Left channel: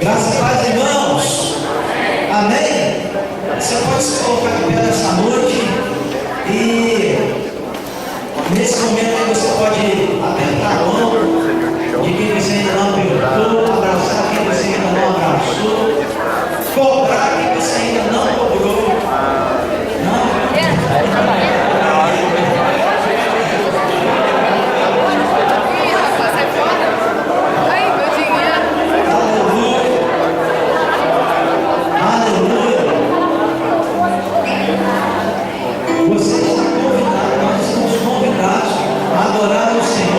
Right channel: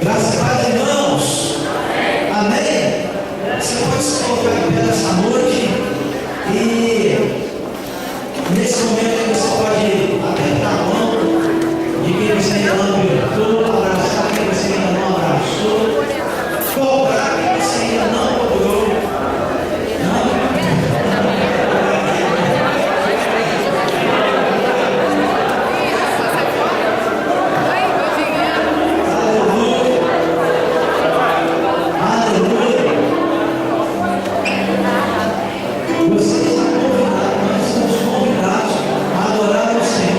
Graças a Deus, irmãos. Amém? Você pode se colocar em pé nessa noite e nesse momento aí você pode apertar a mão de quem você ainda não apertou, abraçar quem você ainda não abraçou, cobrar quem você ainda não cobrou. Você está convidado, nós estamos convidados a adorar o Senhor.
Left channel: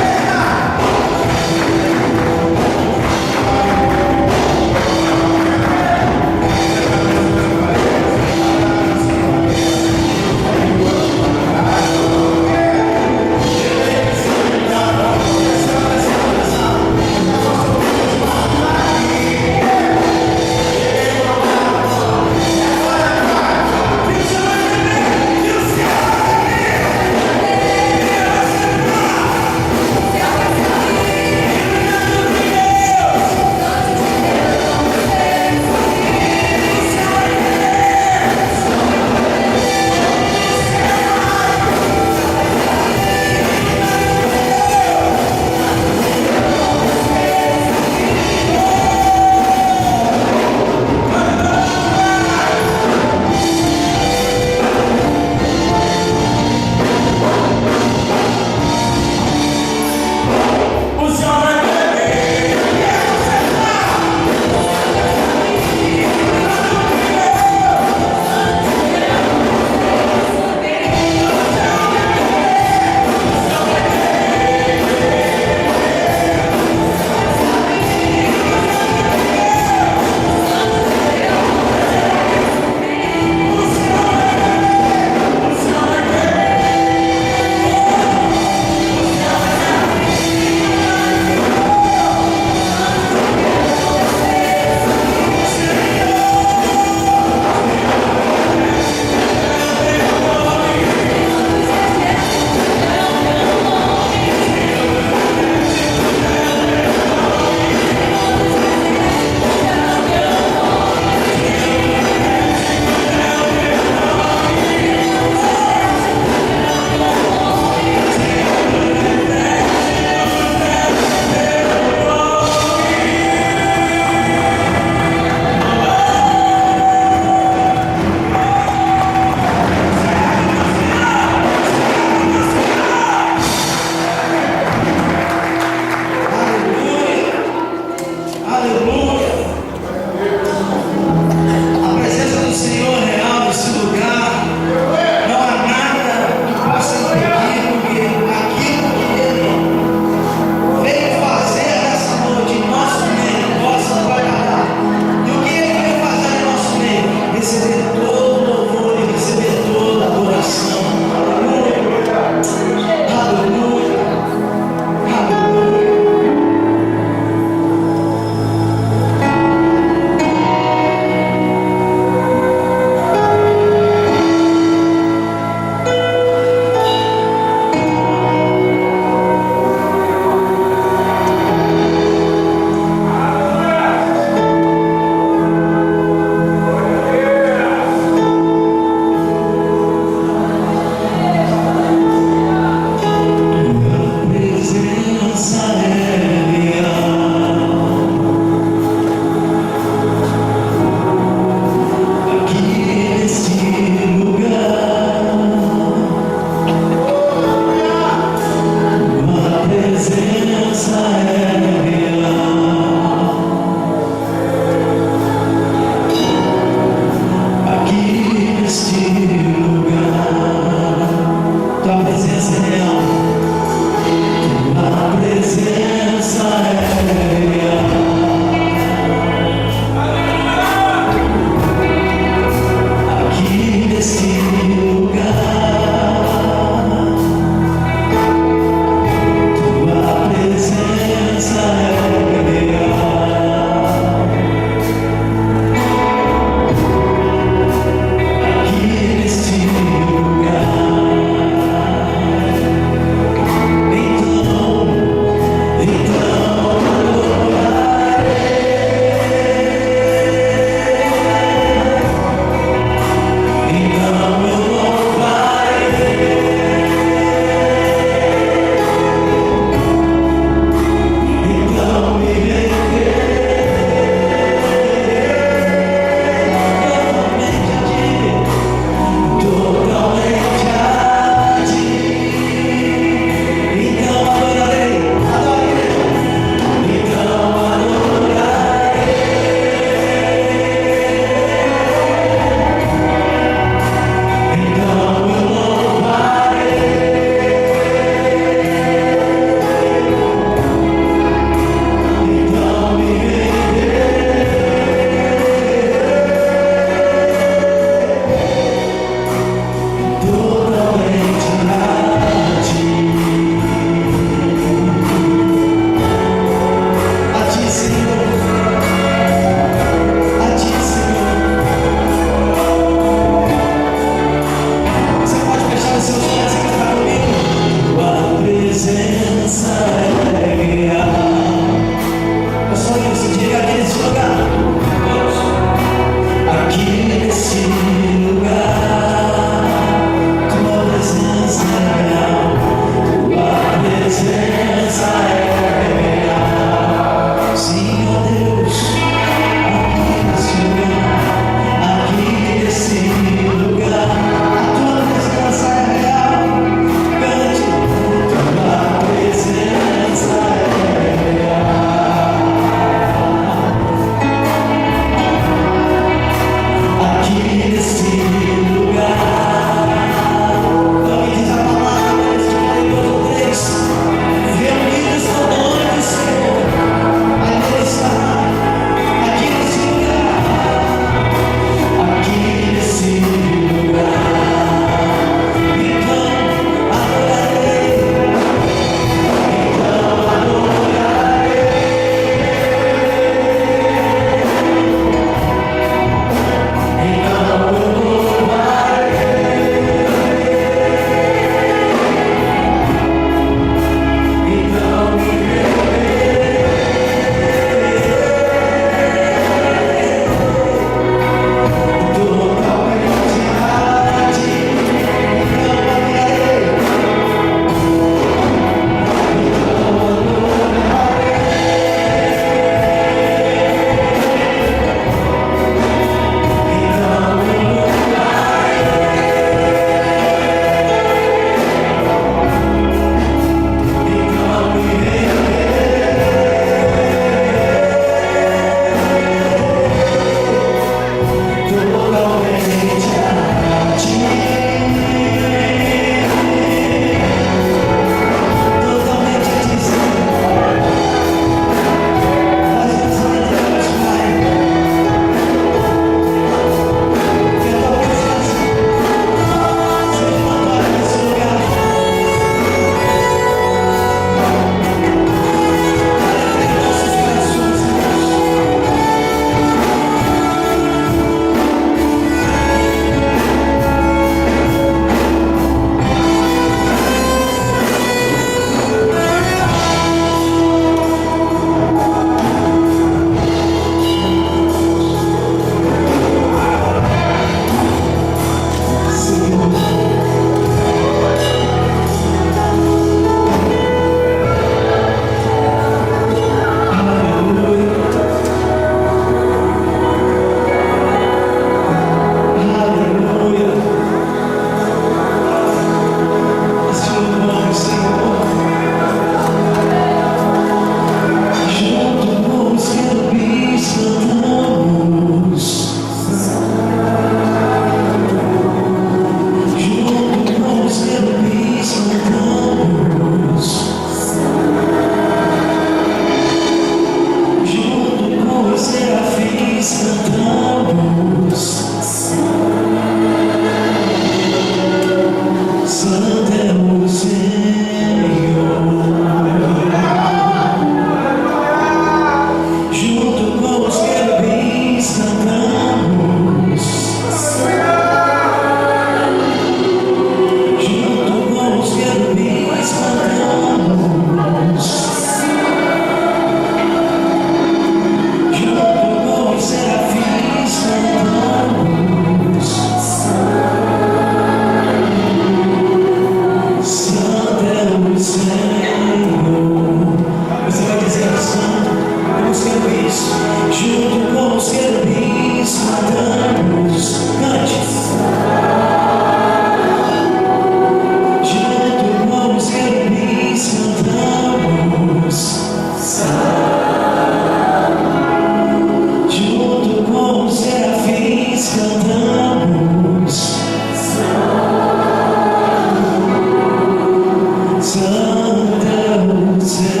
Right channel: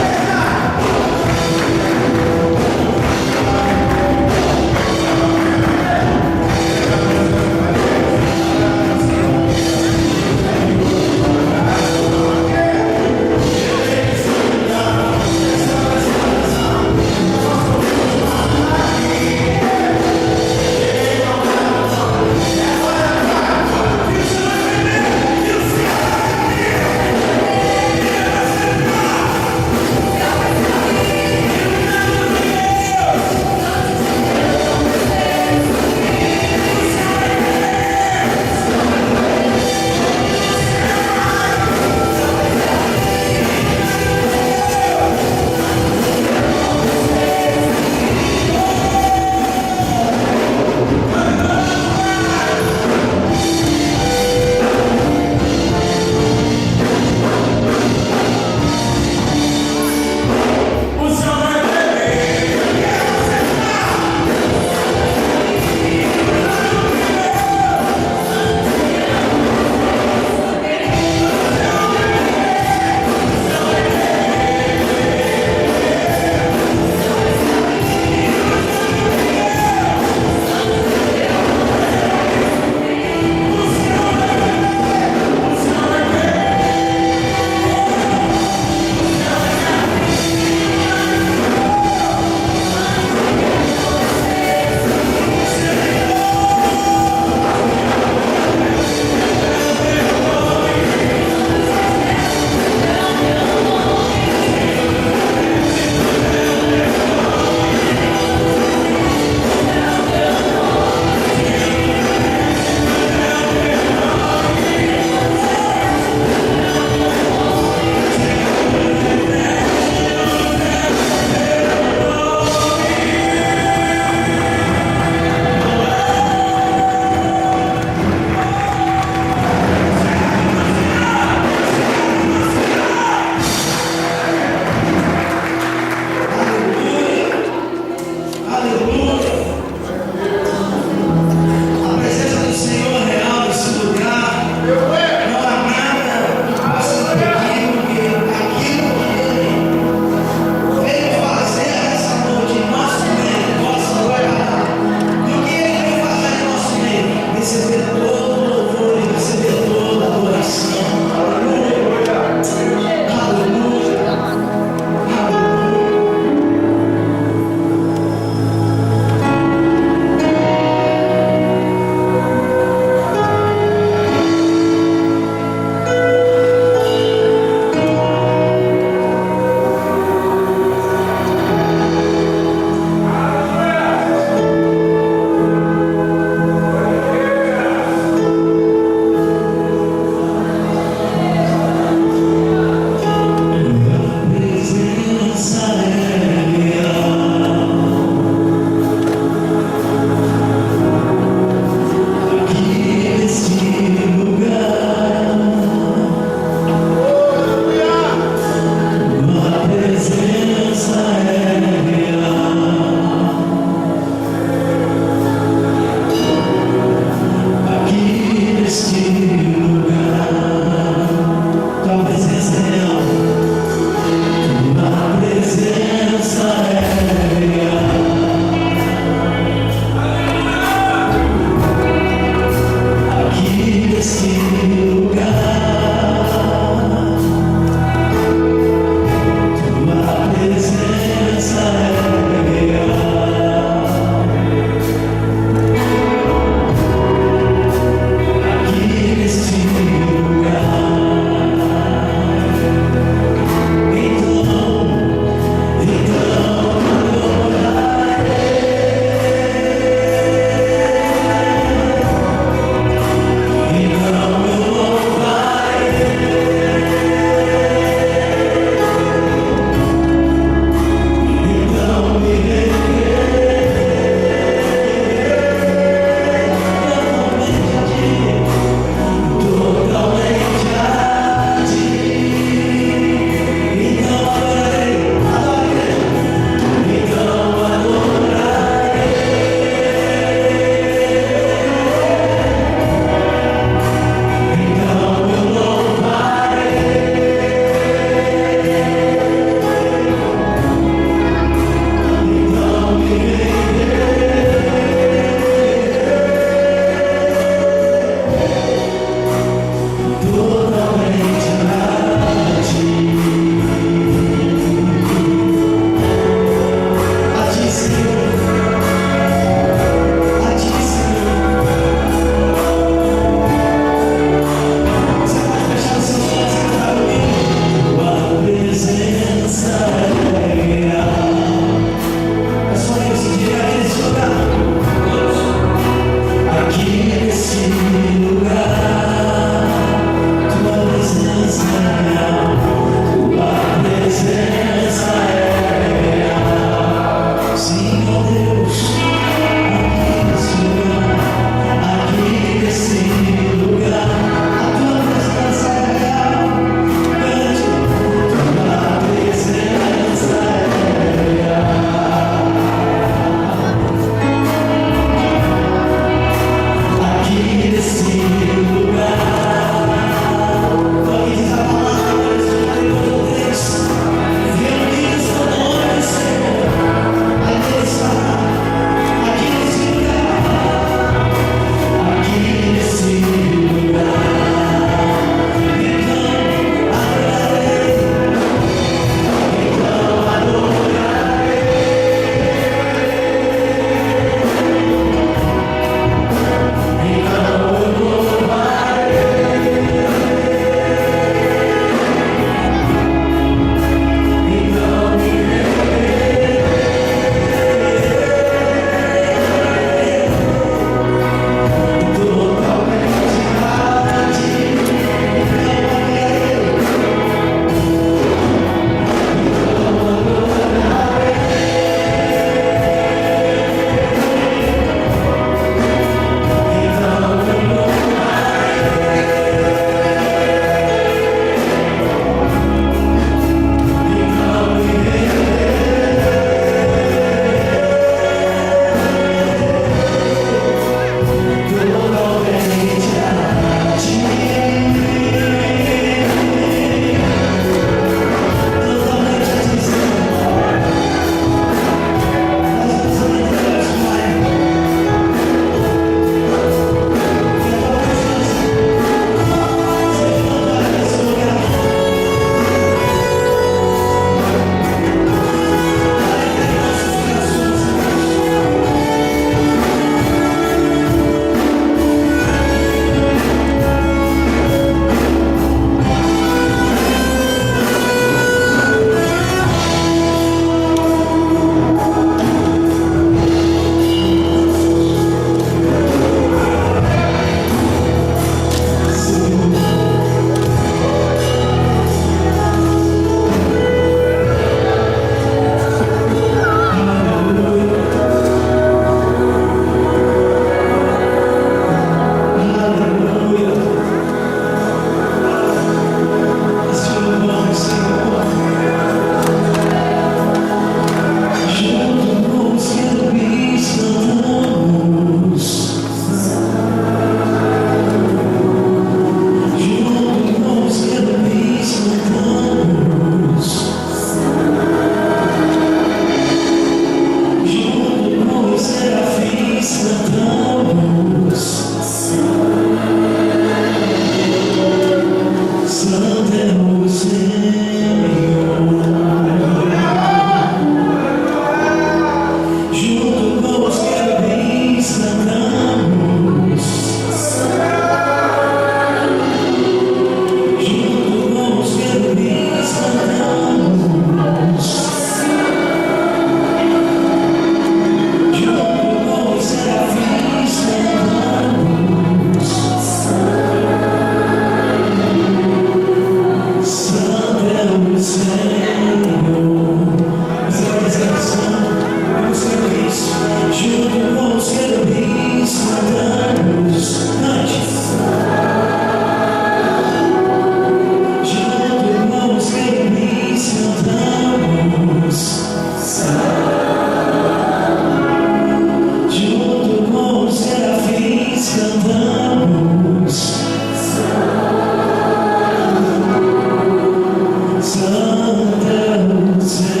Santo é o Senhor.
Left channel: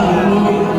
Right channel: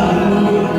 Aleluia.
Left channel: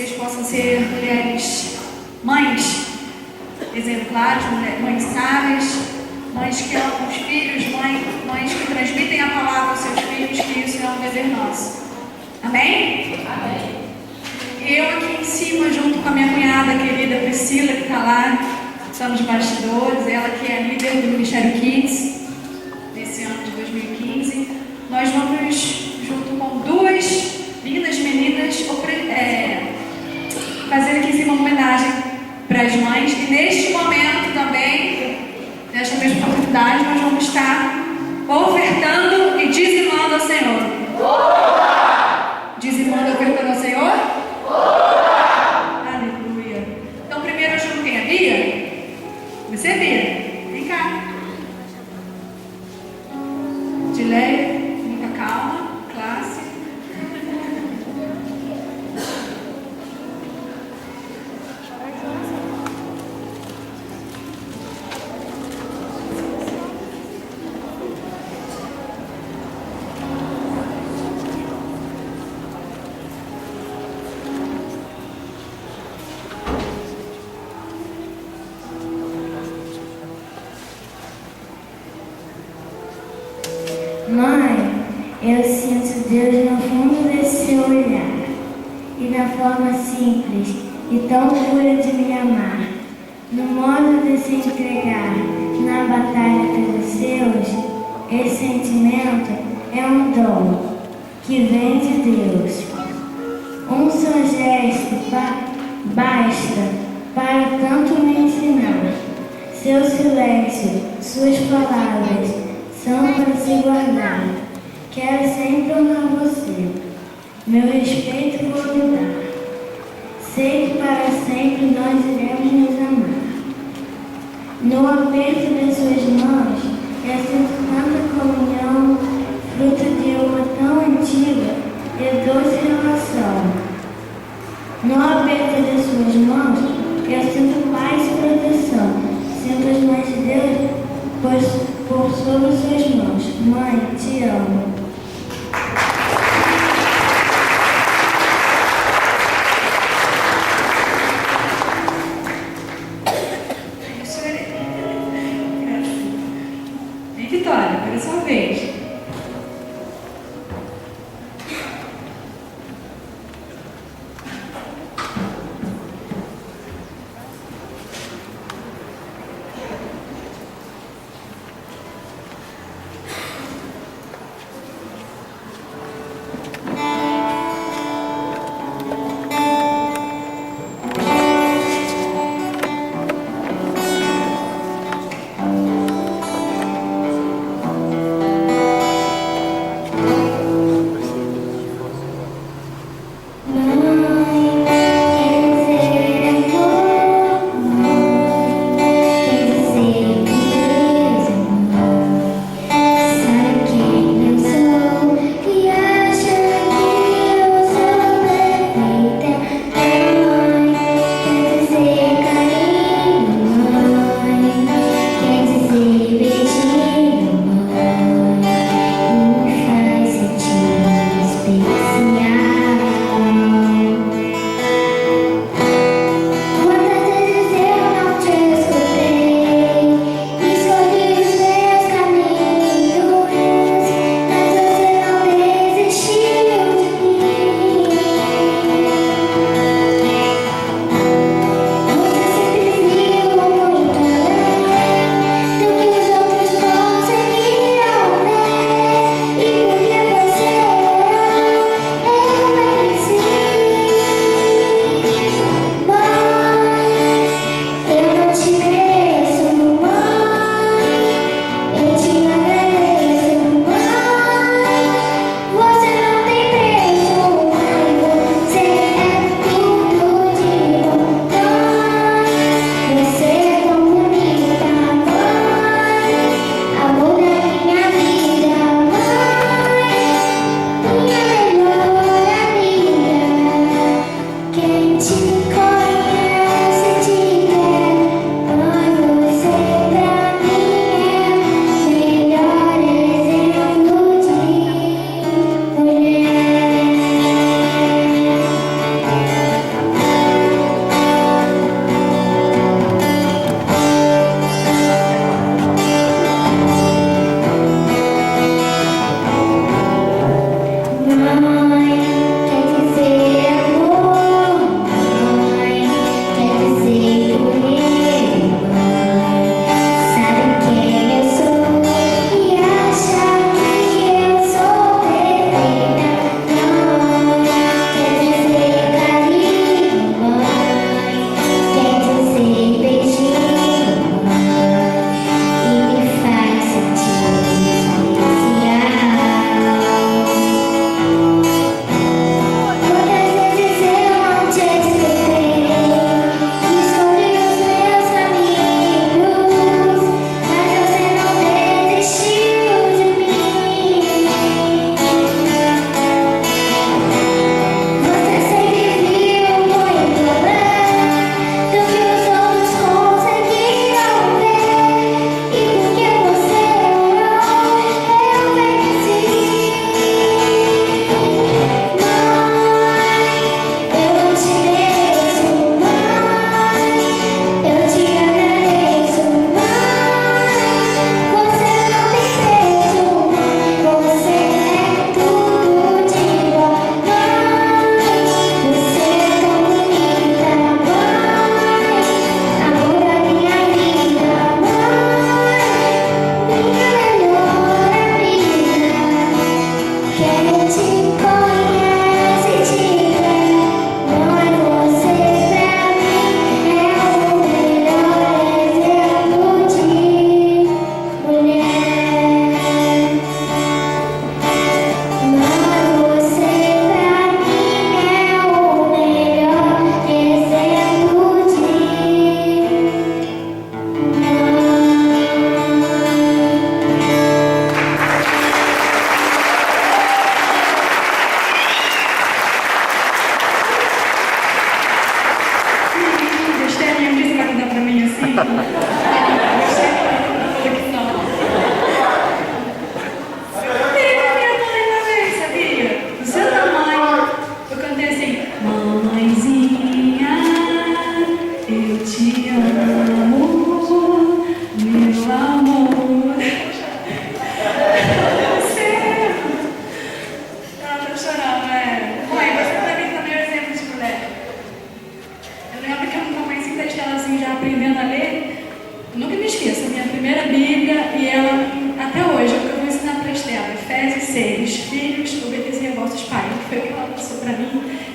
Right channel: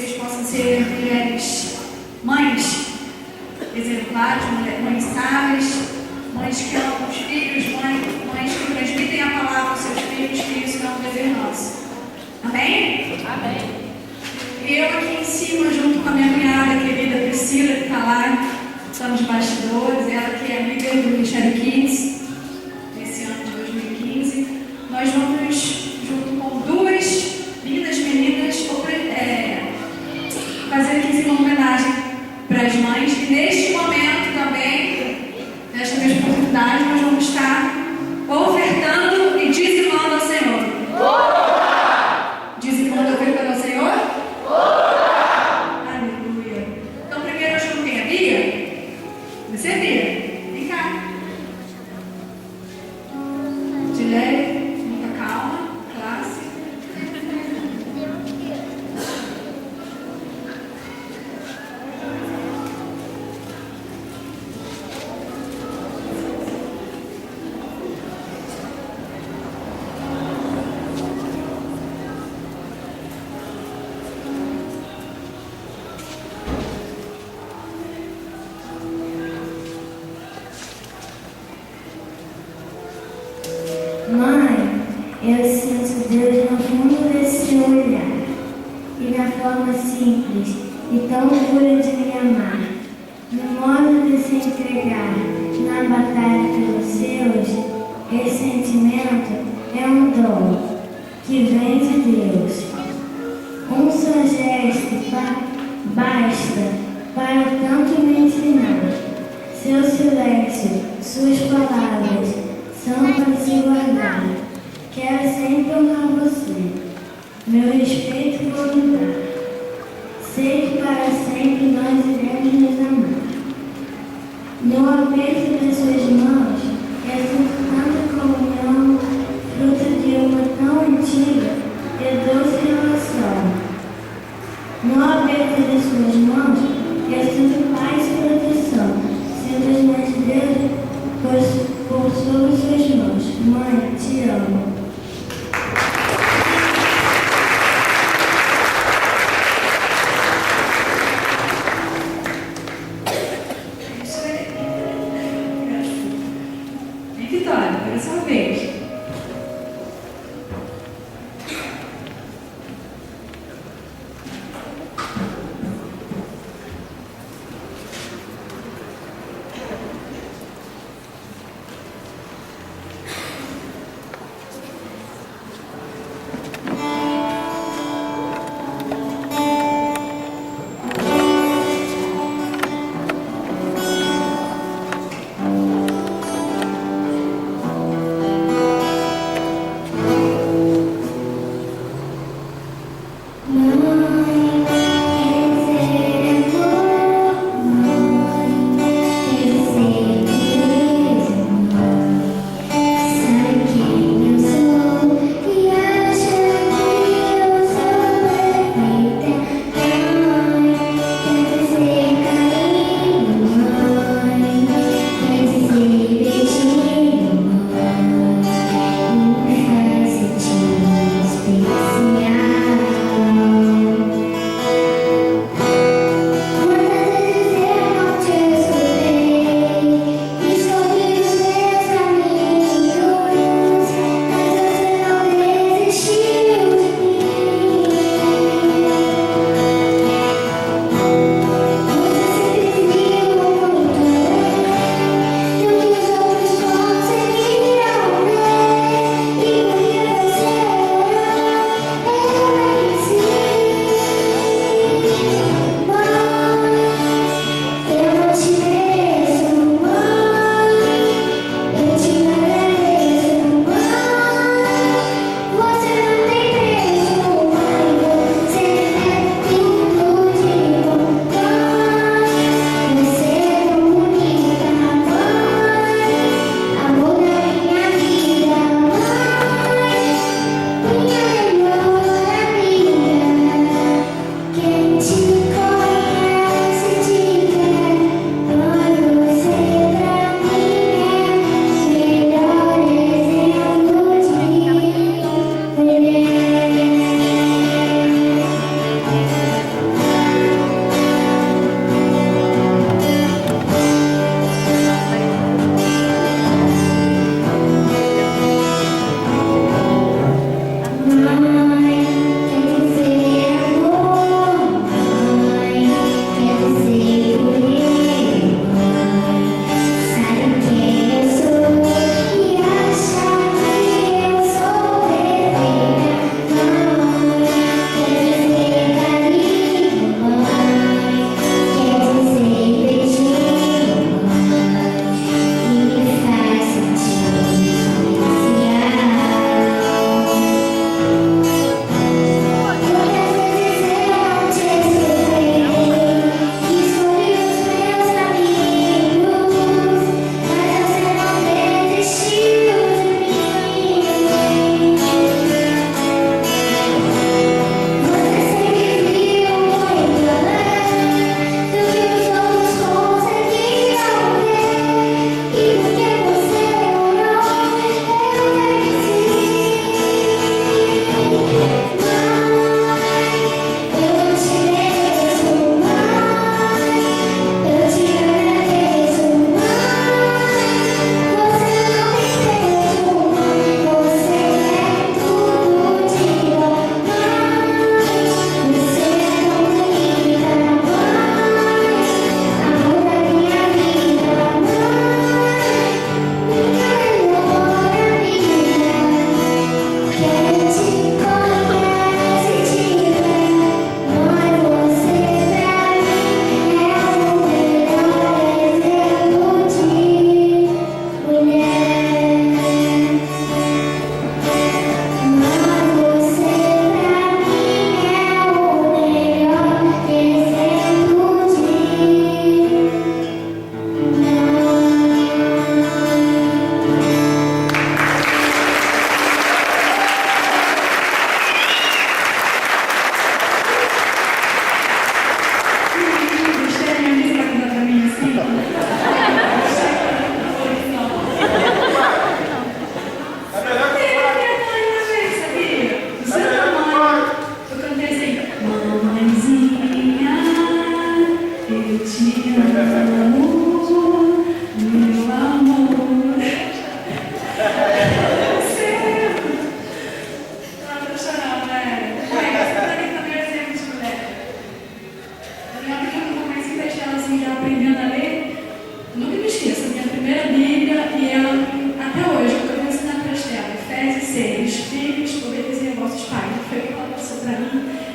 vocês possam ser mulheres, mães exemplares, mães sábias, mães que amam os filhos, mães que transmitem a palavra aos seus filhos, que isso é um dever nosso. Amém? Amém. Eu aqui em cima, junto com a minha cunhada querida Priscila, que está lá, são nos bastidores, ela que é líder do Ministério Kids, nesse ano de 2015, nós vamos, junto com duas lindas meninas, fazer aqui em cima uma homenagem para as mães. E neste momento também, nesta mesma oportunidade, nós vamos estar ofertando e dizimando ao Senhor. Dizimando e ofertando ao Senhor? Aleluia. Então, primeiro eu chamo quem? A Bia? Você, Bia? Vem cá. De leve, muita calma, classe. Mãe, eu sinto Deus no fundo desse olhar e na forma simples e tão pura de me amar, no modo de se entregar na batalha pelos seus. Esse sentimento é um dom que vem de Deus. Um só gesto basta para tanto me ensinar. Seu silêncio, suas palavras são para se guardar. Quero sempre honrar você, meu respeito vou lhe dar. Sei que para sempre nós iremos nos amar. No aperto de suas mãos, eu sinto tanta comunhão, fruto de uma tão antiga e doce relação. No aperto de suas mãos, eu sinto paz e proteção. Sinto as mãos de Deus por sobre suas mãos. Mãe, te amo.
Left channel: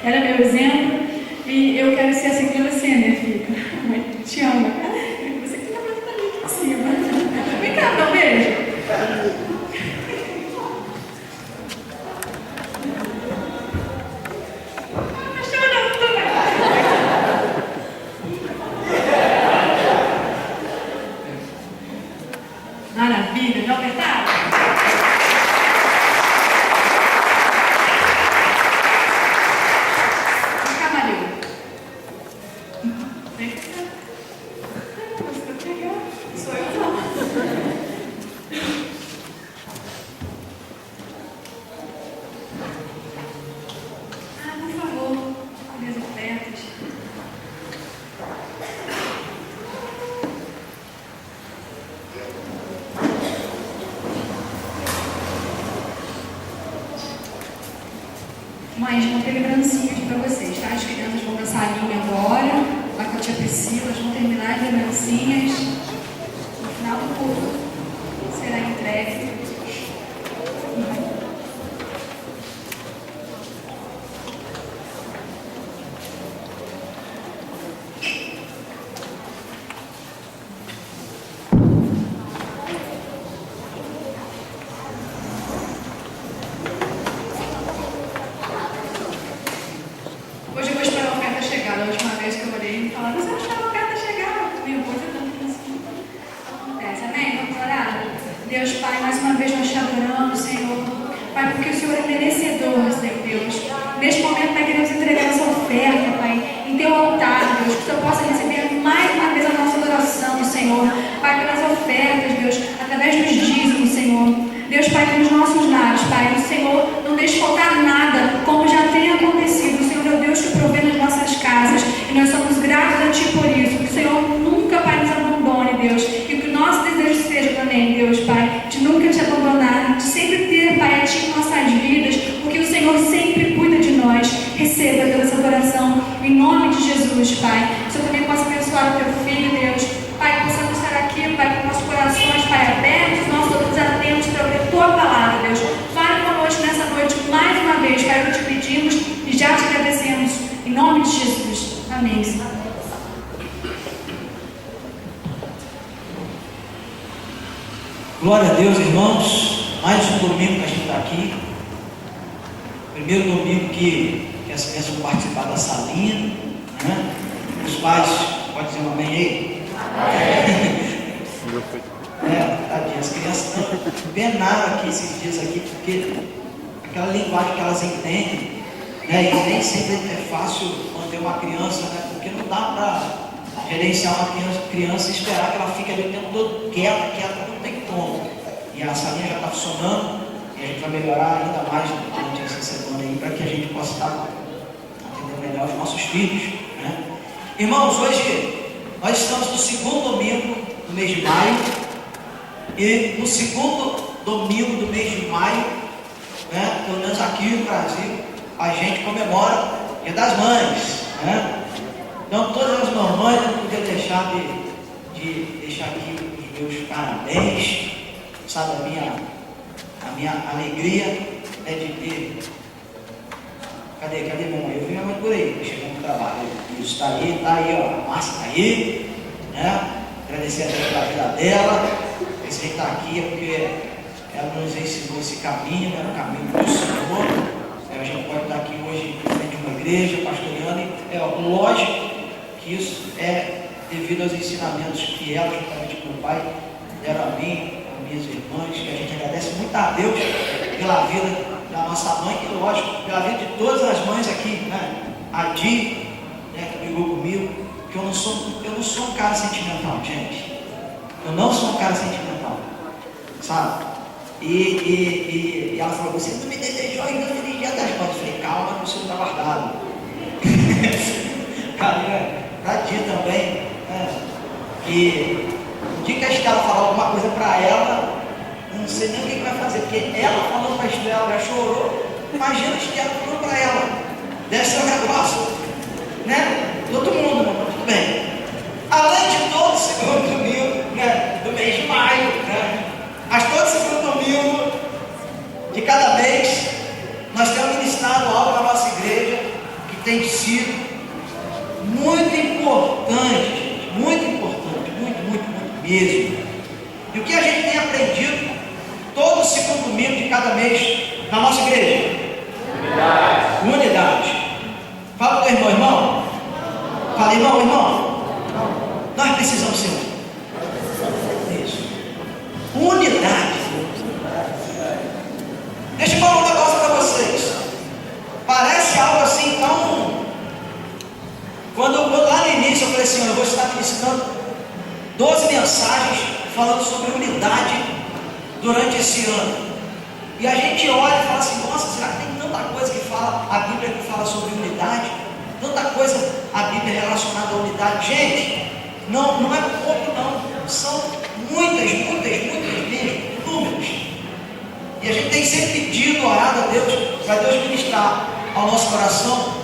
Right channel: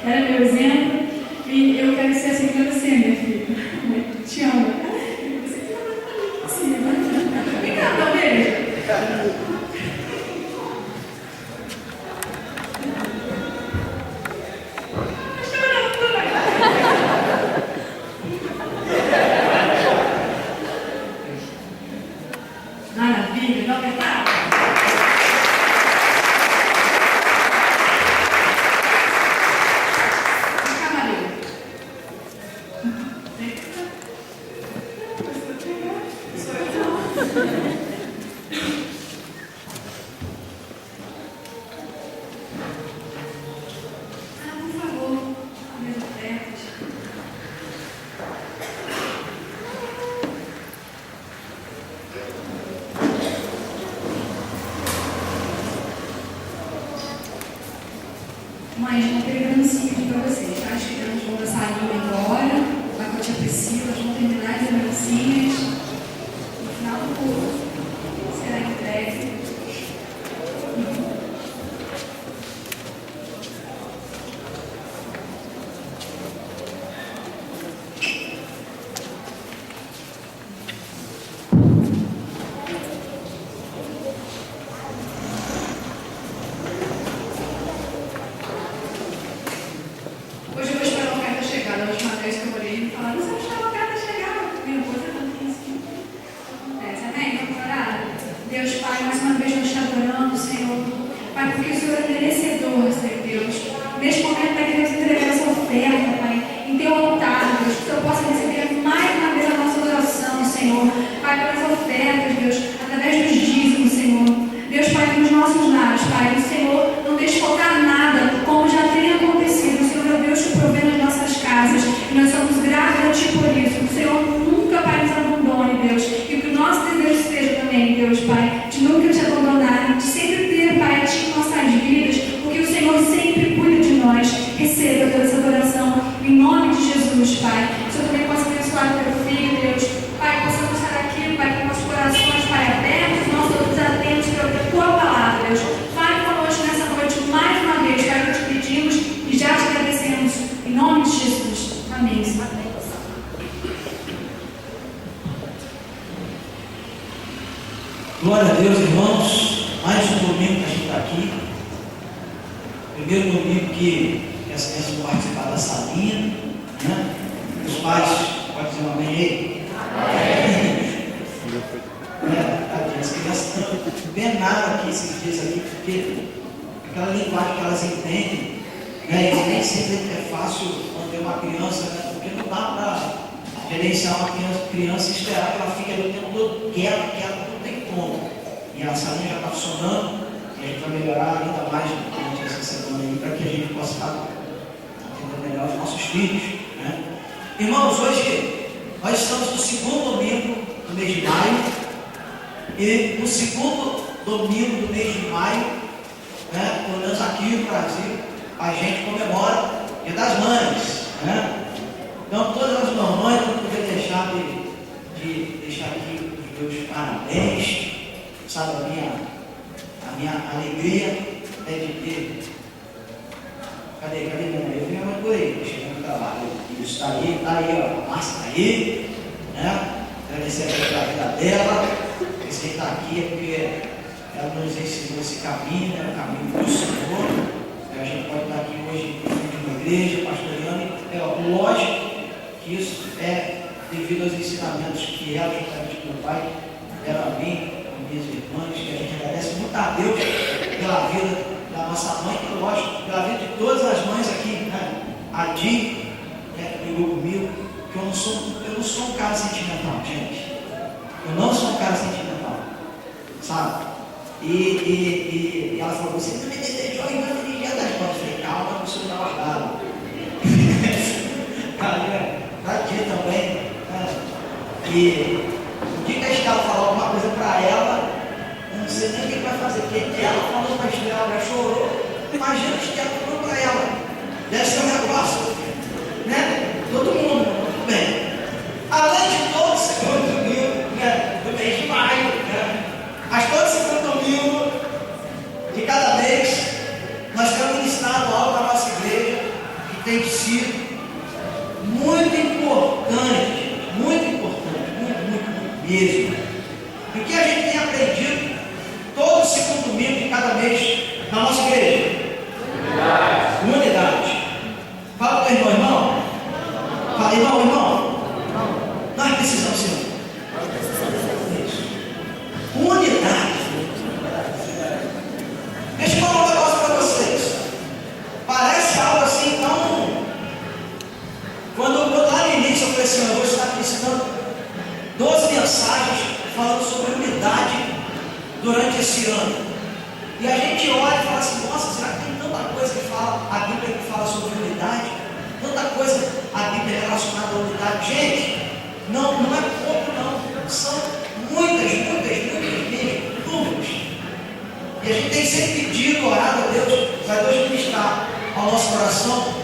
era meu exemplo. E eu quero ser assim para você, minha filha. Mãe, te amo. Você que está fazendo assim, né? Vem cá, dá um beijo. Maravilha, não apertar? Vem cá, Maria. Vem cá. Sou eu não. Por favor, minhas ofertas. Mães, vão ter lembrancinha aqui para vocês, tá? As crianças vão dançar a linha agora, lá com a tia Priscila, elas vão terminar as lembrancinhas. No final do culto será entregue. Hoje eu vou esperar a oferta chegar. Da última vez que eu orei, me falaram: você não espera a oferta chegar? Meu Deus, é tanto assim. Acontece, amém? Vamos orar? Deus, Pai, mais uma vez nós te adoramos, Senhor. Pai, porque o Senhor é merecedor, Senhor Deus. Neste momento, Pai, queremos entregar essa oferta, Pai, em Teu altar, Deus. Que o Senhor possa receber mais uma vez a nossa adoração, Senhor. Pai, pelas ofertas, Deus, através dos dízimos, Senhor. Deus, Pai, nos nossos lares, Pai, o Senhor não deixe faltar nada, como já tem acontecido. O Senhor é o Deus que provê nas nossas casas, e nós somos gratos a Ti por isso. Que o Senhor nunca, Pai, nos abandone, Deus, e que o nosso desejo seja também, Deus, Pai, de nunca Te abandonar, de sempre ter, Pai, a Ti em nossas vidas, porque o Senhor sempre cuida de nós. Receba toda essa adoração, em nome de Jesus, Pai. Que o Senhor também possa abençoar o Teu Filho, Deus. Pai, que possamos estar aqui, Pai, com nossos corações, Pai, abertos, nossos olhos atentos para ouvir a Tua palavra, Deus. Fale conosco nessa noite mais uma vez, Pai, que te pedimos e já te agradecemos, em nome de Jesus. Amém. Glória a Deus, irmãos. Mais um domingo que a gente está aqui. Primeiro domingo que as crianças vão participar da salinha, né? Os pais, pode dizer um amém aí? Tadinha, as crianças estão penaram aqui esses dias aqui, porque aquela linguagem que elas entendem, né? E nem sempre é fácil manter uma criança, né? Porque não dá para gerenciar uma criança e esperar que ela fique ali o tempo todo quieta, não tem como. E a salinha já está funcionando, e a gente vai melhorar ainda mais durante essa semana aí, para que a gente possa estar atendendo melhor os nossos filhos, né? Irmãos, hoje nós estamos no segundo domingo do mês de maio, e no segundo domingo do mês de maio, né, pelo menos aqui no Brasil, a gente comemora o Dia das Mães, né? Então, todas as mamães, eu não podia deixar de deixar aqui os meus parabéns, sabe, a minha alegria, né, de ter. Cadê minha mãe? Eu vi minha mãe por aí, chegando no trabalho. Isso está aí, ó, a Márcia está aí, né? Agradecer a Deus pela vida dela. Esse está aqui é porque ela nos ensinou esse caminho, né, o caminho do Senhor. A gente pode estar aqui hoje em frente a uma igreja, pastoreando, e é lógico que isso é devido aos ensinamentos que ela, juntamente com o pai, deram a mim, a minhas irmãs, que a gente agradece muito a Deus pela vida da nossa mãe, e lógico, pela vida de todas as mães aqui, né? A Di, né, que brigou comigo, que eu não sou um cara sentimental, gente. Eu não sou um cara sentimental, sabe? E ela falou: você não me desejou ainda feliz Dia das Mães. Eu falei: calma, que o senhor está guardado. Cara, pra Dia também, né? E o dia que a Estela falar alguma coisa para ela, eu não sei nem o que vai fazer, porque ela falou para a Estela, já chorou. Imagina a Estela falando para ela, deve ser um negócio, né? Todo mundo, né? Tudo bem. Além de todo segundo domingo, né, do mês de maio, né? Mas todo segundo domingo de cada mês, nós temos ministrado algo na nossa igreja, que tem sido muito importante, gente, muito importante, muito mesmo. E o que a gente tem aprendido todo segundo domingo de cada mês na nossa igreja? Unidade. Fala para o irmão. Fala, irmão. Nós precisamos ser isso. Unidade. Deixa eu falar um negócio para vocês. Parece algo assim tão... Quando lá no início eu falei assim, eu vou estar ensinando 12 mensagens falando sobre unidade durante esse ano. E a gente olha e fala assim, nossa, será que tem tanta coisa que fala, a Bíblia que fala sobre unidade? Tanta coisa a Bíblia relacionada à unidade. Gente, não é pouco não. São muitas mesmo, números. E a gente tem sempre pedido, orado a Deus, para Deus ministrar ao nosso coração,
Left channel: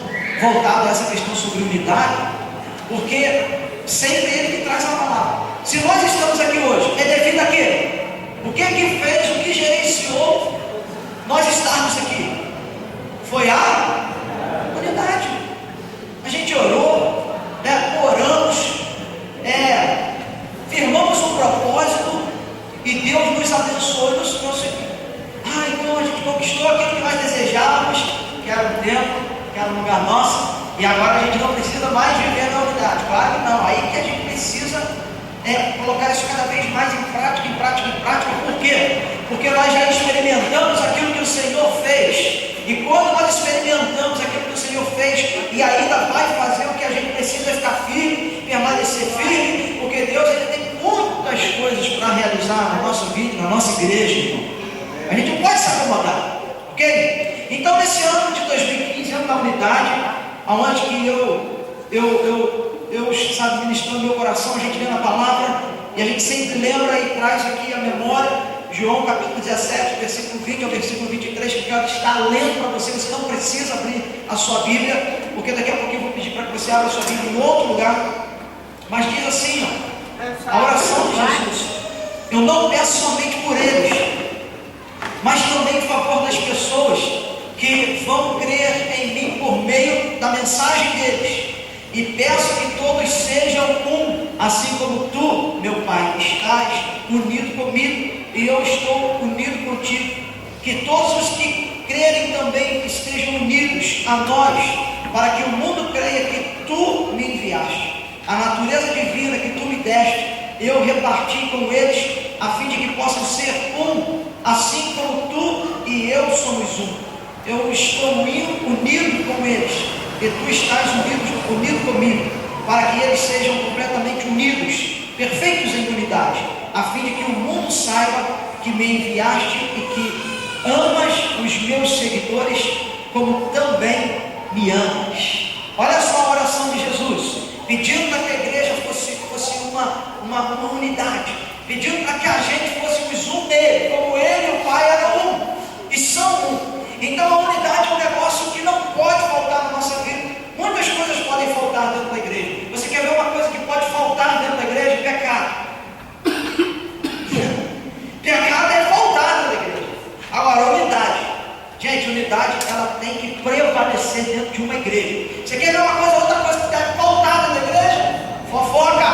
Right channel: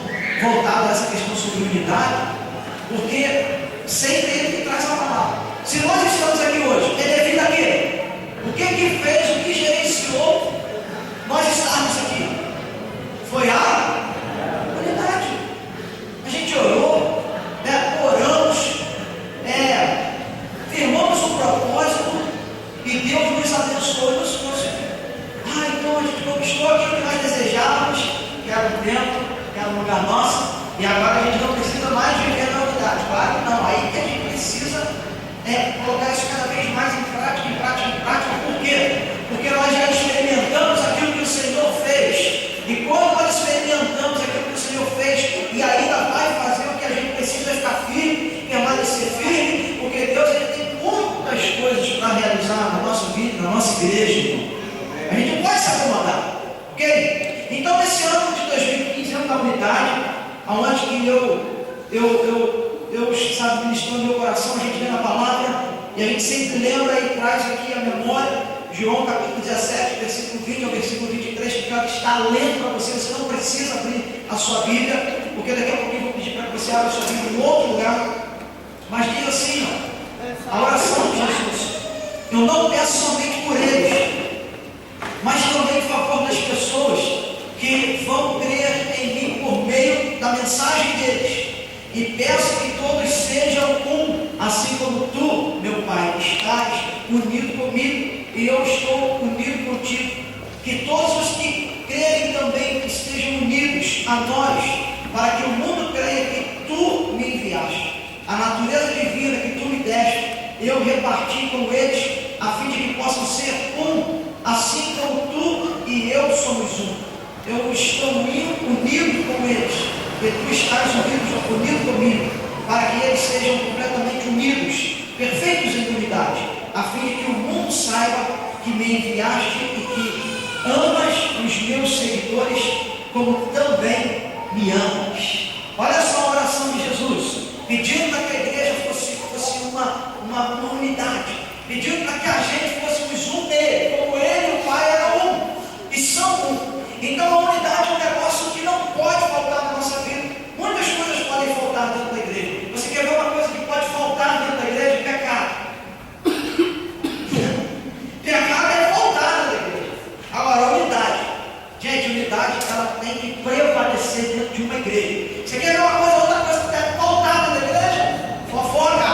voltado a essa questão sobre unidade, porque sempre Ele que traz a palavra. Se nós estamos aqui hoje, é devido a quê? O que fez, o que gerenciou nós estarmos aqui? Foi a unidade. A gente orou, oramos, firmamos um propósito e Deus nos abençoou e nos conseguiu. Então a gente conquistou aquilo que nós desejávamos, que era um templo, que era um lugar nosso, e agora a gente não precisa mais viver na unidade. Claro que não, aí que a gente precisa colocar isso cada vez mais em prática. Por quê? Porque nós já experimentamos aquilo que o Senhor fez. E quando nós experimentamos aquilo que o Senhor fez e ainda vai fazer, o que a gente precisa é ficar firme, permanecer firme, porque Deus ele tem muitas coisas para realizar na nossa vida, na nossa igreja, irmão. A gente não pode se acomodar, ok? Então nesse ano de 2015, ano da unidade, onde que eu sabe, ministrando meu coração, a gente lê na palavra, e a gente sempre lembra e traz aqui a memória, João capítulo 17, versículo 20 ao versículo 23, que eu quero estar lendo para você. Você não precisa abrir a sua Bíblia, porque daqui a pouquinho eu vou pedir para que você abra a sua Bíblia em outro lugar. Mas diz assim, a oração de Jesus: eu não peço somente por eles, mas também em favor das pessoas que vão crer em mim por meio da mensagem deles. E peço que todos sejam um, assim como tu, meu Pai, estás unido comigo e eu estou unido contigo. Que todos os que crerem também estejam unidos a nós, para que o mundo creia que tu me enviaste. A natureza divina que tu me deste, eu reparti com eles, a fim de que possam ser um, assim como tu e eu somos um. Eu estou unido com eles, e tu estás unido comigo, para que eles sejam completamente unidos, perfeitos em unidade, a fim de que o mundo saiba que me enviaste e que amas os meus seguidores, como também me amas. Olha só a oração de Jesus, pedindo para que a igreja fosse uma unidade, pedindo para que a gente fôssemos um nele, como ele e o Pai eram um, e são um. Então a unidade é um negócio que não pode faltar na nossa vida. Muitas coisas podem faltar dentro da igreja. Você quer ver uma coisa que pode faltar dentro da igreja? Pecado. Pecado é faltar dentro da igreja. Agora, unidade. Gente, unidade ela tem que prevalecer dentro de uma igreja. Você quer ver uma coisa, outra coisa que deve faltar dentro da igreja? Fofoca.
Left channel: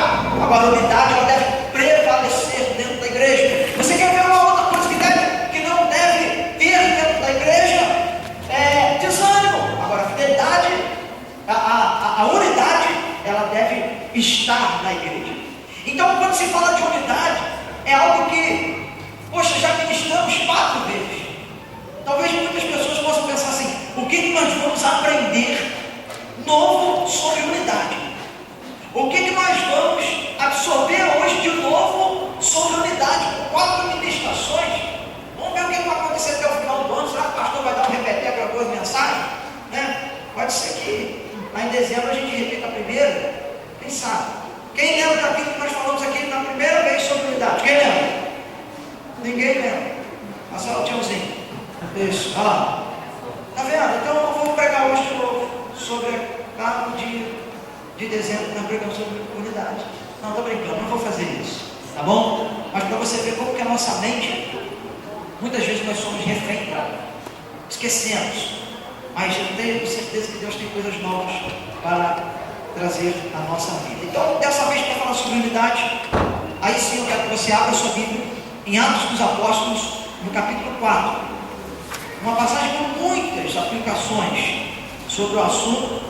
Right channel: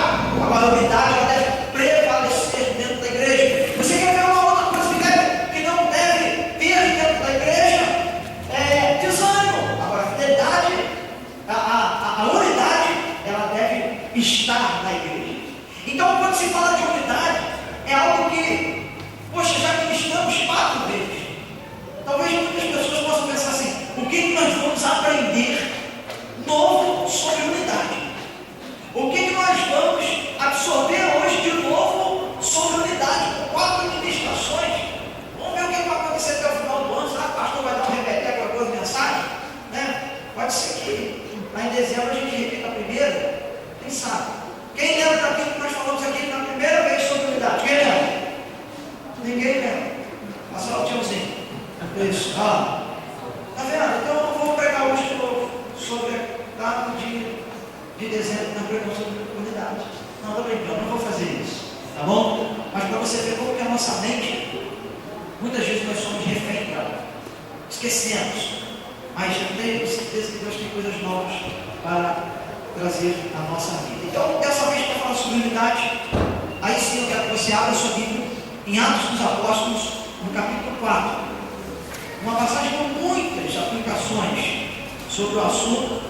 Agora, a unidade ela deve prevalecer dentro da igreja. Você quer ver uma outra coisa que não deve ter dentro da igreja? Desânimo. Agora, a fidelidade, a unidade, ela deve estar na igreja. Então, quando se fala de unidade, é algo que, poxa, já ministramos 4 vezes. Talvez muitas pessoas possam pensar assim: o que nós vamos aprender novo sobre unidade? O que nós vamos absorver hoje de novo sobre unidade? 4 ministrações. Vamos ver o que vai acontecer até o final do ano. Será que o pastor vai dar um repetir aquela coisa, mensagem? Pode ser que lá em dezembro a gente repita a primeira. Quem sabe? Quem lembra daquilo que nós falamos aqui na primeira vez sobre unidade? Quem lembra? Ninguém lembra. Passa lá o tiozinho. Isso. Tá vendo? Então eu vou pregar hoje de novo sobre no dia de dezembro, na pregação sobre unidade. Não, estou brincando, não vou fazer isso. Tá bom? Mas para você ver como que a nossa mente, muitas vezes nós somos refém, cara. Esquecemos. Mas eu tenho certeza que Deus tem coisas novas para trazer à nossa vida. Então, dessa vez, para falar sobre unidade, aí sim eu quero que você abra a sua Bíblia em Atos dos Apóstolos, no capítulo 4. Uma passagem com muitas aplicações sobre o assunto.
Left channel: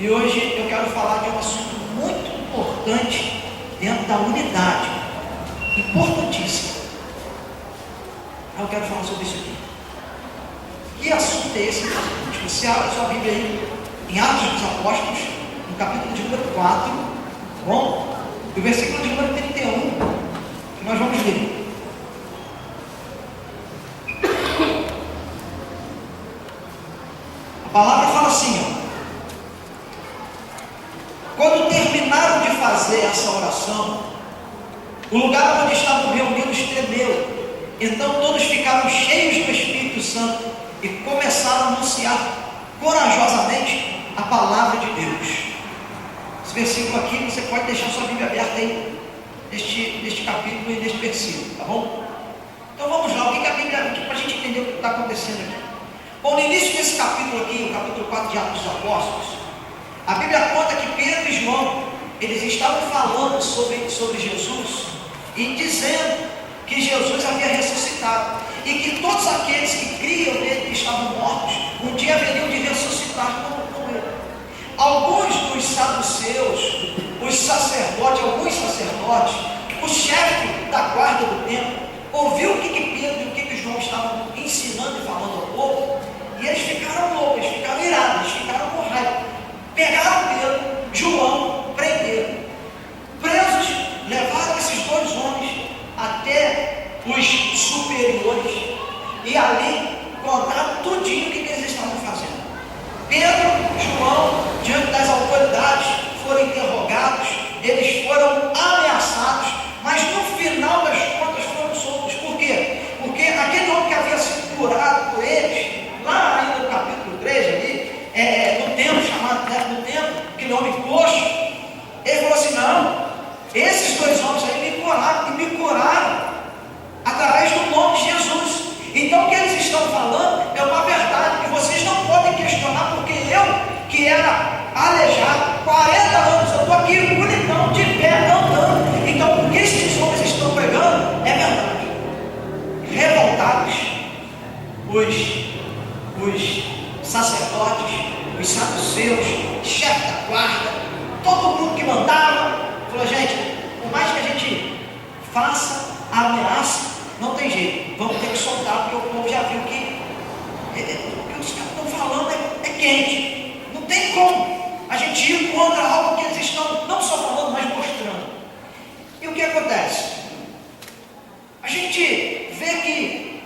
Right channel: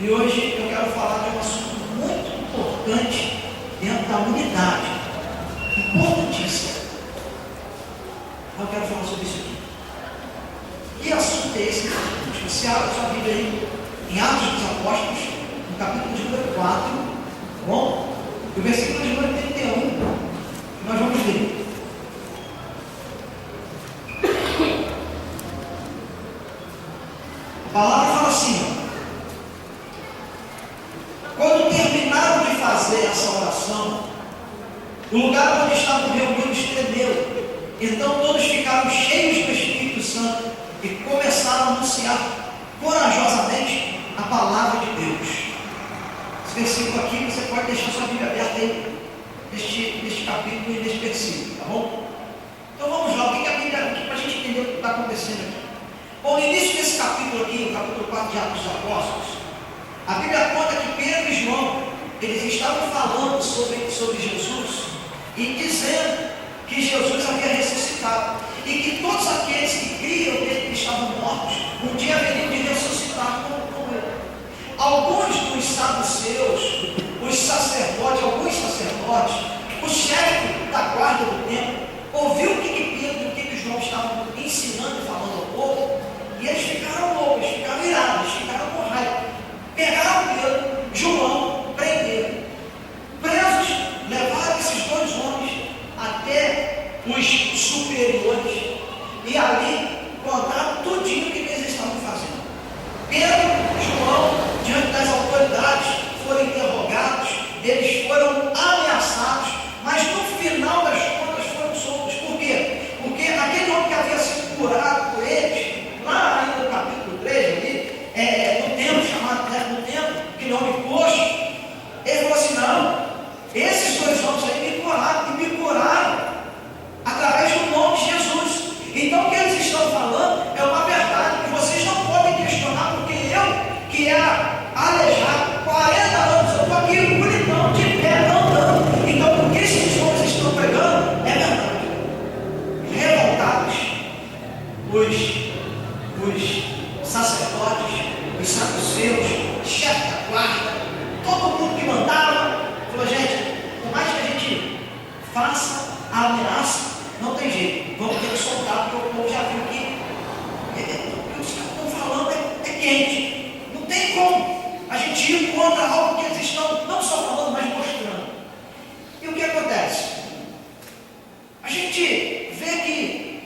E hoje eu quero falar de um assunto muito importante dentro da unidade. Importantíssimo. Eu quero falar sobre isso aqui. Que assunto é esse? Você abre a sua Bíblia aí em Atos dos Apóstolos, no capítulo de número 4, tá bom? E o versículo de número 31, que nós vamos ler. A palavra fala assim, ó. Quando terminaram de fazer essa oração, o lugar onde estavam reunidos tremeu. Então todos ficaram cheios do Espírito Santo e começaram a anunciar corajosamente a palavra de Deus. Esse versículo aqui, você pode deixar sua Bíblia aberta aí, neste capítulo e neste versículo, tá bom? Então vamos lá, o que a Bíblia, para a gente entender o que está acontecendo aqui. Bom, no início desse capítulo aqui, o capítulo 4 de Atos dos Apóstolos, a Bíblia conta que Pedro e João, eles estavam falando sobre Jesus e dizendo que Jesus havia ressuscitado e que todos aqueles que criam nele, que estavam mortos, um dia haveriam de ressuscitar como ele. Alguns dos saduceus, os sacerdotes, o chefe da guarda do templo, ouviu o que Pedro e o que João estavam ensinando e falando ao povo, e eles ficaram loucos, eles ficaram irados, eles ficaram com raiva. Pegaram Pedro, João, prenderam. Presos, levaram esses dois homens até os superiores e ali contaram tudinho o que eles estavam fazendo. Pedro e João, diante das autoridades, foram interrogados, eles foram ameaçados, mas no final das contas foram soltos. Por quê? Porque aquele homem que havia sido curado por eles, lá ainda no capítulo 3, ali, no templo, chamado no templo, aquele homem coxo, ele falou assim: não, esses dois homens aí me curaram através do nome de Jesus. Então o que eles estão falando é uma verdade, e vocês não podem questionar, porque eu, que era aleijado, 40 anos, eu estou aqui bonitão, de pé, andando. Então o que esses homens estão pregando é verdade. Revoltados, os sacerdotes, os saduceus, chefe da guarda, todo mundo que mandava, falou: gente, por mais que a gente faça a ameaça, não tem jeito, vamos ter que soltar, porque o povo já viu que o que os caras estão falando é quente, não tem como a gente ir contra algo que eles estão não só falando, mas mostrando. E o que acontece? A gente vê que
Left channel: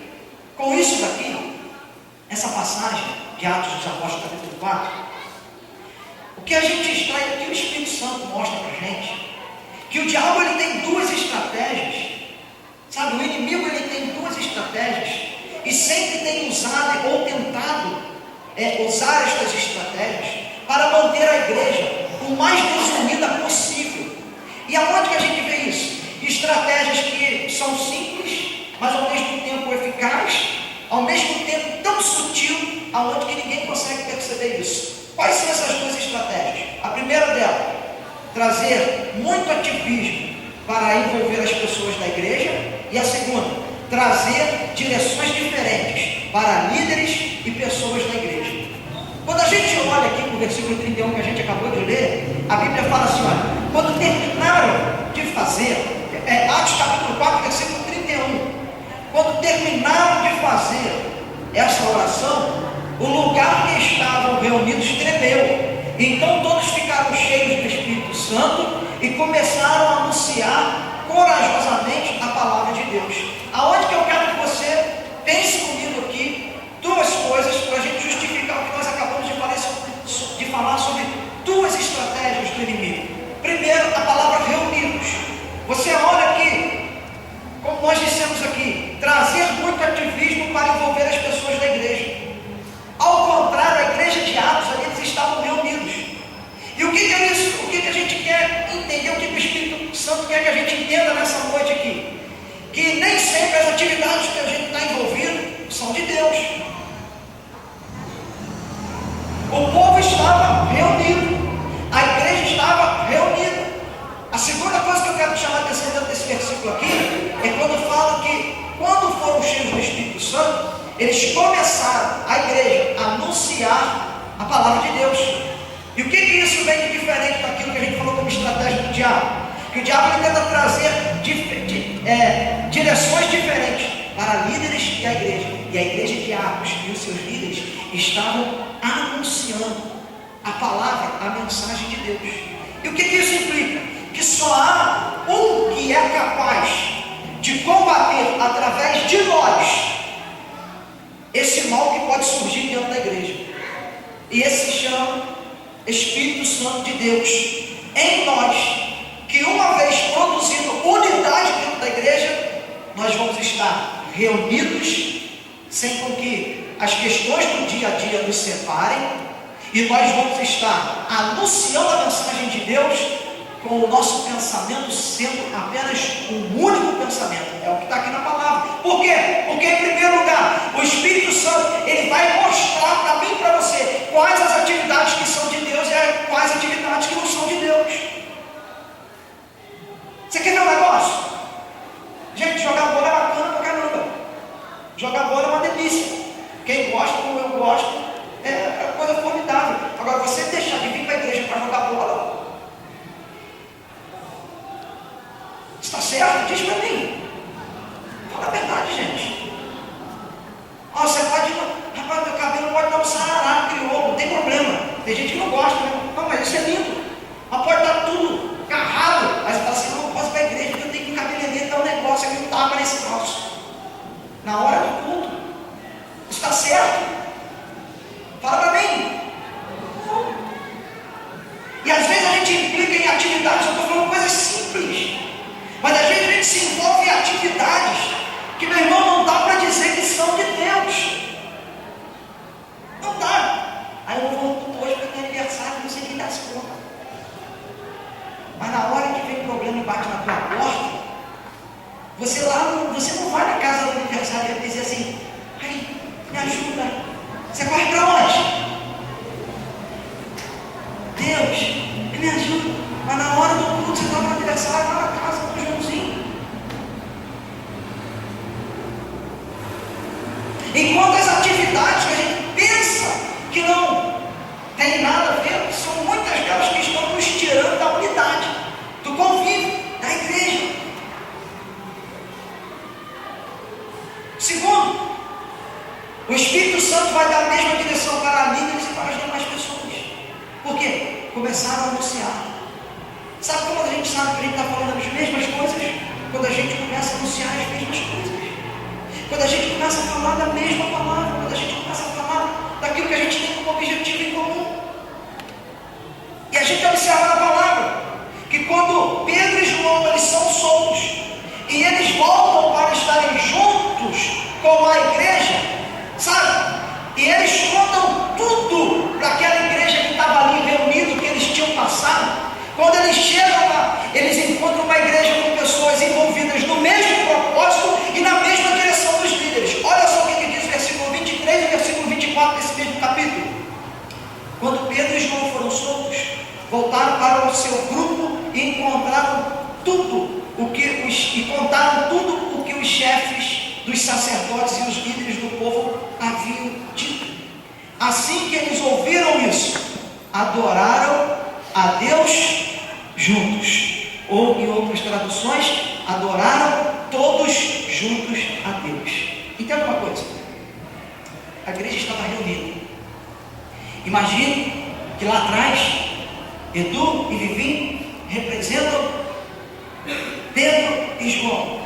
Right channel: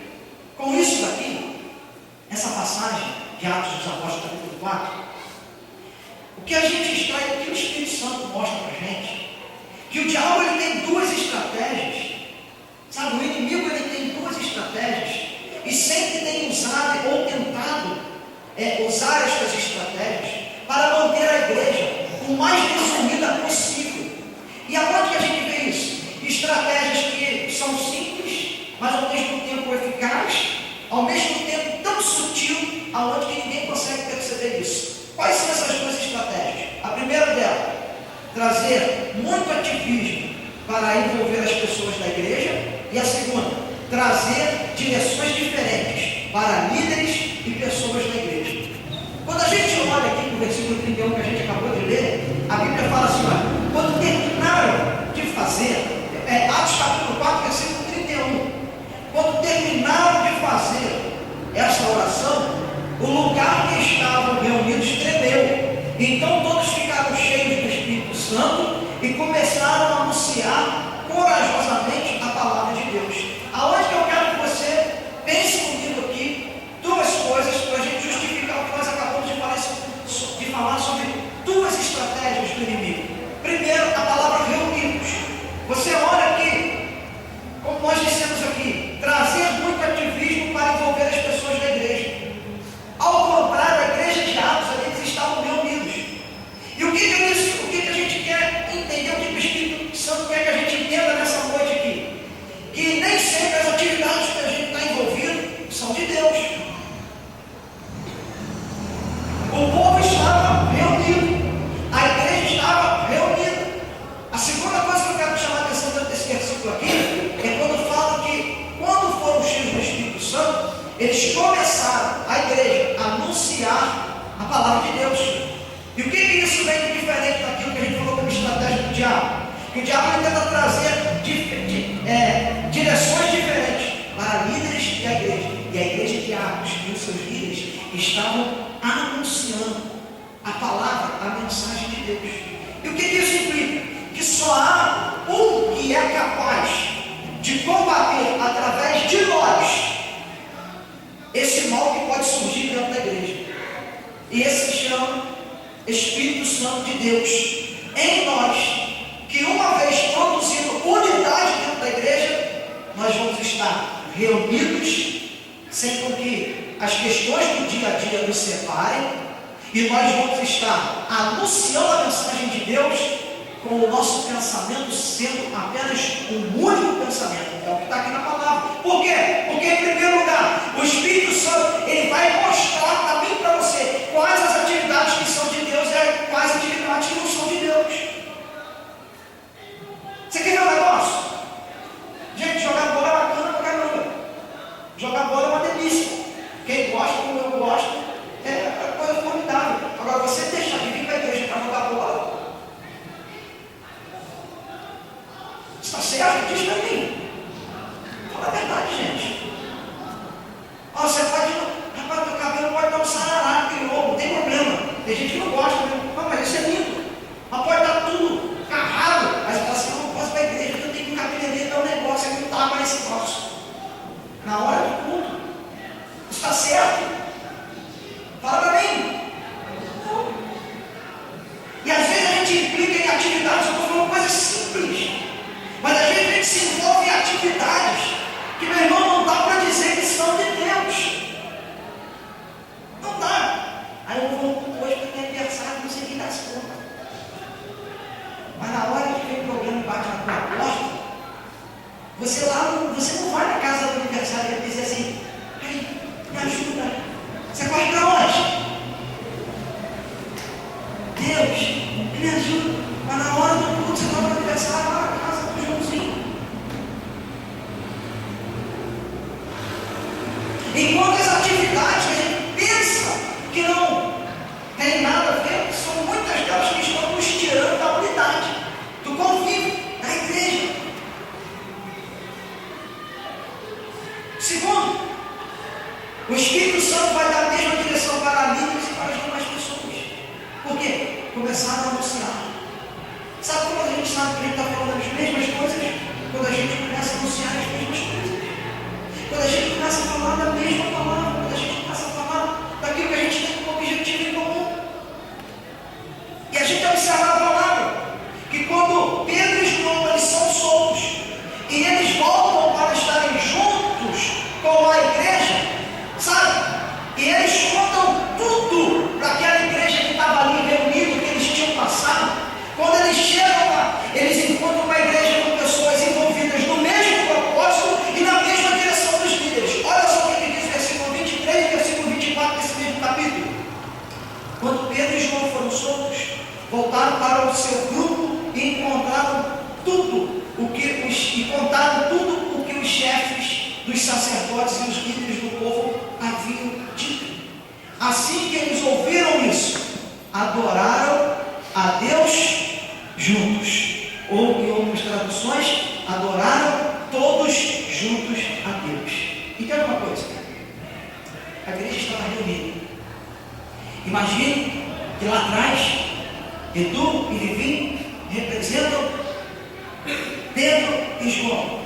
com isso daqui, essa passagem de Atos dos Apóstolos, capítulo 4, o que a gente extrai, o que o Espírito Santo mostra para a gente, que o diabo ele tem duas estratégias, sabe? O inimigo ele tem duas estratégias e sempre tem usado ou tentado usar estas estratégias para manter a igreja o mais desunida possível. E aonde que a gente vê isso? Estratégias que são simples, mas ao mesmo tempo eficazes, ao mesmo tempo tão sutil, aonde que ninguém consegue perceber isso. Quais são essas duas estratégias? A primeira dela, trazer muito ativismo para envolver as pessoas da igreja, e a segunda, trazer direções diferentes para líderes e pessoas da igreja. Quando a gente olha aqui para o versículo 31 que a gente acabou de ler, a Bíblia fala assim: olha, quando terminaram de fazer, Atos capítulo 4, versículo 31, quando terminaram de fazer essa oração, o lugar que estavam reunidos tremeu. Então todos ficaram cheios do Espírito Santo e começaram a anunciar corajosamente a palavra de Deus. Aonde que eu quero que você pense comigo aqui duas coisas para a gente justificar o que nós acabamos de falar sobre duas estratégias do inimigo. Primeiro, a palavra reunidos. Você olha aqui, como nós dissemos aqui, trazer muito ativismo para envolver as pessoas da igreja. Ao contrário, a igreja de Atos, eles estavam reunidos. E o que é isso? O que a gente quer entender? O que o Espírito reunido. A igreja estava reunida. A segunda coisa que eu quero chamar a atenção dentro desse versículo aqui é quando fala que, quando foram cheios do Espírito Santo, eles começaram, a igreja, a anunciar a palavra de Deus. E o que isso vem de diferente daquilo que a gente falou como estratégia do diabo? Que o diabo ele tenta trazer direções diferentes para líderes e a igreja. E a igreja de Atos e os seus líderes estavam anunciando a palavra, a mensagem de Deus. E o que isso implica? Que só há um que é capaz de combater através de nós esse mal que pode surgir dentro da igreja. E esse se chama Espírito Santo de Deus em nós, que uma vez produzindo unidade dentro da igreja, nós vamos estar reunidos, sem com que as questões do dia a dia nos separem, e nós vamos estar anunciando a mensagem de Deus com o nosso pensamento sendo apenas um único pensamento. É o que está aqui na palavra. Por quê? Porque em primeiro lugar, o Espírito Santo ele vai mostrar para mim e para você quais as atividades que são de Deus e quais atividades que não são de Deus. Você quer ver um negócio? Gente, jogar bola é bacana pra caramba. Jogar bola é uma delícia. Quem gosta, como eu gosto, é coisa formidável. Agora, você deixar de vir para a igreja para jogar bola, está certo? Diz para mim. Fala a verdade, gente. Você pode, rapaz, teu cabelo pode dar um sarará, criou, não tem problema. Tem gente que não gosta, né? Não, mas isso é lindo. Mas pode estar tudo carrado. Mas você fala assim, não posso ir para a igreja, porque eu tenho que um cabeleireiro, dar um negócio aqui, não tapa nesse troço. Na hora do culto. Está certo? Fala para mim. Não. E às vezes a gente implica em atividades, eu estou falando coisas simples. Mas às vezes a gente se envolve em atividades que, meu irmão, não dá para dizer que são de Deus. Não dá. Aí eu vou culto hoje porque tem aniversário, não sei quem dá as contas. Mas na hora que vem problema e bate na tua porta, você não vai na casa do aniversário e dizer assim, ai, me ajuda. Você corre para onde? Deus, me ajuda. Mas na hora do culto você está no aniversário lá na casa do Joãozinho. Enquanto as atividades que a gente pensa que não tem nada a ver, são muitas delas que estão nos tirando da unidade, do convívio, da igreja. Segundo, o Espírito Santo vai dar a mesma direção para líderes e para as demais pessoas. Por quê? Começaram a anunciar. Sabe como a gente sabe que a gente está falando as mesmas coisas? Quando a gente começa a anunciar as mesmas coisas. Quando a gente começa a falar da mesma palavra. Quando a gente começa a falar daquilo que a gente tem como objetivo em comum. E a gente observa na palavra que quando Pedro e João eles são soltos e eles voltam para estarem juntos com a igreja, sabe? E eles contam tudo para aquela igreja que estava ali reunida, que eles tinham passado. Quando eles chegam lá, eles encontram uma igreja com pessoas envolvidas no mesmo propósito e na mesma direção dos líderes. Olha só o que diz o versículo 23 e versículo 24 desse mesmo capítulo. Quando Pedro e João foram soltos, voltaram para o seu grupo e encontraram tudo contaram tudo o que os chefes dos sacerdotes e os líderes do povo haviam dito. Assim que eles ouviram isso, adoraram a Deus juntos. Ou em outras traduções, adoraram todos juntos a Deus. Entenda uma coisa, a igreja estava reunida. Imagine que lá atrás Edu e Vivi representam Pedro e João.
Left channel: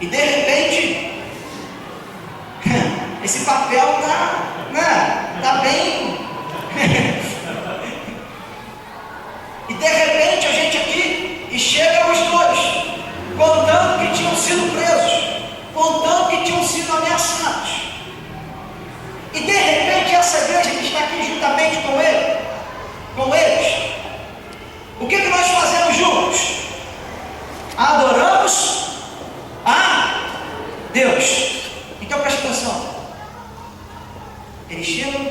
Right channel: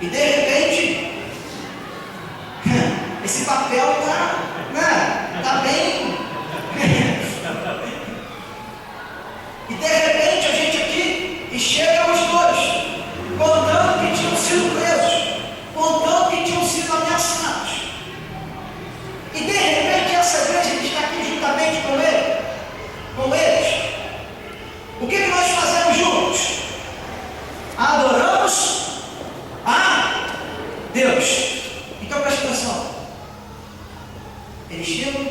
E de repente esse papel está bem. E de repente a gente aqui e chega os dois contando que tinham sido presos, contando que tinham sido ameaçados. E de repente essa igreja que está aqui juntamente com eles, o que nós fazemos juntos? Adoramos a Deus. Então presta atenção. Eles chegam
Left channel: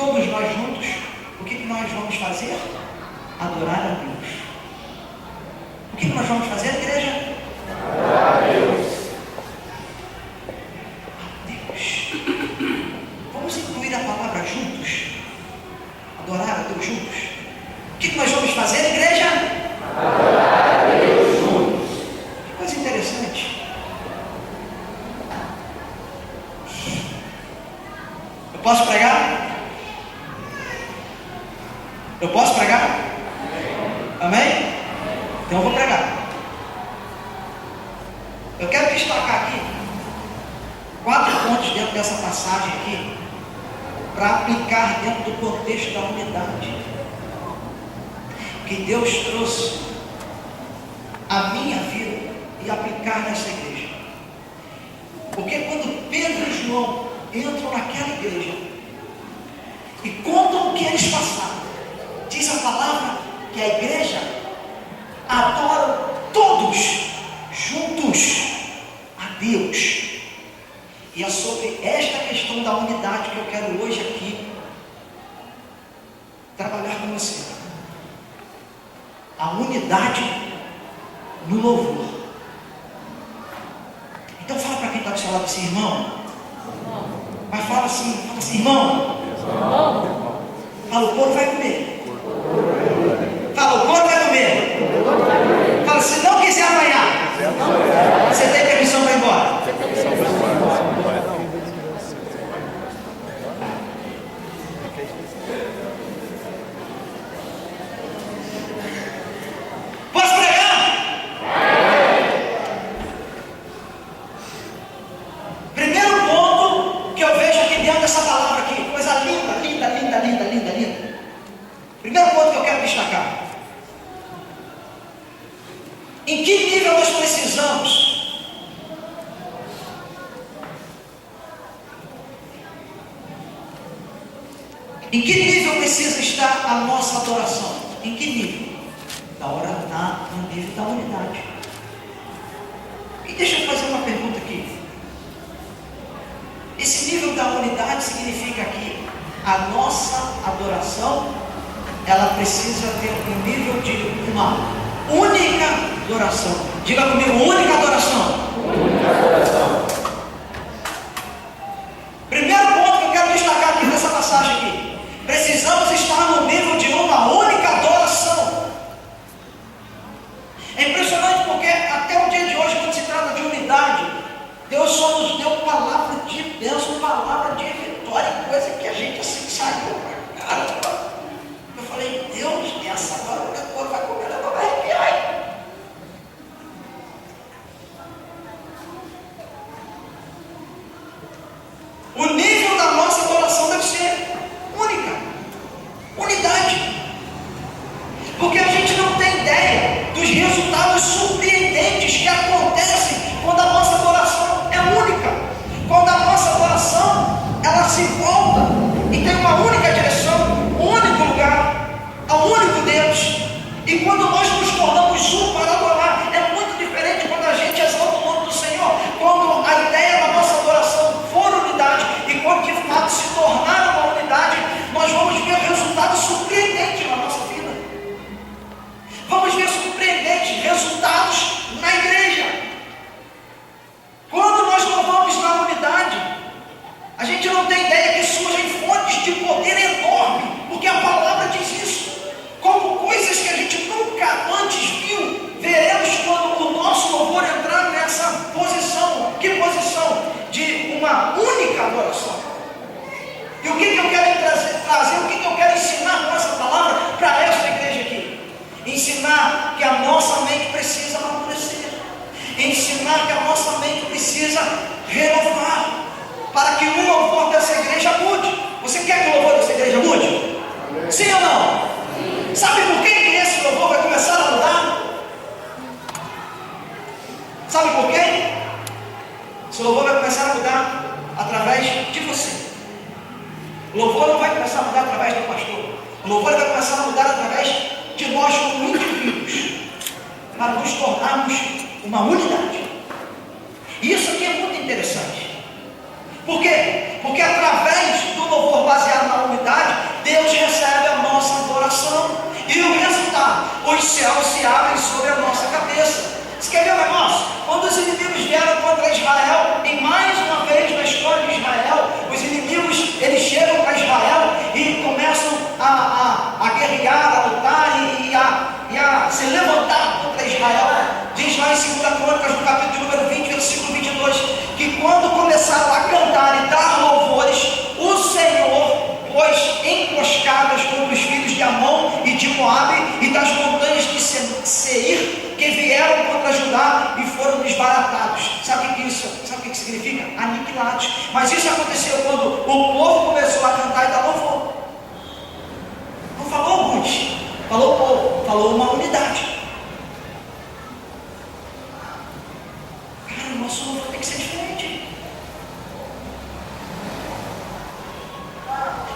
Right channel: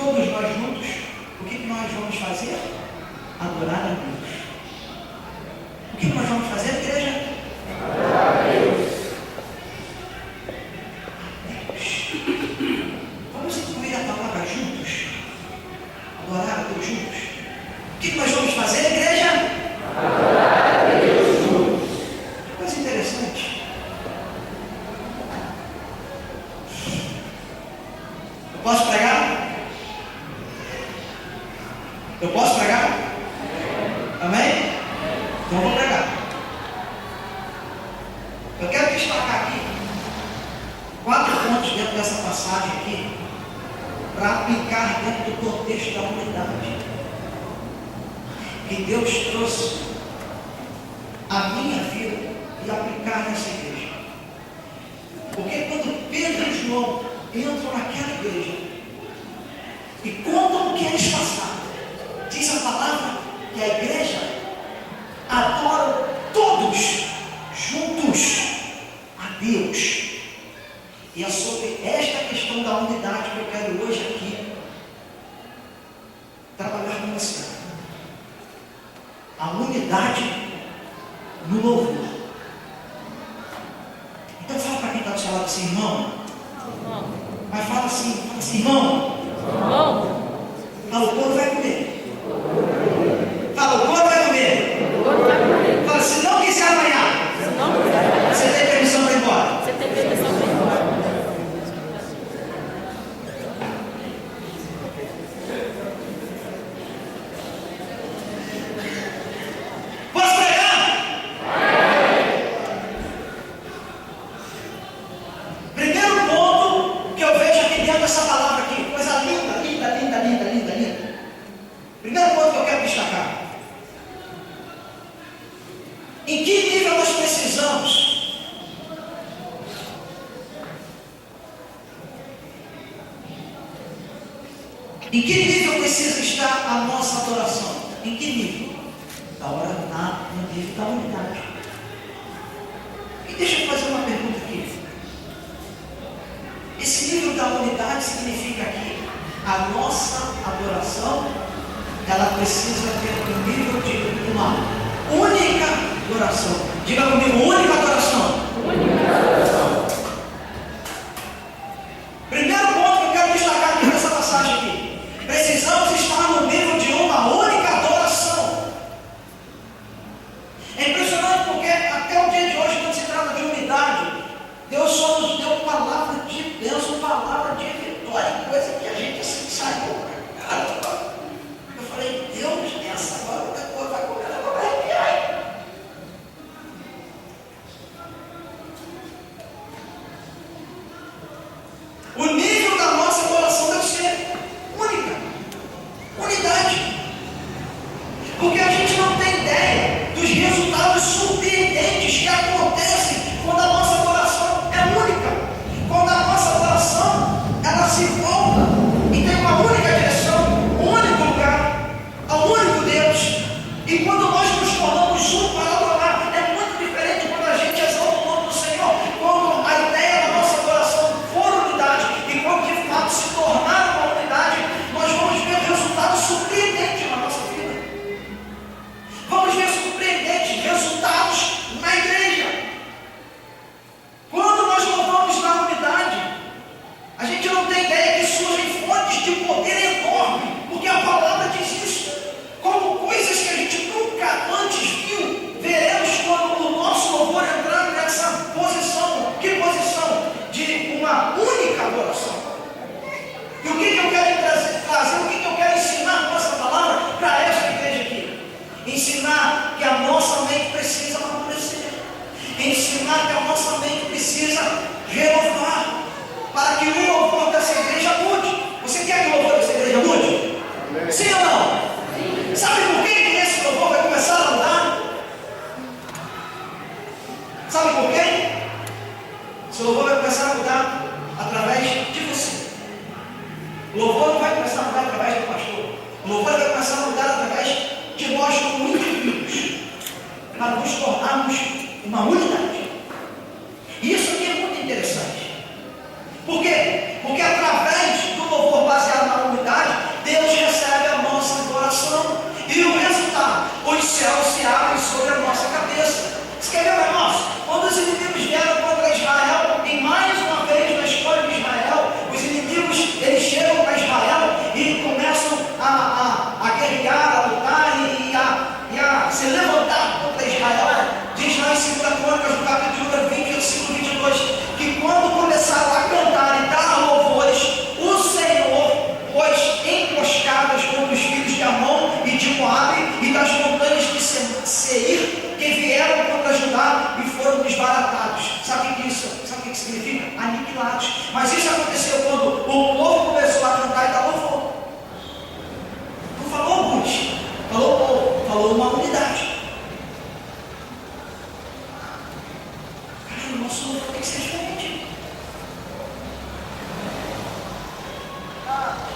todos nós juntos, o que nós vamos fazer? Adorar a Deus. O que nós vamos fazer, igreja? Adorar a Deus. Vamos incluir a palavra juntos? Adorar a Deus juntos? O que nós vamos fazer, igreja? Adorar a Deus juntos. Que coisa interessante. Eu posso pregar? Eu posso pregar? Amém? Então eu vou pregar. Eu quero destacar aqui 4 pontos dentro dessa passagem aqui, para aplicar dentro do contexto da unidade que Deus trouxe a minha vida e aplicar nessa igreja. Porque quando Pedro e João entram naquela igreja e contam o que eles passaram, diz a palavra que a igreja adora todos juntos a Deus. E é sobre esta questão da unidade que eu quero hoje aqui trabalhar com você. A unidade no louvor. Então fala para quem está do seu lado assim, irmão. Mas fala assim, irmão. Fala, o couro vai comer. Fala, o couro vai comer. Fala, se não quiser apanhar, você tem permissão para ir embora. Posso pregar? Primeiro ponto que eu vejo aqui dentro dessa palavra aqui, coisa linda, linda, linda, linda, linda, linda. Primeiro ponto que eu quero destacar. Em que nível nós precisamos em que nível precisa estar a nossa adoração? Em que nível? No nível da unidade. E deixa eu fazer uma pergunta aqui. Esse nível da unidade significa que a nossa adoração, ela precisa ter um nível de uma única adoração. Diga comigo, única adoração. Única adoração. Primeiro ponto que eu quero destacar aqui nessa passagem aqui. Precisamos estar no nível de uma única adoração. É impressionante porque até o dia de hoje, quando se trata de unidade, Deus só nos deu palavra de bênção, palavra de vitória, coisa que a gente assim saiu para cara. Eu falei, Deus, essa agora o couro vai comer, ela vai arrepiar. O nível da nossa adoração deve ser única, unidade, porque a gente não tem ideia dos resultados surpreendentes que acontecem quando a nossa adoração é única, quando a nossa adoração ela se volta e tem uma única direção, um único lugar, ao único Deus. E quando nós nos tornamos um para adorar, é muito diferente quando a gente exalta o nome do Senhor, quando a ideia da nossa adoração for unidade, e quando de fato se tornar uma unidade, nós vamos ver resultados surpreendentes na nossa vida. Vamos ver surpreendentes resultados na igreja. Quando nós louvamos na unidade, a gente não tem ideia que surgem fontes de poder enorme, porque a palavra diz isso. Como coisas que a gente nunca antes viu, veremos quando o nosso louvor entrar nessa posição. Que posição? De uma única adoração. E o que eu quero trazer, o que eu quero ensinar com essa palavra para esta igreja aqui? Ensinar que a nossa mente precisa amadurecer. Ensinar que a nossa mente precisa renovar, para que o louvor dessa igreja mude. Você quer que o louvor dessa igreja mude? Sim ou não? Sim. Sabe por que esse louvor vai começar a mudar? Sabe por quê? Esse louvor vai começar a mudar através de você. O louvor não vai começar a mudar através do pastor. O louvor vai começar a mudar através de nós como indivíduos, para nos tornarmos uma unidade. E isso aqui é muito interessante. Por quê? Porque através do louvor baseado na unidade, céus se abrem sobre a nossa cabeça. Você quer ver um negócio? Quando os inimigos vieram contra Israel, e mais uma vez na história de Israel, os inimigos eles chegam para Israel e começam a guerrear, a lutar e a se levantar contra Israel. Diz lá em 2 Crônicas, no capítulo número 20, versículo 22, que quando começaram a cantar e dar louvores, o Senhor pôs emboscadas contra os filhos de Amon e de Moabe e das montanhas de Seir, que vieram contra Judá e foram desbaratados. Sabe o que isso? Sabe o que significa? Aniquilados. Mas isso aconteceu quando o povo começou a cantar e dar louvor. Não falou alguns, falou o povo, falou uma unidade. Cara, o nosso louvor tem que ser diferente.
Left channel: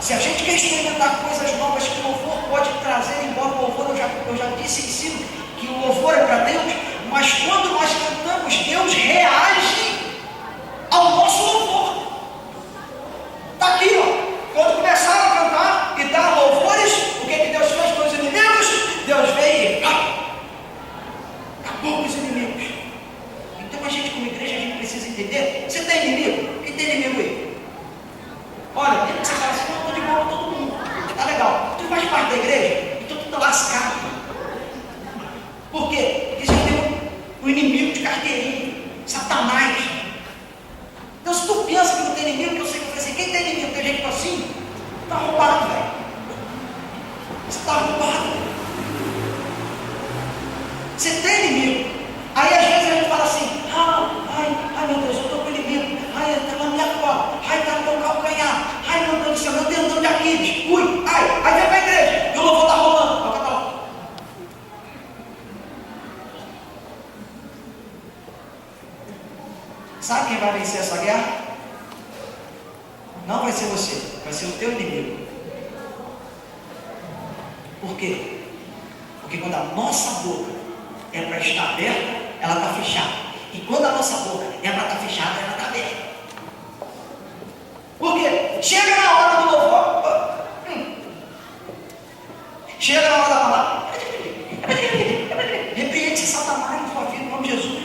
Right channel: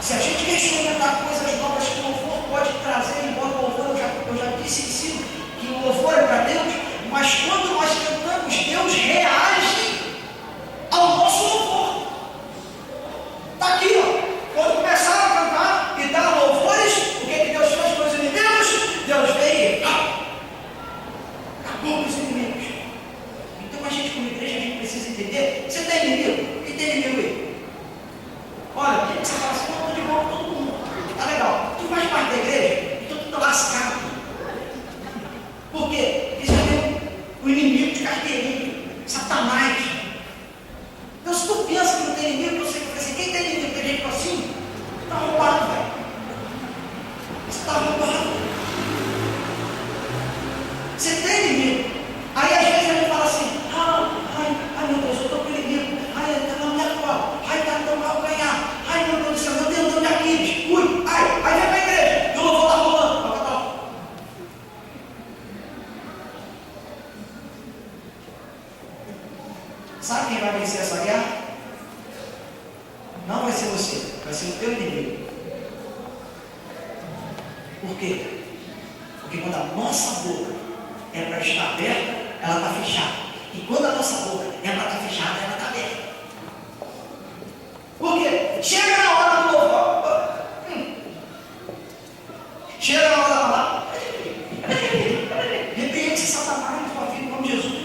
Se a gente quer experimentar coisas novas que o louvor pode trazer, embora o louvor, eu já disse em cima, que o louvor é para Deus, mas quando nós cantamos, Deus reage ao nosso louvor. Está aqui, ó. Quando começaram a cantar e dar louvores, o que Deus fez com os inimigos? Deus veio e acabou com os inimigos. Então a gente, como igreja, a gente precisa entender. Você tem inimigo? Quem tem inimigo aí? Olha, tem que você fala assim, eu estou de boa com todo mundo. Tá legal. Tu faz parte da igreja, então tu está lascado. Por quê? Porque você tem o inimigo de carteirinha, Satanás. Então, se tu pensa que não tem inimigo, eu sei que assim, quem tem inimigo? Tem gente assim, está roubado, velho. Você está roubado. Você tem inimigo. Aí, às vezes, a gente fala assim, ai meu Deus, eu estou com inimigo. Ai, está na minha cola. Ai, está no meu calcanhar. Ai, meu Deus do céu, meu tendão de Aquiles. Ui, ai, aí vem para a igreja. E o louvor está rolando. Sabe quem vai vencer essa guerra? Não vai ser você, vai ser o teu inimigo. Por quê? Porque quando a nossa boca é para estar aberta, ela está fechada. E quando a nossa boca é para estar fechada, ela está aberta. Por quê? Chega na hora do louvor. Chega na hora da palavra. Repreende Satanás na tua vida, em nome de Jesus.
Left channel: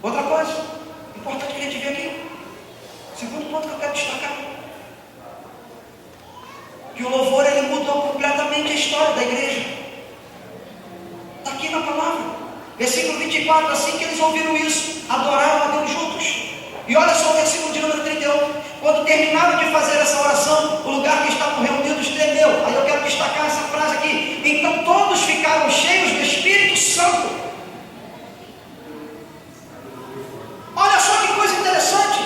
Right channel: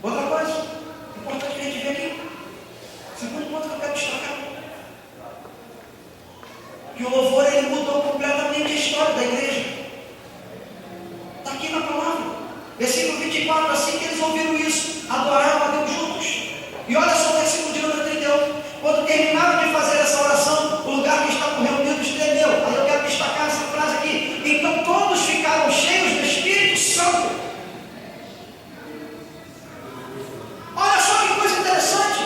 Outra coisa importante que a gente vê aqui, segundo ponto que eu quero destacar, que o louvor ele mudou completamente a história da igreja. Está aqui na palavra, versículo 24, assim que eles ouviram isso, adoraram a Deus juntos. E olha só o versículo de número 31, quando terminaram de fazer essa oração, o lugar que estavam reunidos tremeu. Aí eu quero destacar essa frase aqui, então todos ficaram cheios do Espírito Santo. Olha só que coisa interessante,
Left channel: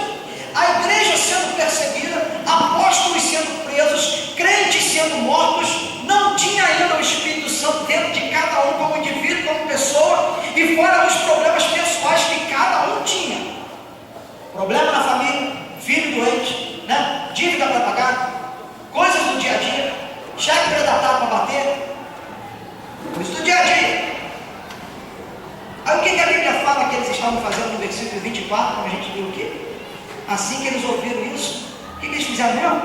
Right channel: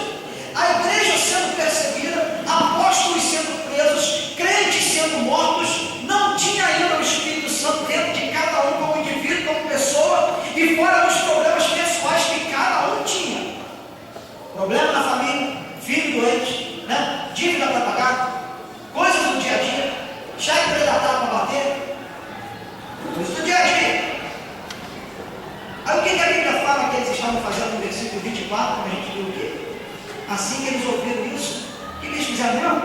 a igreja sendo perseguida, apóstolos sendo presos, crentes sendo mortos, não tinha ainda o Espírito Santo dentro de cada um como indivíduo, como pessoa, e fora os problemas pessoais que cada um tinha. Problema na família, filho doente, né? Dívida para pagar, coisas do dia a dia, chefe predatário para bater, coisas do dia a dia. Aí o que a Bíblia fala que eles estavam fazendo no versículo 24, como a gente viu aqui? Assim que eles ouviram isso, o que eles fizeram mesmo?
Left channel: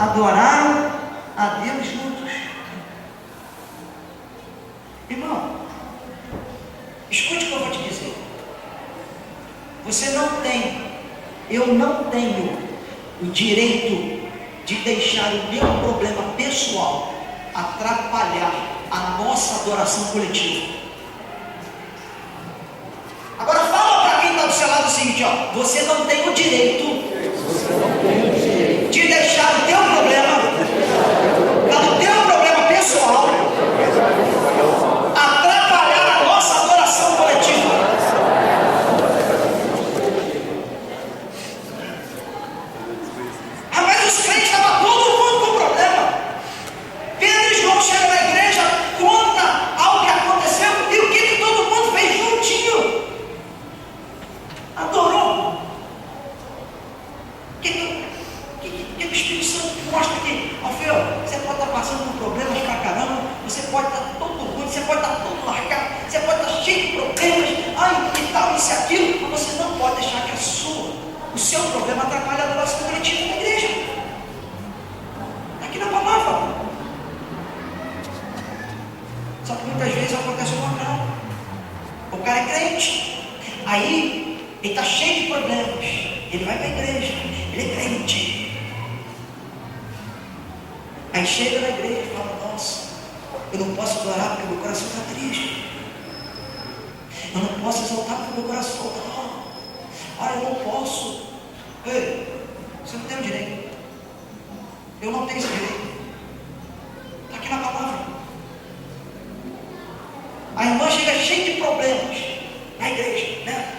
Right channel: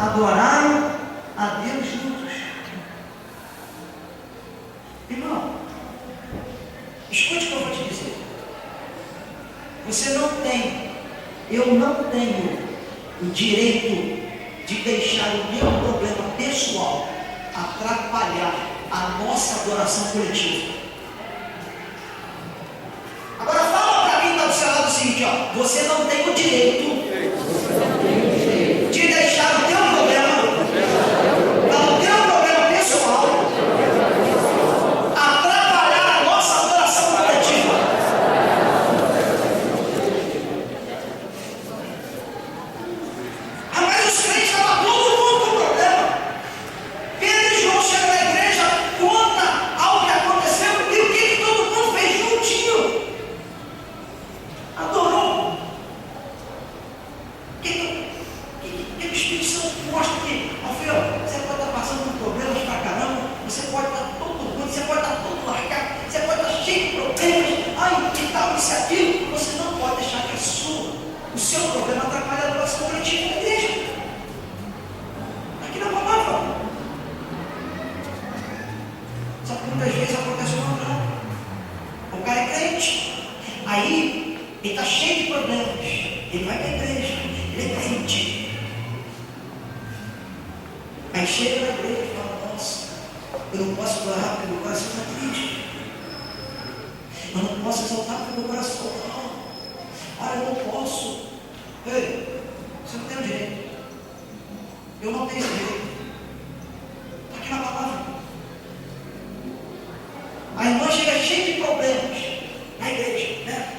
Adoraram a Deus juntos. Irmão, escute o que eu vou te dizer. Você não tem, eu não tenho o direito de deixar o meu problema pessoal atrapalhar a nossa adoração coletiva. Agora fala para quem está do seu lado o seguinte, ó, você não tem o direito de deixar o teu problema, o teu problema pessoal, atrapalhar a nossa adoração coletiva. Mas os crentes estavam todo mundo com problema. Pedro e João chegam na igreja, conta algo que aconteceu e o que todo mundo fez juntinho. Adorou. O que o Espírito Santo mostra aqui? Alfeu, você pode estar passando por problemas pra caramba, você pode estar todo ruim, você pode estar todo largado, você pode estar cheio de problemas, ai, e tal, isso e aquilo, mas você não pode deixar que o seu problema atrapalhe a adoração coletiva da igreja. Ele está cheio de problemas. Ele vai para a igreja. Ele é crente. Aí chega na igreja e fala: nossa, eu não posso adorar porque meu coração está triste. Eu não posso exaltar porque meu coração não. Olha, eu não posso. Ei, você não tem o direito. Eu não tenho esse direito. Está aqui na palavra. A irmã chega cheia de problemas na igreja, né?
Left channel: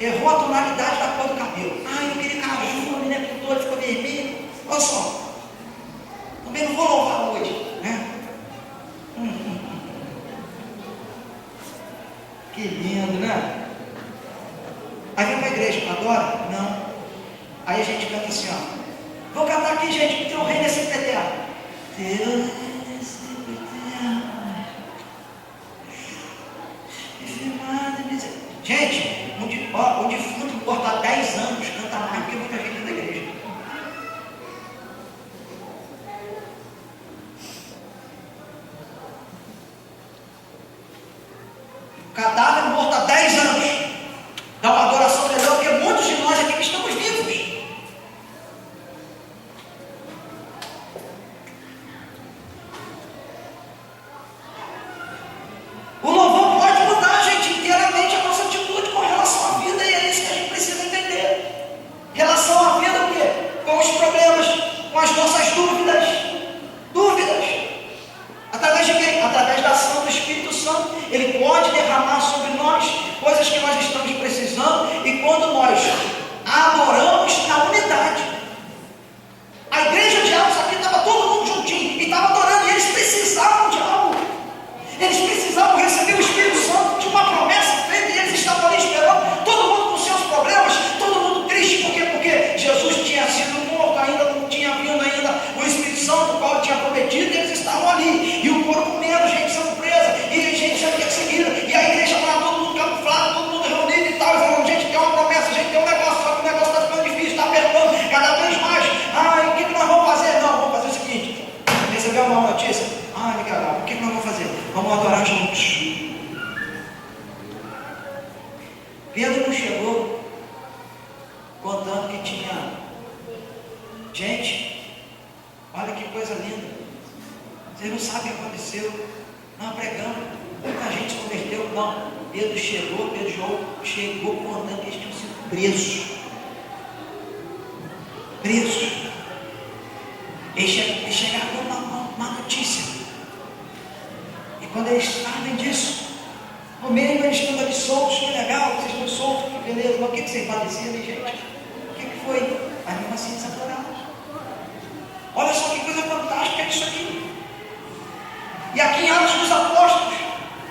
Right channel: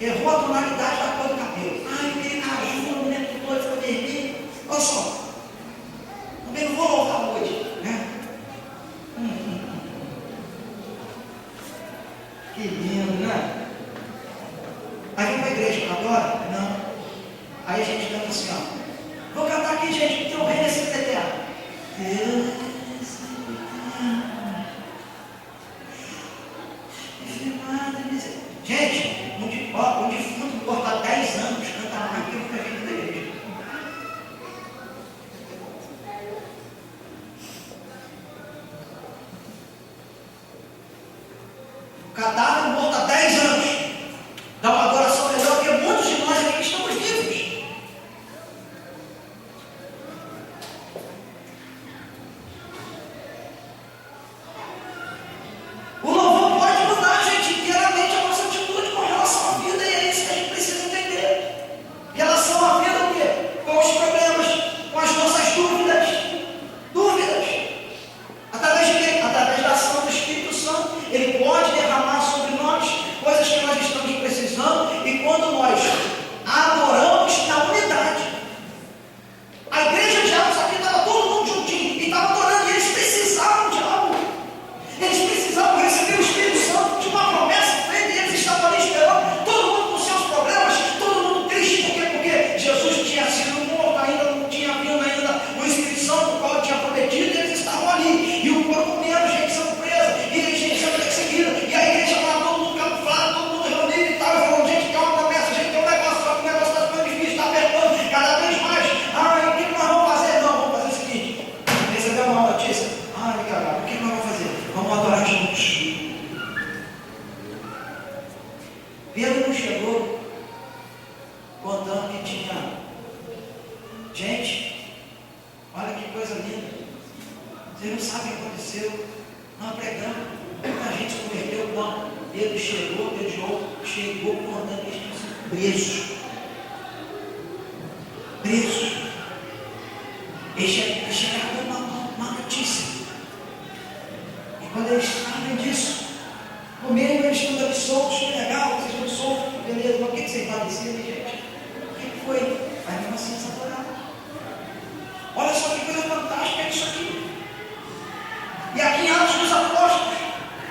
Errou a tonalidade da cor do cabelo. Ah, eu queria caju, né? Com dor, ficou vermelho. Olha só. Também não vou louvar hoje, né? Que lindo, né? Aí vem para a igreja, adora? Não. Aí a gente canta assim, ó. Vou cantar aqui, gente, porque o reino é sempre eterno. Deus é sempre eterno. Gente, um defunto que corta 10 anos canta mais do que muita gente da igreja. Cadáver morto há 10 anos dá uma adoração melhor que muitos de nós aqui que estamos vivos. O louvor pode mudar, gente, inteiramente a nossa atitude com relação à vida, e é isso que a gente precisa entender. Relação à vida, o quê? Com os problemas, com as nossas dúvidas. Através de quem? Através da ação do Espírito Santo. Ele pode derramar sobre nós coisas que nós estamos precisando, e quando nós adoramos na unidade. A igreja de Atos aqui estava todo mundo juntinho e estava adorando, e eles precisavam de algo. Eles precisavam receber o Espírito Santo, de uma promessa feita, e eles estavam ali esperando, todo mundo com seus problemas, todo mundo triste, porque Jesus tinha sido morto, ainda não tinha vindo ainda o Espírito Santo, o qual tinha prometido, e eles estavam ali, e o corpo comendo, gente sendo presa, e gente sendo perseguida, e a igreja lá, todo mundo camuflado, todo mundo reunido e tal, e falando: gente, tem uma promessa, gente, tem um negócio, só que o negócio está ficando difícil, está apertando cada vez mais. Ah, o que nós vamos fazer? Não, vamos fazer o seguinte: recebeu uma notícia? Ah, legal, o que nós vamos fazer? Vamos adorar juntos. Pedro não chegou contando que tinha gente. Olha que coisa linda. Vocês não sabem o que aconteceu. Não, pregando, muita gente se converteu. Não, Pedro chegou contando que eles tinham sido presos. Eles chegaram com uma notícia. E quando eles sabem disso, o mesmo eles estão ali soltos, que legal, vocês estão soltos, que beleza, mas o que vocês padeceram, gente? O que foi? Mas mesmo assim eles adoraram. Olha só que coisa fantástica é isso aqui. E aqui em Atos dos Apóstolos,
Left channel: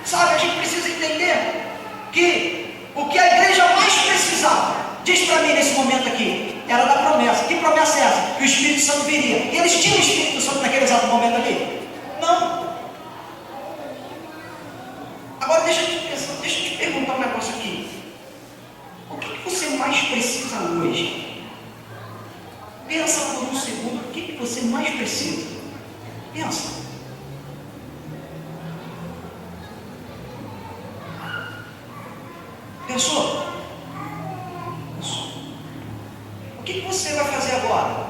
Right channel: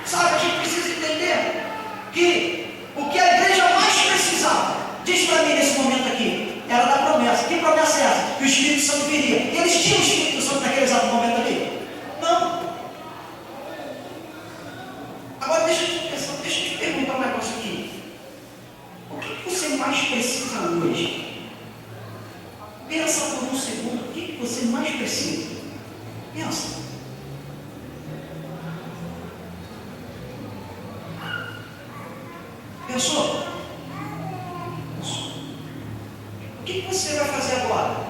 sabe, a gente precisa entender que o que a igreja mais precisava, diz para mim nesse momento aqui, era da promessa. Que promessa é essa? Que o Espírito Santo viria. E eles tinham o Espírito Santo naquele exato momento ali? Não. Agora deixa eu te perguntar um negócio aqui. O que você mais precisa hoje? Pensa por um segundo, o que você mais precisa? Pensa. Pensou? O que você vai fazer agora?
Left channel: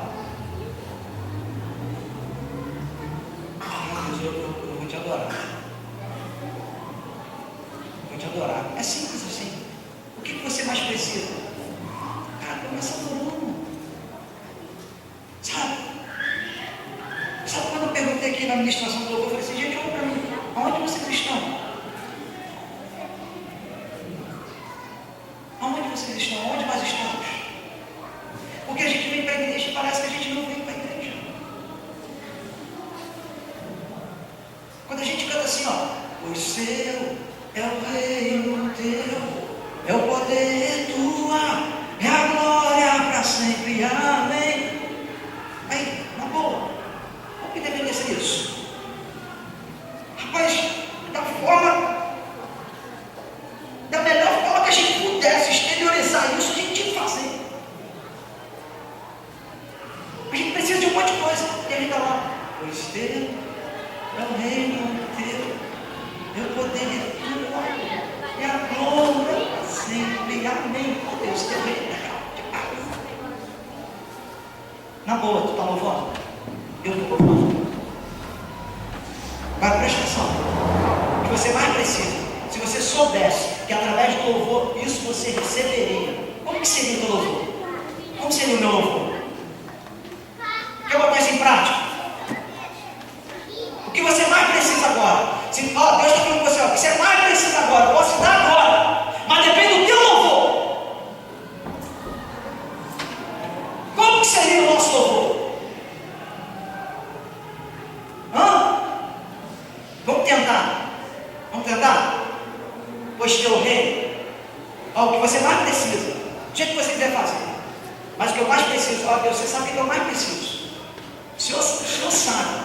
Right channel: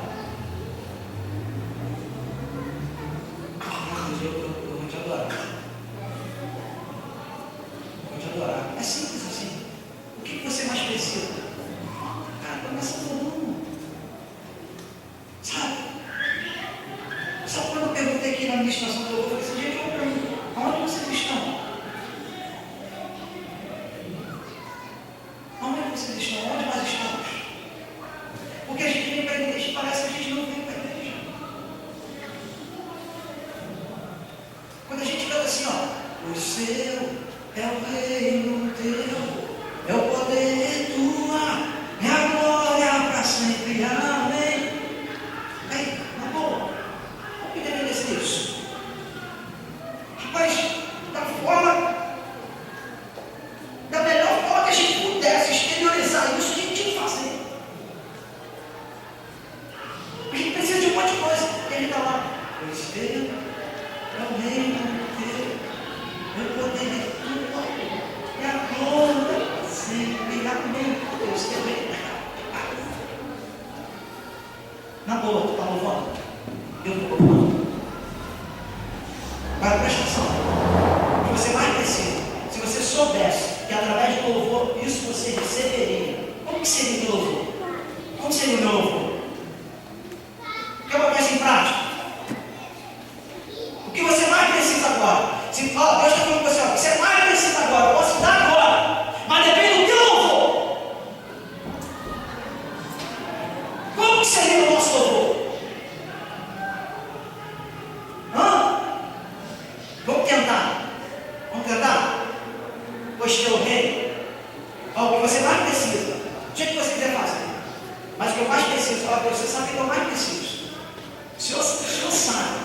Deus, eu vou te adorar. Vou te adorar. É simples assim. O que você mais precisa? Cara, começa adorando. Sabe quando eu perguntei aqui na administração do louvor, eu falei assim: gente, olha para mim, aonde vocês estão? Aonde vocês estão? Onde nós estamos? Porque a gente vem para a igreja e parece que a gente não vem para a igreja. Quando a gente canta assim, ó: o seu é o reino teu, é o poder tua, é a glória para sempre, amém. Aí, na boa, como que deveria ser isso? Rapaz, da melhor forma que a gente pudesse exteriorizar isso, a gente tinha que fazer. A gente precisa de um monte de coisa, e a gente está lá: o seu é o reino teu, é o poder tua, é a glória para sempre, amém. Deus, Na boa, tu está louvando? Eu estou louvando. Agora presta atenção. O que você mais precisa, se você soubesse que através do louvor isso você receberia, como que seria o teu louvor? Como seria o meu louvor? Quer botar isso em prática? O que você mais precisa agora? Se, Deus está falando com você, o que você mais precisa agora, eu posso dar agora, mas depende do teu louvor. Como que seria o nosso louvor? Vamos tentar. Vamos tentar? Pois teu reino. O que você mais precisa. Do jeito que você quiser fazer. Mas o que eu mais preciso, Deus, você sabe o que eu mais preciso. O Senhor sabe.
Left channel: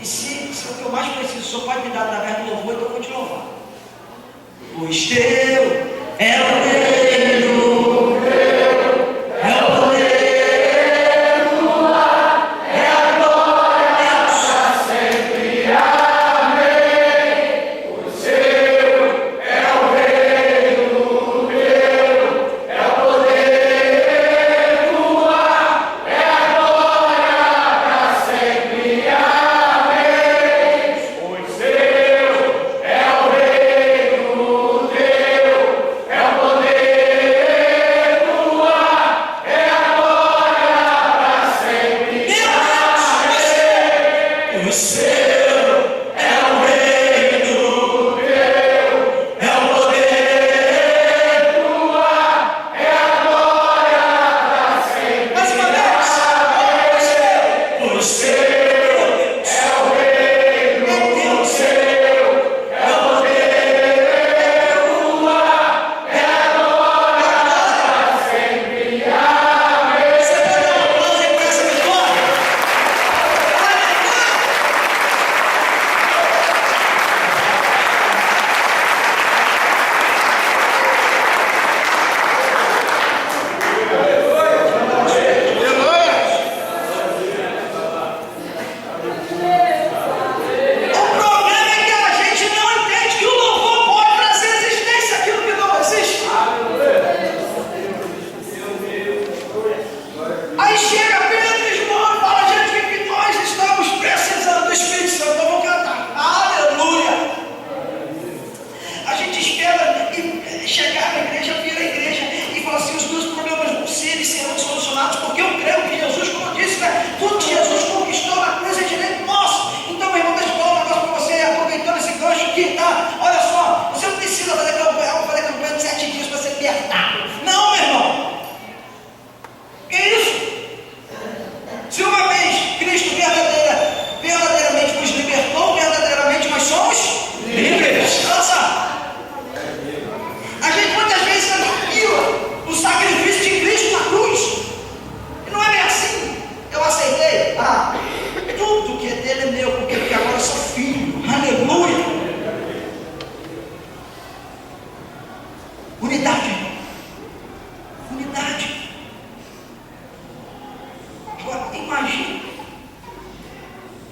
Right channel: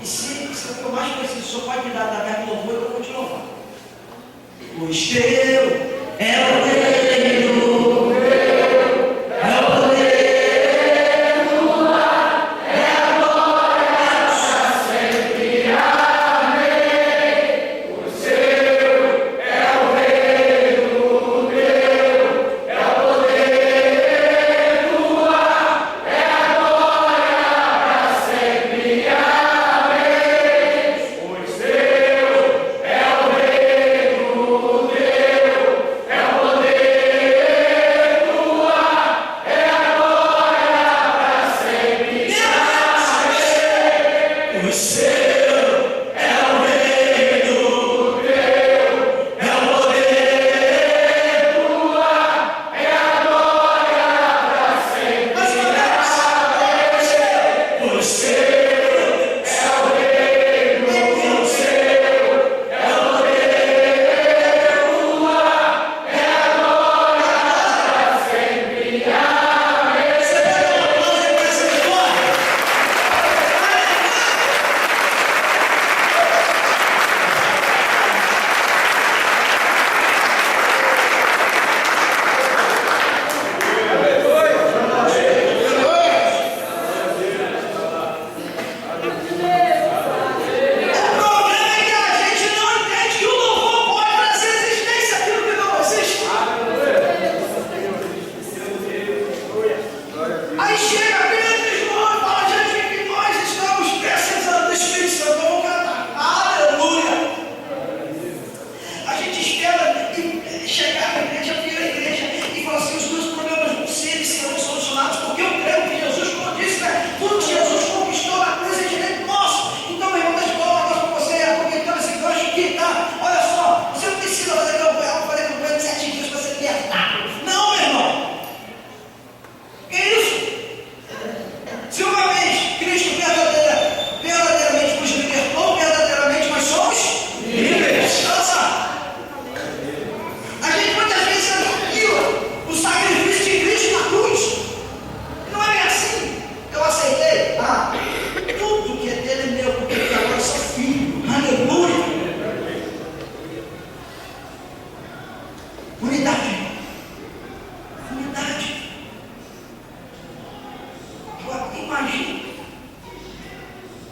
E se o que eu mais preciso, o Senhor pode me dar através do louvor, então eu vou te louvar. Pois teu é o reino. É o poder.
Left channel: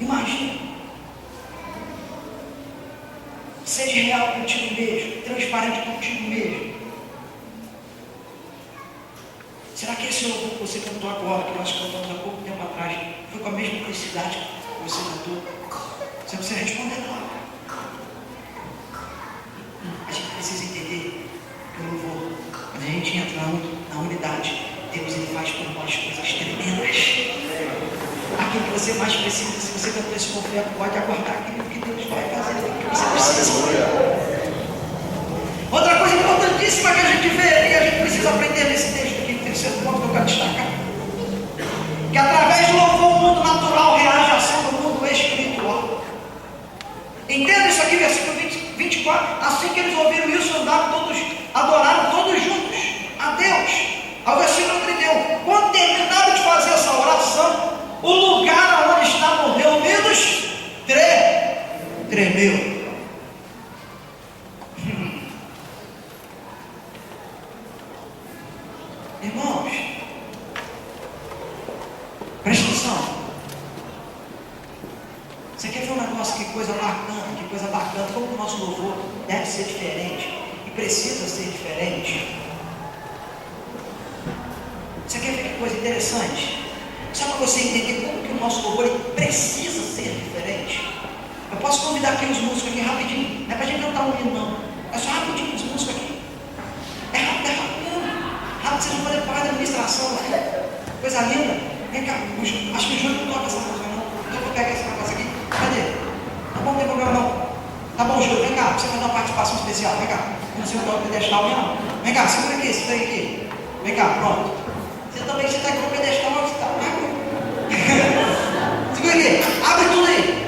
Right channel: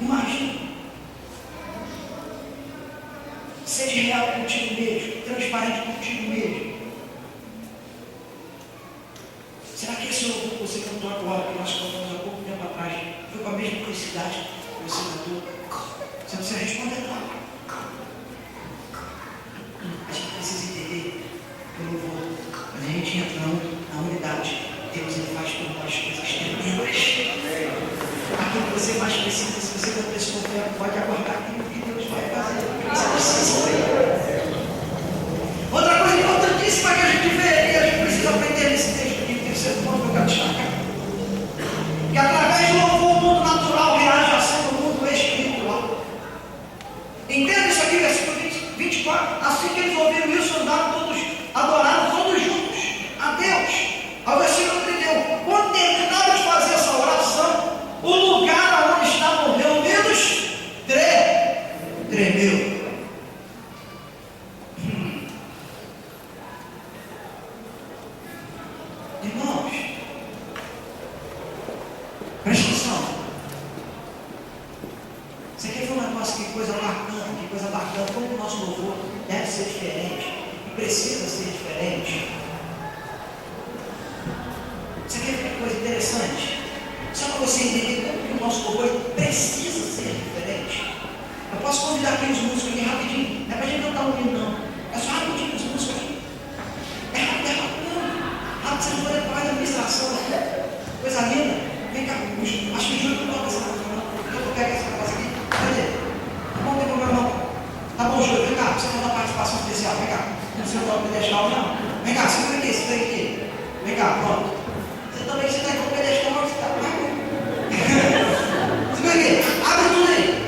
Imagina. Seja real contigo mesmo, transparente contigo mesmo. Será que esse louvor que você cantou agora, que nós cantamos há pouco tempo atrás, foi com a mesma intensidade que você cantou? Você não precisa responder não. A gente precisa entender que o louvor, quando a gente entra na unidade, Deus ele faz por nós coisas tremendas. Aquilo que você mais precisa, se você cantou esse louvor, pode aguardar aquilo que Deus vai fazer, o que você precisa. Outra coisa importantíssima que a gente vê e a gente precisa aprender nesse texto aqui, o terceiro ponto que eu quero destacar, que através do louvor o mundo natural reage à ação do mundo espiritual. Entenda isso aqui, versículo 24. Assim que eles ouviram isso, adoraram todos juntos a Deus. Ao versículo 31. Quando terminaram de fazer essa oração, o lugar onde estavam reunidos tremeu. Irmãos, presta atenção. Você quer ver um negócio, que coisa bacana, como o nosso louvor deve ser diferente e precisa ser diferente. Você quer ver que coisa interessante? Só para você entender como que o nosso louvor ele precisa ser diferente. Eu posso convidar aqui os músicos aqui rapidinho. Não é para a gente cantar um hino, não. É só rapidinho os músicos aqui. É rápido mesmo. Rápido, vocês não podem parar da administração. Coisa linda. Vem cá, acho que o Júlio não toca essa música, não. Então eu pego essa coisa aqui. Cadê? Tá bom, não tem problema não. Tá bom, Júlio, vem cá. Você fazer uma participação especial. Vem cá. Não sei o nome pedestal, não. Vem cá, segura aqui, segura aqui. Vem cá, pronto. Você também, você está aqui com o pedestal, você está. Segura aqui. Abre tudo aí.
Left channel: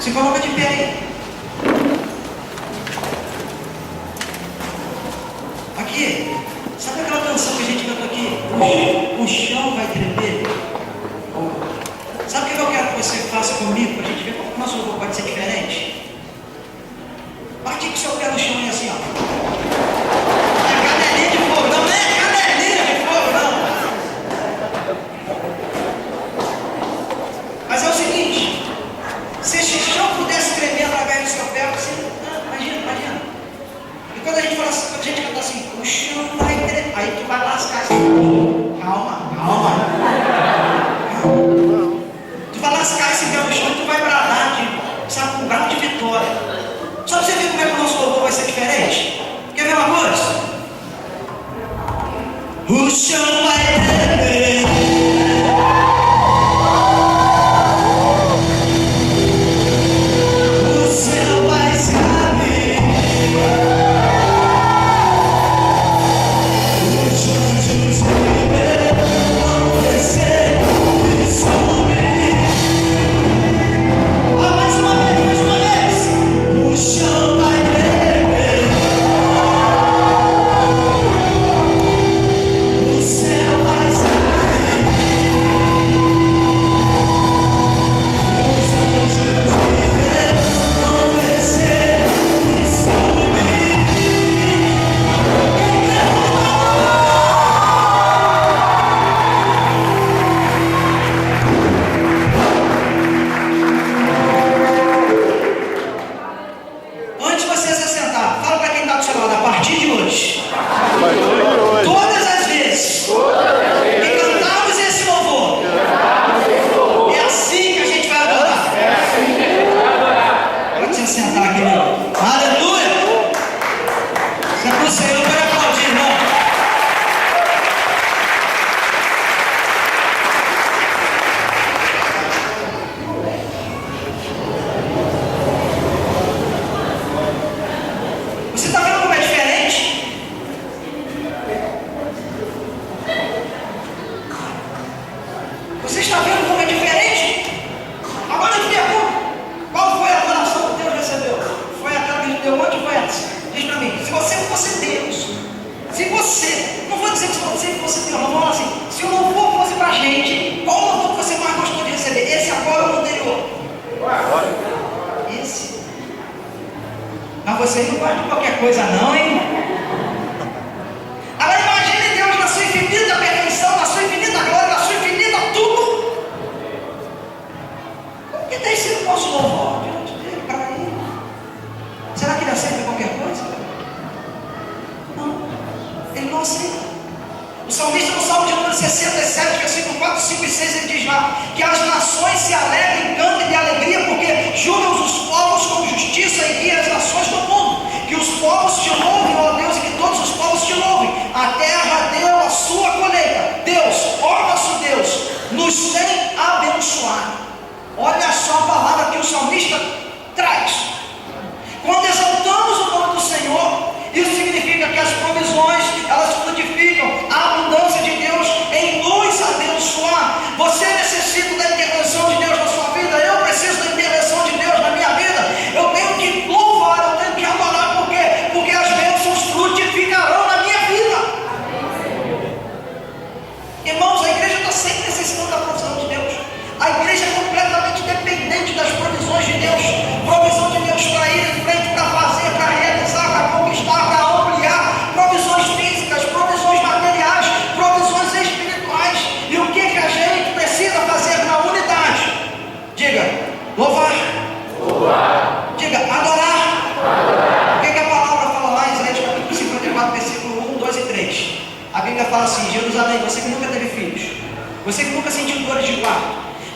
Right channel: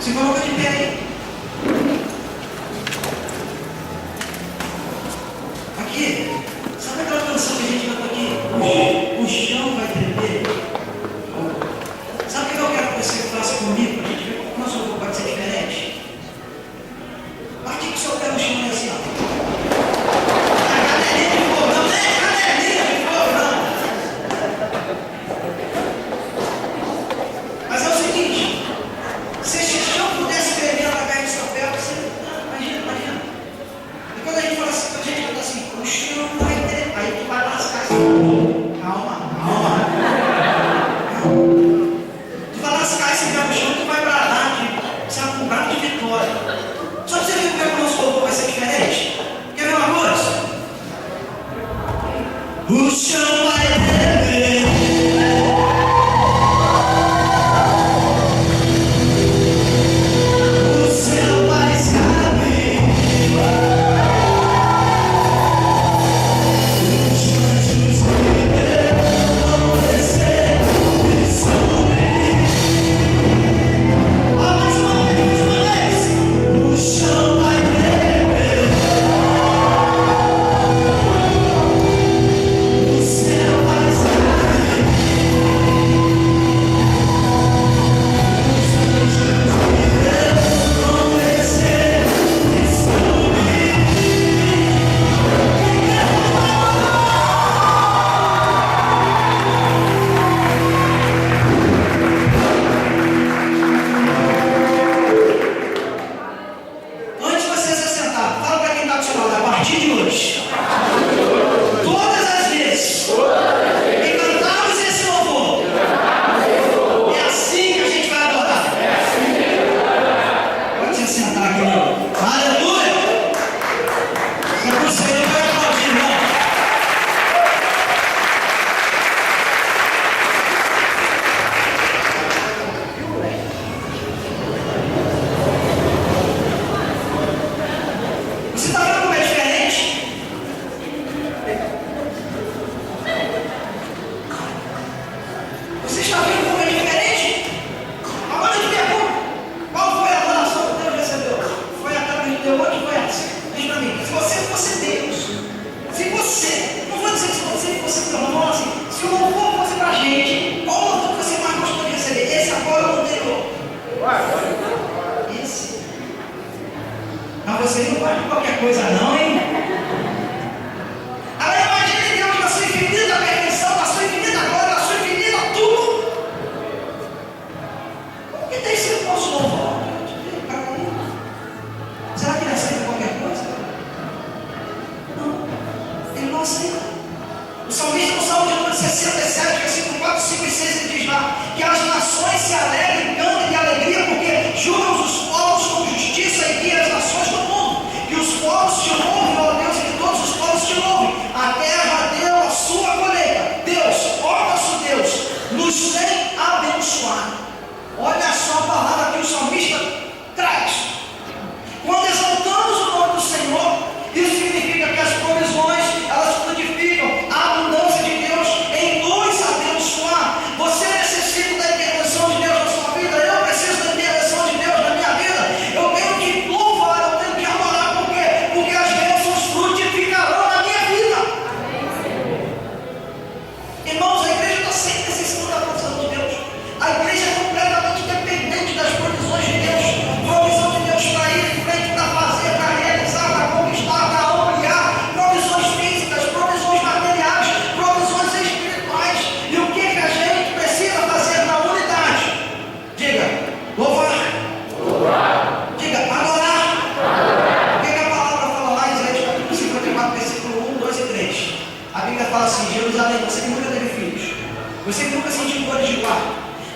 Se coloca de pé aí. Aqui, sabe aquela canção que a gente canta aqui? O chão vai tremer. Sabe o que eu quero que você faça comigo? Para a gente ver como o nosso louvor pode ser diferente. Bate com o seu pé no chão e assim, ó. Não é cadelinha de fogo, não é cadelinha de fogo, não. Mas é o seguinte. Se esse chão pudesse tremer através do seu pé, você. Imagina. E quando a gente fala assim, quando a gente canta assim, o chão vai tremer. Aí tu vai lascar assim. Calma. Tu vai lascar esse pé no chão e tu vai bradar sabe, um brado de vitória. Só pra você ver como é que o nosso louvor vai ser diferente. Quer ver uma coisa? O chão vai tremer. Você não pode qualquer coisa não, hein? Agora imagine Deus na sua infinita perfeição, na sua infinita glória, na sua infinita tudo. Como que tem sido o nosso louvor diante dele, para ele? Será que ele aceita qualquer coisa? Não, ele não aceita. O salmista no Salmo de número 67, versículo 4, 5 e 6, ele diz lá que as nações se alegrem, cantem de alegria, porque julgam os povos com justiça e guiam as nações do mundo. Que os povos te louvem, ó Deus, e que todos os povos te louvem. A terra deu a sua colheita. Deus, ó nosso Deus, nos tem abençoado. Olha só a palavra que o salmista traz. Quando exaltamos o nome do Senhor, isso significa que as provisões, elas frutificam, a abundância de Deus em nos abençoar. Você necessita da intervenção de Deus na sua vida, eu preciso da intervenção de Deus na minha vida. Eu tenho que louvar, eu tenho que adorar, por quê? Porque as bênçãos frutificarão na minha vida. Irmãos, a igreja está sempre necessitando da provisão de Deus. A igreja é completamente dependente das provisões de Deus. Provisão de Deus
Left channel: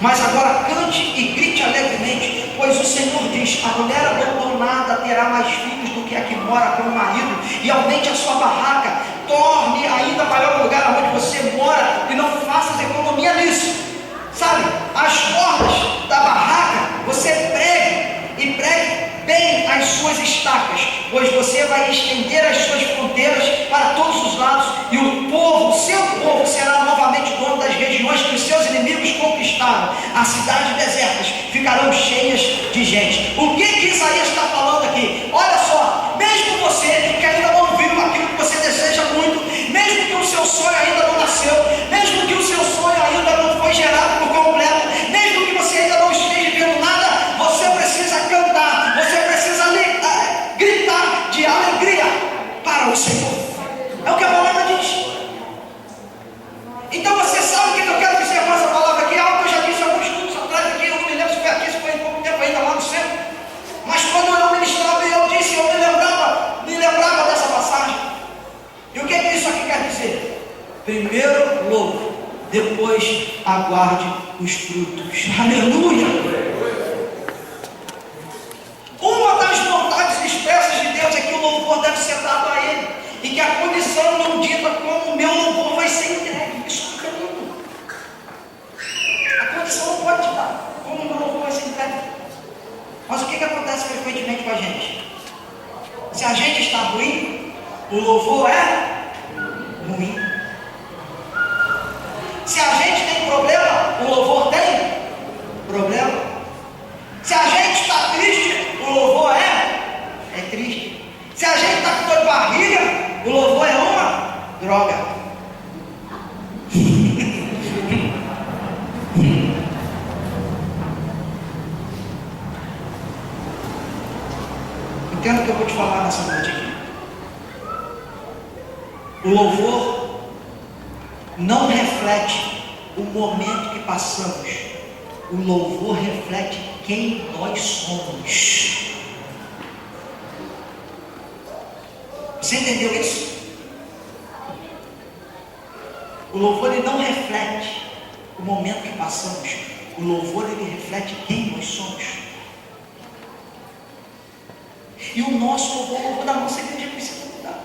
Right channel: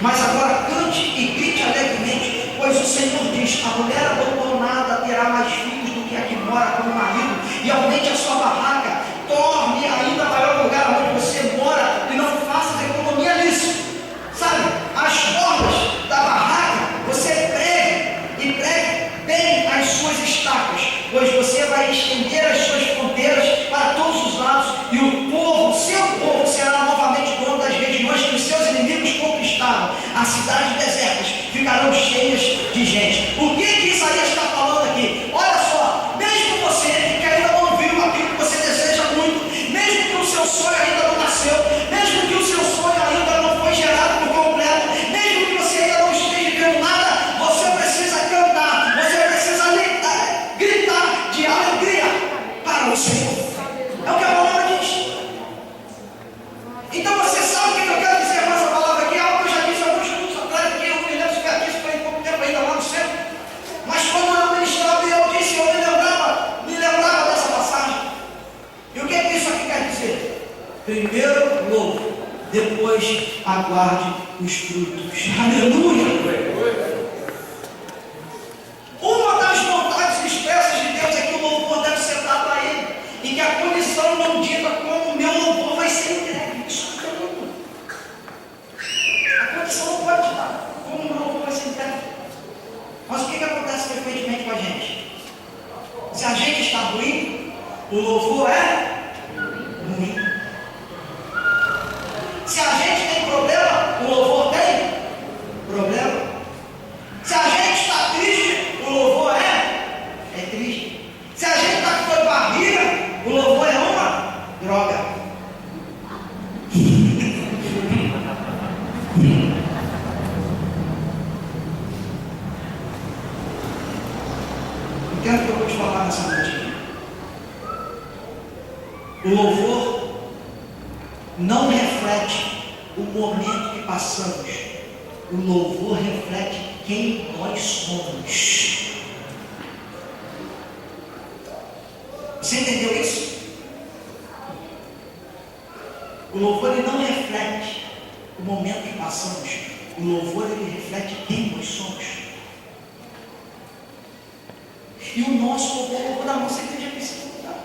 Mas agora cante e grite alegremente, pois o Senhor diz: a mulher abandonada terá mais filhos do que a que mora com o marido, e aumente a sua barraca, torne ainda maior o lugar onde você mora, e não faças economia nisso. Sabe, as cordas da barraca, você pregue, e pregue bem as suas estacas, pois você vai estender as suas fronteiras para todos os lados, e o povo, seu povo, será novamente dono das regiões que os seus inimigos conquistaram. As cidades desertas ficarão cheias de gente. O que Isaías está falando aqui? Olha só, mesmo você que ainda não viu aquilo que você deseja muito, mesmo que o seu sonho ainda não nasceu, mesmo que o seu sonho ainda não foi gerado por completo, mesmo que você ainda não esteja vendo nada, você precisa cantar, você precisa gritar de alegria para o Senhor. É o que a palavra diz. Então você sabe o que eu quero dizer com essa palavra aqui? Algo que eu já disse alguns minutos atrás aqui, eu não me lembro se foi aqui, se foi em pouco tempo ainda lá no centro. Mas quando eu ministrava, eu disse, eu me lembrava dessa passagem. E o que é que isso aqui quer dizer? Primeiro louve, depois aguarde os frutos. Aleluia! Uma das vontades expressas de Deus é que o louvor deve ser dado a Ele, e que a condição não dita como o meu louvor vai ser entregue. Isso é lindo. A condição não pode ditar como o meu louvor vai ser entregue. Mas o que acontece frequentemente com a gente? Se a gente está ruim, o louvor é ruim. Se a gente tem problema, o louvor tem problema. Se a gente está triste, o louvor é triste. Se a gente está com dor de barriga, o louvor é uma droga. Entenda o que eu vou te falar nessa noite aqui. O louvor não reflete o momento que passamos. O louvor reflete quem nós somos. Você entendeu isso? O louvor ele não reflete o momento que passamos. O louvor ele reflete quem nós somos. E o nosso louvor, o louvor da nossa igreja precisa mudar.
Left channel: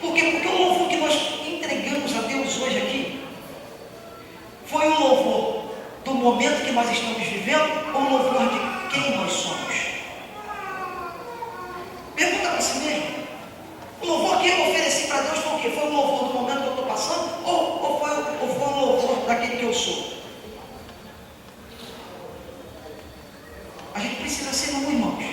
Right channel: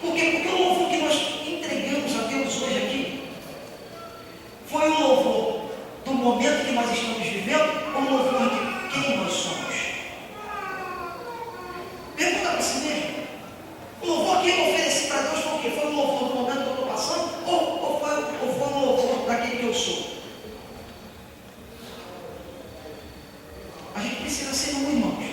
Por quê? Porque o louvor que nós entregamos a Deus hoje aqui foi o louvor do momento que nós estamos vivendo, ou o louvor de quem nós somos? Pergunta para si mesmo. O louvor que eu ofereci para Deus foi o quê? Foi o louvor do momento que eu estou passando? Ou foi o louvor daquele que eu sou? A gente precisa ser um, irmãos.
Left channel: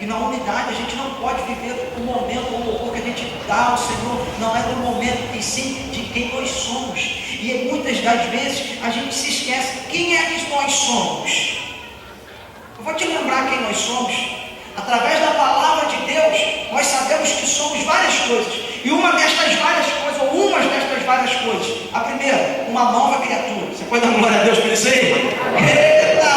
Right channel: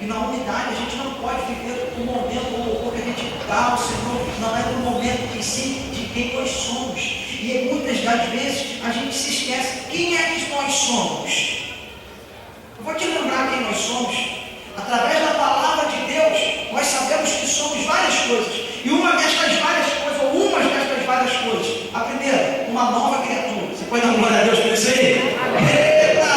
E na unidade a gente não pode viver o momento, o louvor que a gente dá ao Senhor. Não é do momento, e sim de quem nós somos. E muitas das vezes a gente se esquece quem é que nós somos. Eu vou te lembrar quem nós somos. Através da palavra de Deus, nós sabemos que somos várias coisas. E uma destas várias coisas, ou umas destas várias coisas. A primeira, uma nova criatura. Você pode dar glória a Deus por isso aí? Eita!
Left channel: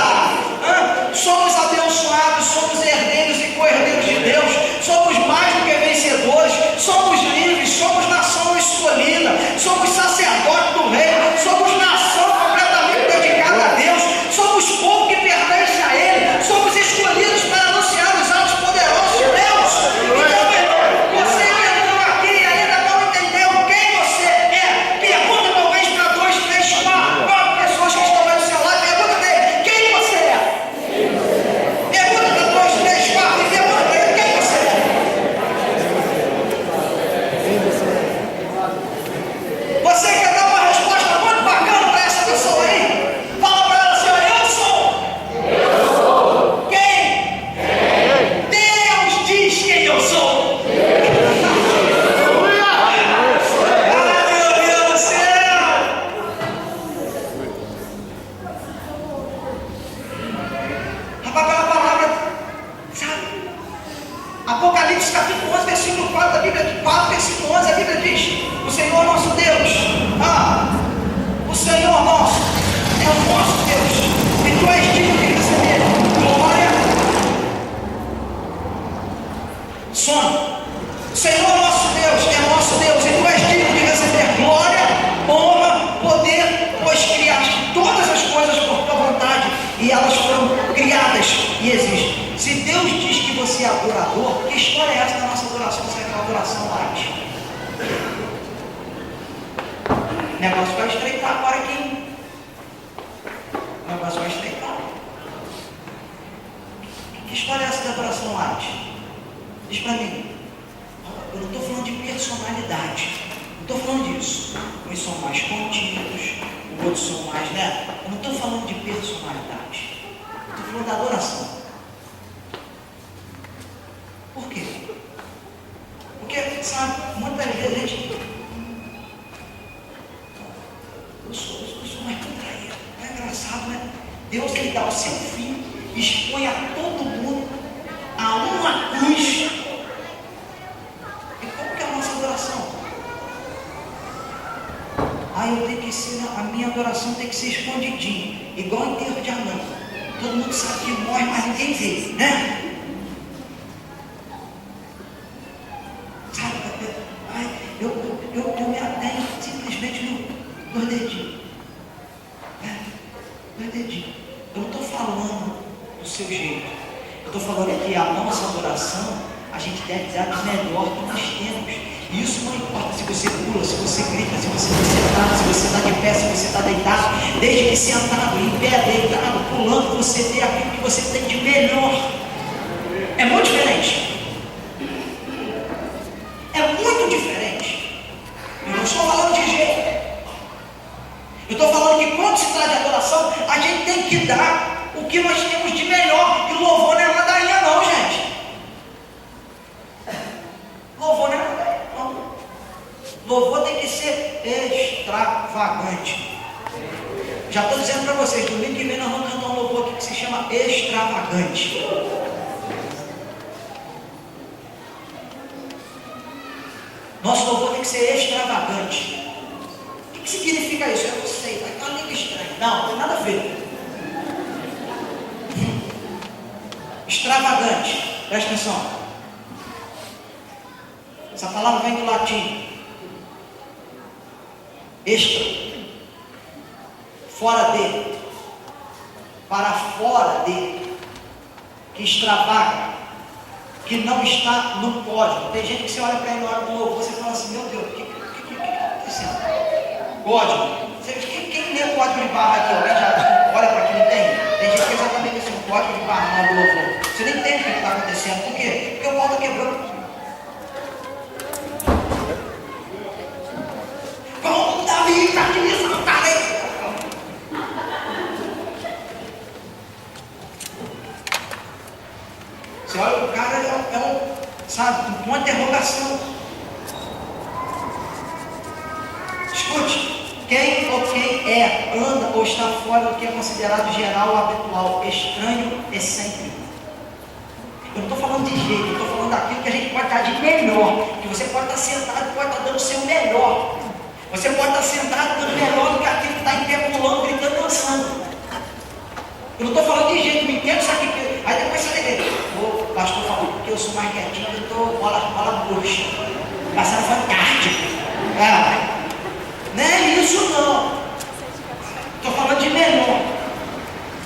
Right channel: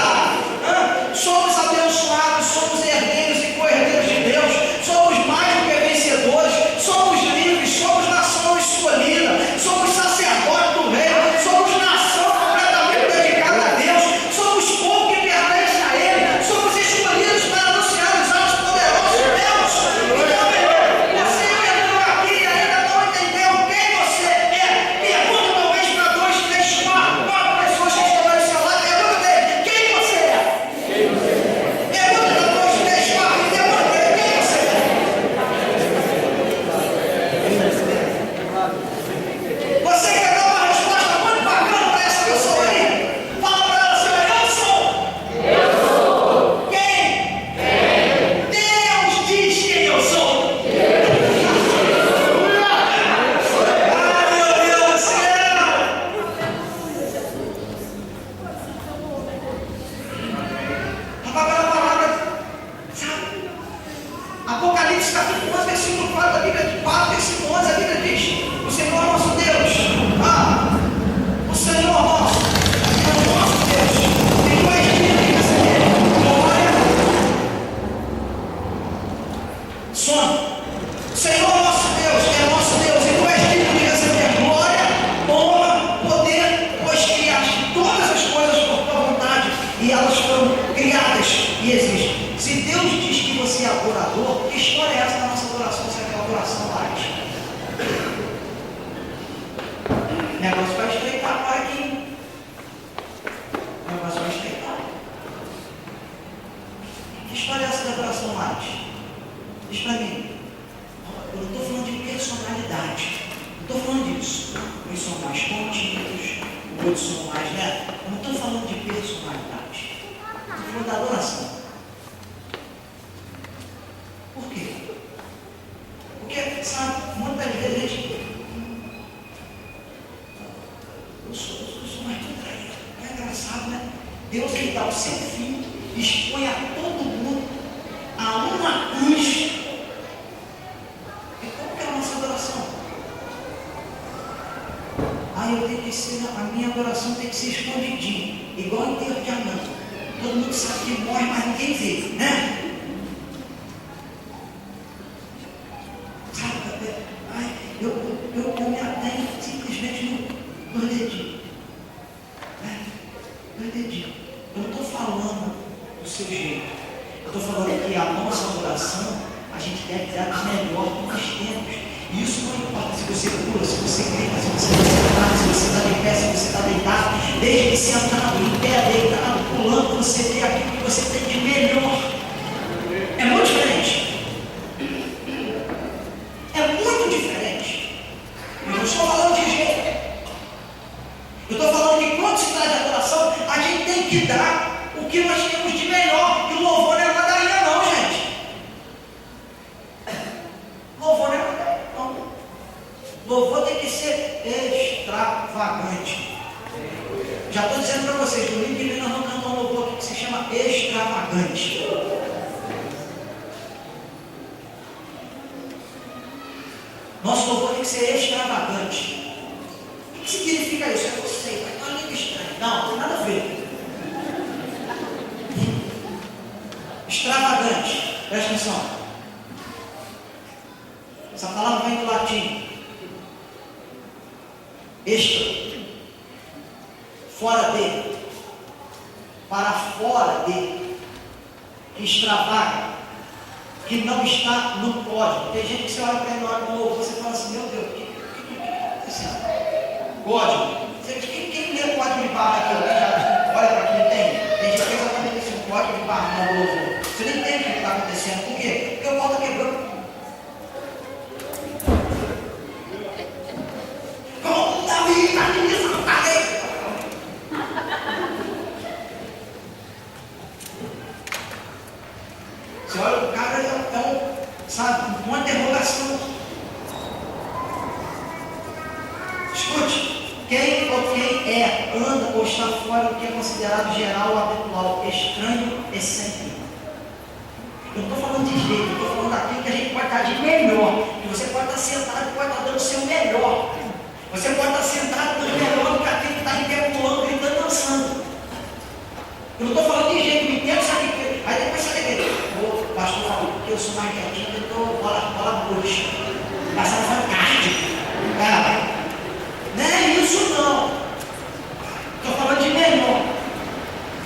Somos abençoados, somos herdeiros e co-herdeiros de Deus. Somos mais do que vencedores. Somos livres, somos nação escolhida. Somos sacerdotes do reino. Somos nação completamente dedicada a Deus. Somos povo que pertence a Ele. Somos escolhidos para anunciar os atos poderosos de Deus. Então, meu irmão, você entrou aqui e ainda não entendeu quem você é. Pergunta talvez para 2, 3, 4 pessoas que estão aí do seu lado. Pergunta dele: que existe. Se Deus diz que você é adorador, que história é essa da nossa adoração? Se aquela adoração arte? O negócio vai estreitar agora aqui. O negócio vai estreitar. Que história é essa da adoração arte? Diz para mim. Eu não estou falando de personalidade. Não estou falando disso. Uns são mais contidos, outros são mais, né? Eu não estou falando de personalidade. Estou falando da adoração. Por quê? Porque, sabe, muitas vezes a gente. Eu sou mais contraído. Não é engraçado, né? Deus, ele dá o seu filho, expõe a todo mundo a uma cruz. E como que é a nossa adoração? Eu tenho que ser, a minha adoração tem que ser escondidinha, igual enterro de anão. Todo mundo sabe que morre, mas ninguém vê, né? Sabe, eu me atenho simplesmente no dedinho. No dedinho. Eu não estou falando do seu jeito. Eu estou falando que a nossa adoração, a gente deve dar o melhor que nós temos. E isso não importa se você pula, se você grita, se você está sentado, se você está de pé, se você está deitado. Desde que sentado, em pé, deitado, pulando, você vê aquilo que você tem de melhor. É muito diferente. É muito diferente. Eu não estou falando de jeito. Eu estou falando que quando se trata de adoração, a gente tem que dar o que nós temos de melhor. E o louvor não é ladainha não, gente. Louvor não é ladainha. Louvor tem que ser extravagante. Já estou dizendo para vocês, domingo que vem nós vamos cantar um louvor aqui que se chama extravagante. Nosso louvor tem que ser extravagante. O que significa isso? Eu não sei, vai estar uma língua estranha. Não, não tem nada a ver. Extravagante, presta atenção. Essa palavra vem do latim. Extra, fora de, para fora de, que extravaga, que não está no pódio. Tem gente que você olha para ele na hora do louvor, você fala assim, meu Deus, o que está acontecendo? Código. Quem lê o código de barra aqui? Alguém já olha para quem tem? Tem gente que é exatamente assim, um código de barra na hora do louvor. Você nem entende o que está acontecendo. Por quê? Porque o pau está quebrando. Você olha, o cara sabe, uma interrogação. Escute, quem ou quem é, anda ou está fora do que é considerado geral ou habitual, estranho, excêntrico. Eu não estou falando de jeito, eu estou falando daquilo que a gente pode estar de melhor, que você pode estar sentado e pode estar dando o seu melhor. Você pode estar sentado dando melhor do que aquele que está em pé, pulando, gritando, dançando. Eu não estou falando de jeito, me entendo, sabe? Aí depois você vê, o pastor falou, porque eu sou mais quietinho, eu estou bola bucha, passando fantástico. Não é isso não. Estou falando de menor.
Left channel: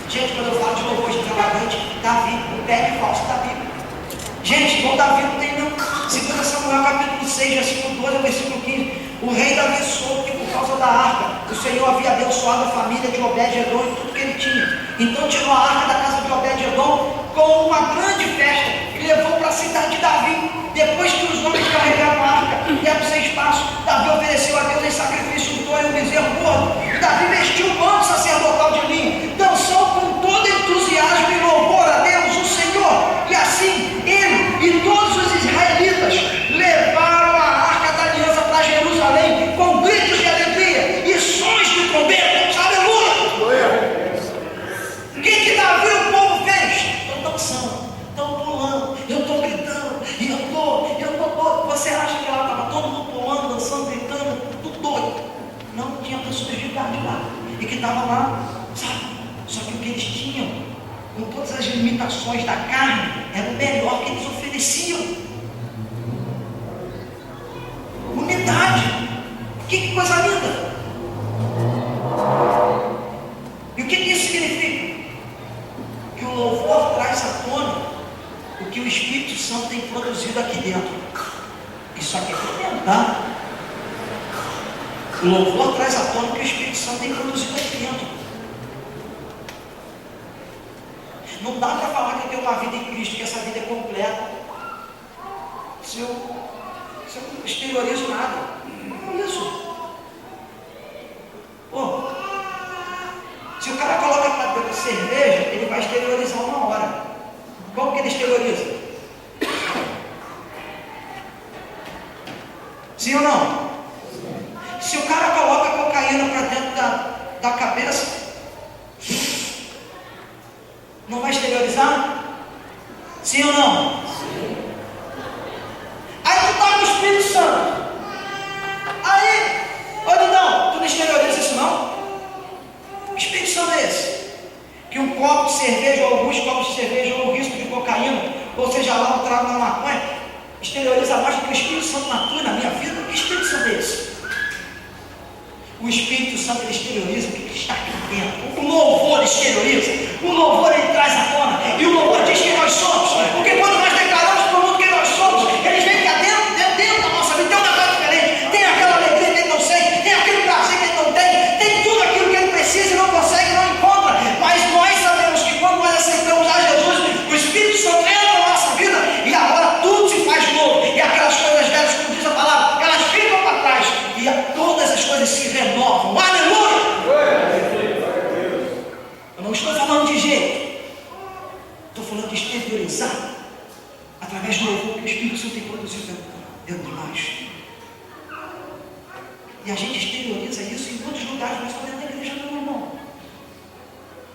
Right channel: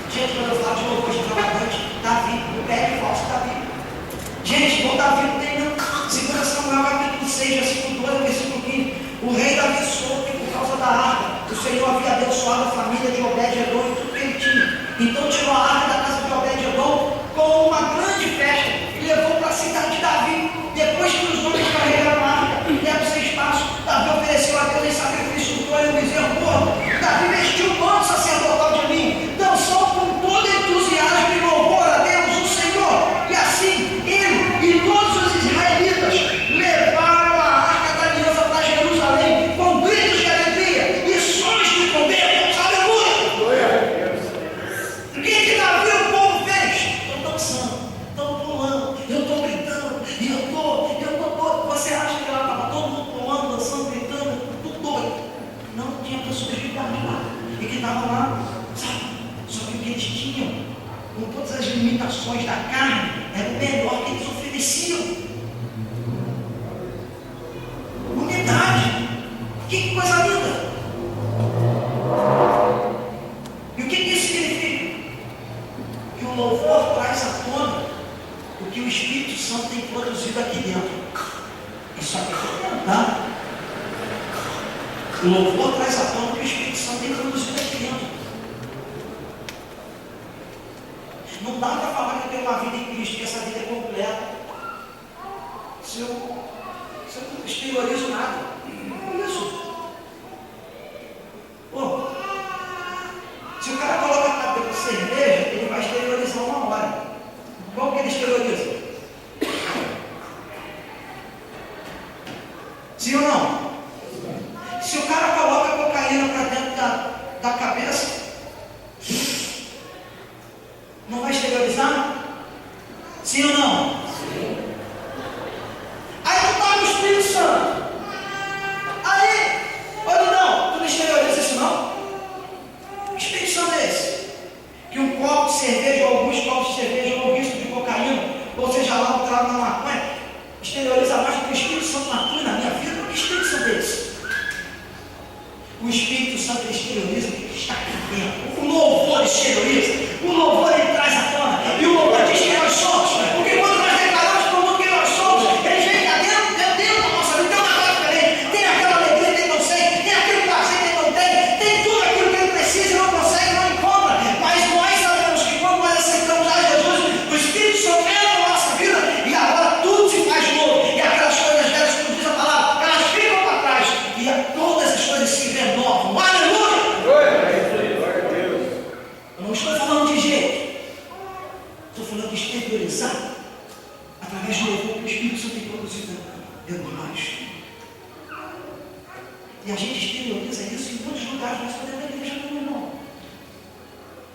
Gente, quando eu falo de louvor extravagante, Davi, o pé de falso Davi. Gente, igual Davi não tem não. 2 Samuel capítulo 6, versículo 12, versículo 15. O rei Davi soube que por causa da arca, o Senhor havia abençoado a família de Obed-Edom e tudo que ele tinha. Então tirou a arca da casa de Obed-Edom com uma grande festa e levou para a cidade de Davi. Depois que os homens carregaram a arca e deram sem espaço, Davi ofereceu a Deus em sacrifício um touro e um bezerro gordo. Davi vestiu o manto sacerdotal de linho, dançou com todo entusiasmo e louvor a Deus, o Senhor. E assim, ele e todos os israelitas levaram a arca da aliança para Jerusalém com gritos de alegria e sons de trombetas. Aleluia! O que Davi e o povo fez? Estão dançando, estão pulando, eu estou gritando, e eu estou. Você acha que lá estava todo mundo pulando, dançando, gritando, tudo doido? Não, tinha pessoas de idade lá, e que estavam lá, sabe? Só que o que eles tinham, com todas as limitações da carne, era o melhor que eles ofereciam. Unidade. Que coisa linda. E o que isso significa? Que o louvor traz a Espírito Santo tem produzido aqui dentro. Isso aqui é dentro, tá? O louvor traz à tona o que o Espírito Santo tem produzido aqui dentro. Não dá para falar que eu tenho uma vida em Cristo, que essa vida é completa, se eu não exteriorizo nada. Não é isso. Se o cara coloca na boca cerveja, ele vai exteriorizar uma hora. Como que ele exterioriza? Sim ou não? Se o cara coloca cocaína para dentro da cabeça, não vai exteriorizar? Sim ou não? Sim. Aí tu está no Espírito Santo. Aí, olha não, tu não exterioriza isso não? Que Espírito Santo é esse? Que um copo de cerveja ou alguns copos de cerveja ou um risco de cocaína, ou seja lá um trago na maconha, exterioriza mais do que o Espírito Santo atua na minha vida. Que Espírito Santo é esse? O Espírito Santo ele exterioriza o que está aqui dentro. O louvor exterioriza. O louvor ele traz à tona. E o louvor diz quem nós somos. Porque quando nós declaramos para o mundo quem nós somos, eles vêm cá dentro da nossa vida. Tem um negócio diferente. Tem aquela alegria que ele não sente. Tem aquele prazer que ele não tem. Tem tudo aquilo que ele precisa e não consegue, não encontra. Mas nós sabemos que quando nós aceitamos a Jesus, o Espírito Santo entra na nossa vida e agora tudo se faz novo. E aquelas coisas velhas, como diz a palavra, elas ficam para trás. E todas as coisas se renovam. Aleluia! Eu não estou falando de jeito. Estou falando de exteriorizar através do louvor que o Espírito Santo tem produzido dentro de nós. E a gente exterioriza isso em muitos lugares. Não é só dentro da igreja não, irmão.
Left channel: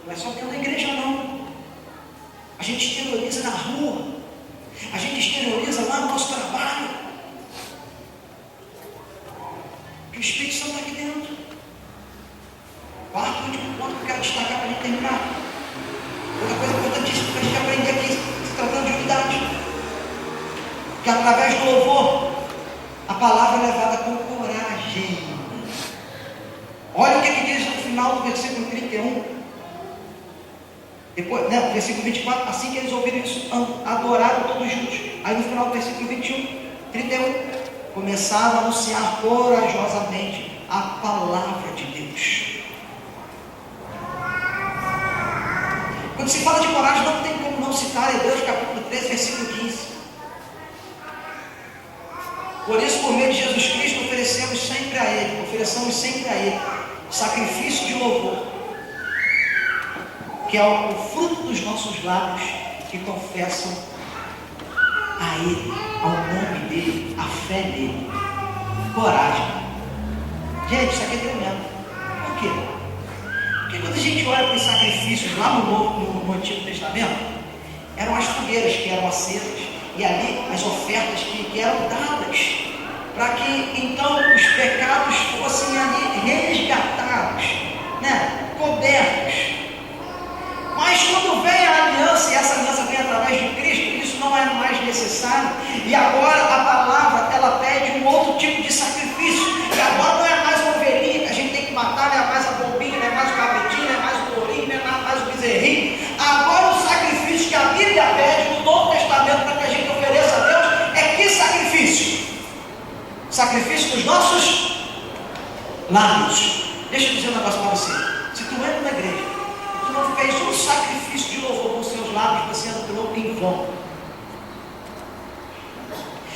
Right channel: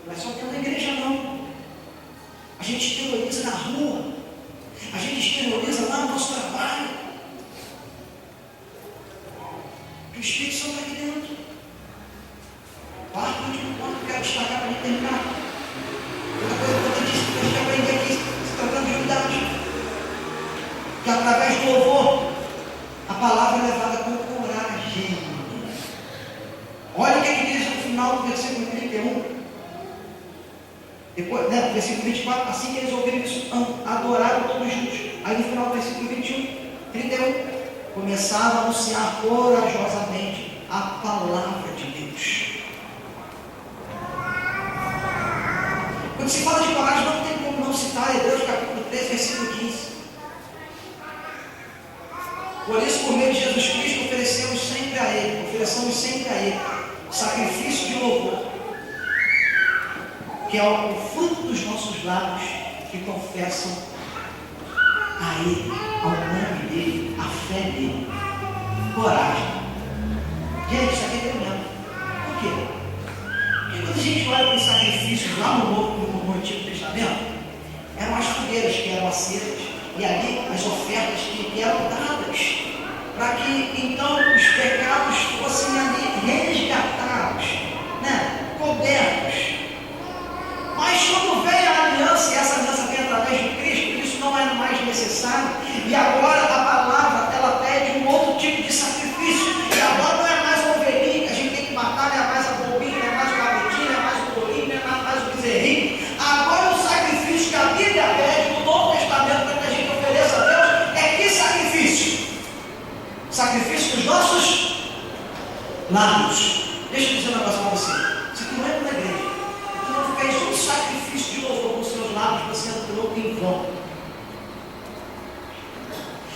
Não é só dentro da igreja não. A gente exterioriza na rua. A gente exterioriza lá no nosso trabalho. Que o Espírito Santo está aqui dentro. Quarto e último ponto que eu quero destacar para a gente terminar. Outra coisa importantíssima para a gente aprender aqui, se tratando de unidade. Que através do louvor, a palavra é levada com coragem. Olha o que diz no final do versículo 31. Depois, versículo 24, assim que eles ouviram isso, adoraram todos juntos. Aí no final do versículo 31, começaram a anunciar corajosamente a palavra de Deus. Quando se fala de coragem, não tem como não citar Hebreus capítulo 13, versículo 15. Por isso, por meio de Jesus Cristo, ofereçamos sempre a Ele sacrifício de louvor, que é o fruto dos nossos lábios, que confessam a Ele, ao nome dEle, a fé dEle. Coragem. Gente, isso aqui é tremendo. Por quê? Porque quando a gente olha para os sacrifícios lá no Antigo Testamento, eram as fogueiras que eram acesas, e ali as ofertas que eram dadas, para que então os pecados fossem ali resgatados, cobertos. Mas quando vem a aliança, e essa aliança vem através de Cristo, isso não é mais necessário, e agora a palavra ela pede um outro tipo de sacrifício, e agora não é mais uma ovelhinha que a gente tem que matar, não é mais a bombinha, não é mais o cabritinho, não é mais o tourinho, não é mais o bezerrinho. Agora o sacrifício que a Bíblia pede no Novo Testamento para que a gente ofereça a Deus é que sacrifício? Sacrifício dos nossos lábios. Deixa eu dizer um negócio para você. Se tu entra na igreja, tu não fez um sacrifício de louvor com os seus lábios, você entrou em vão.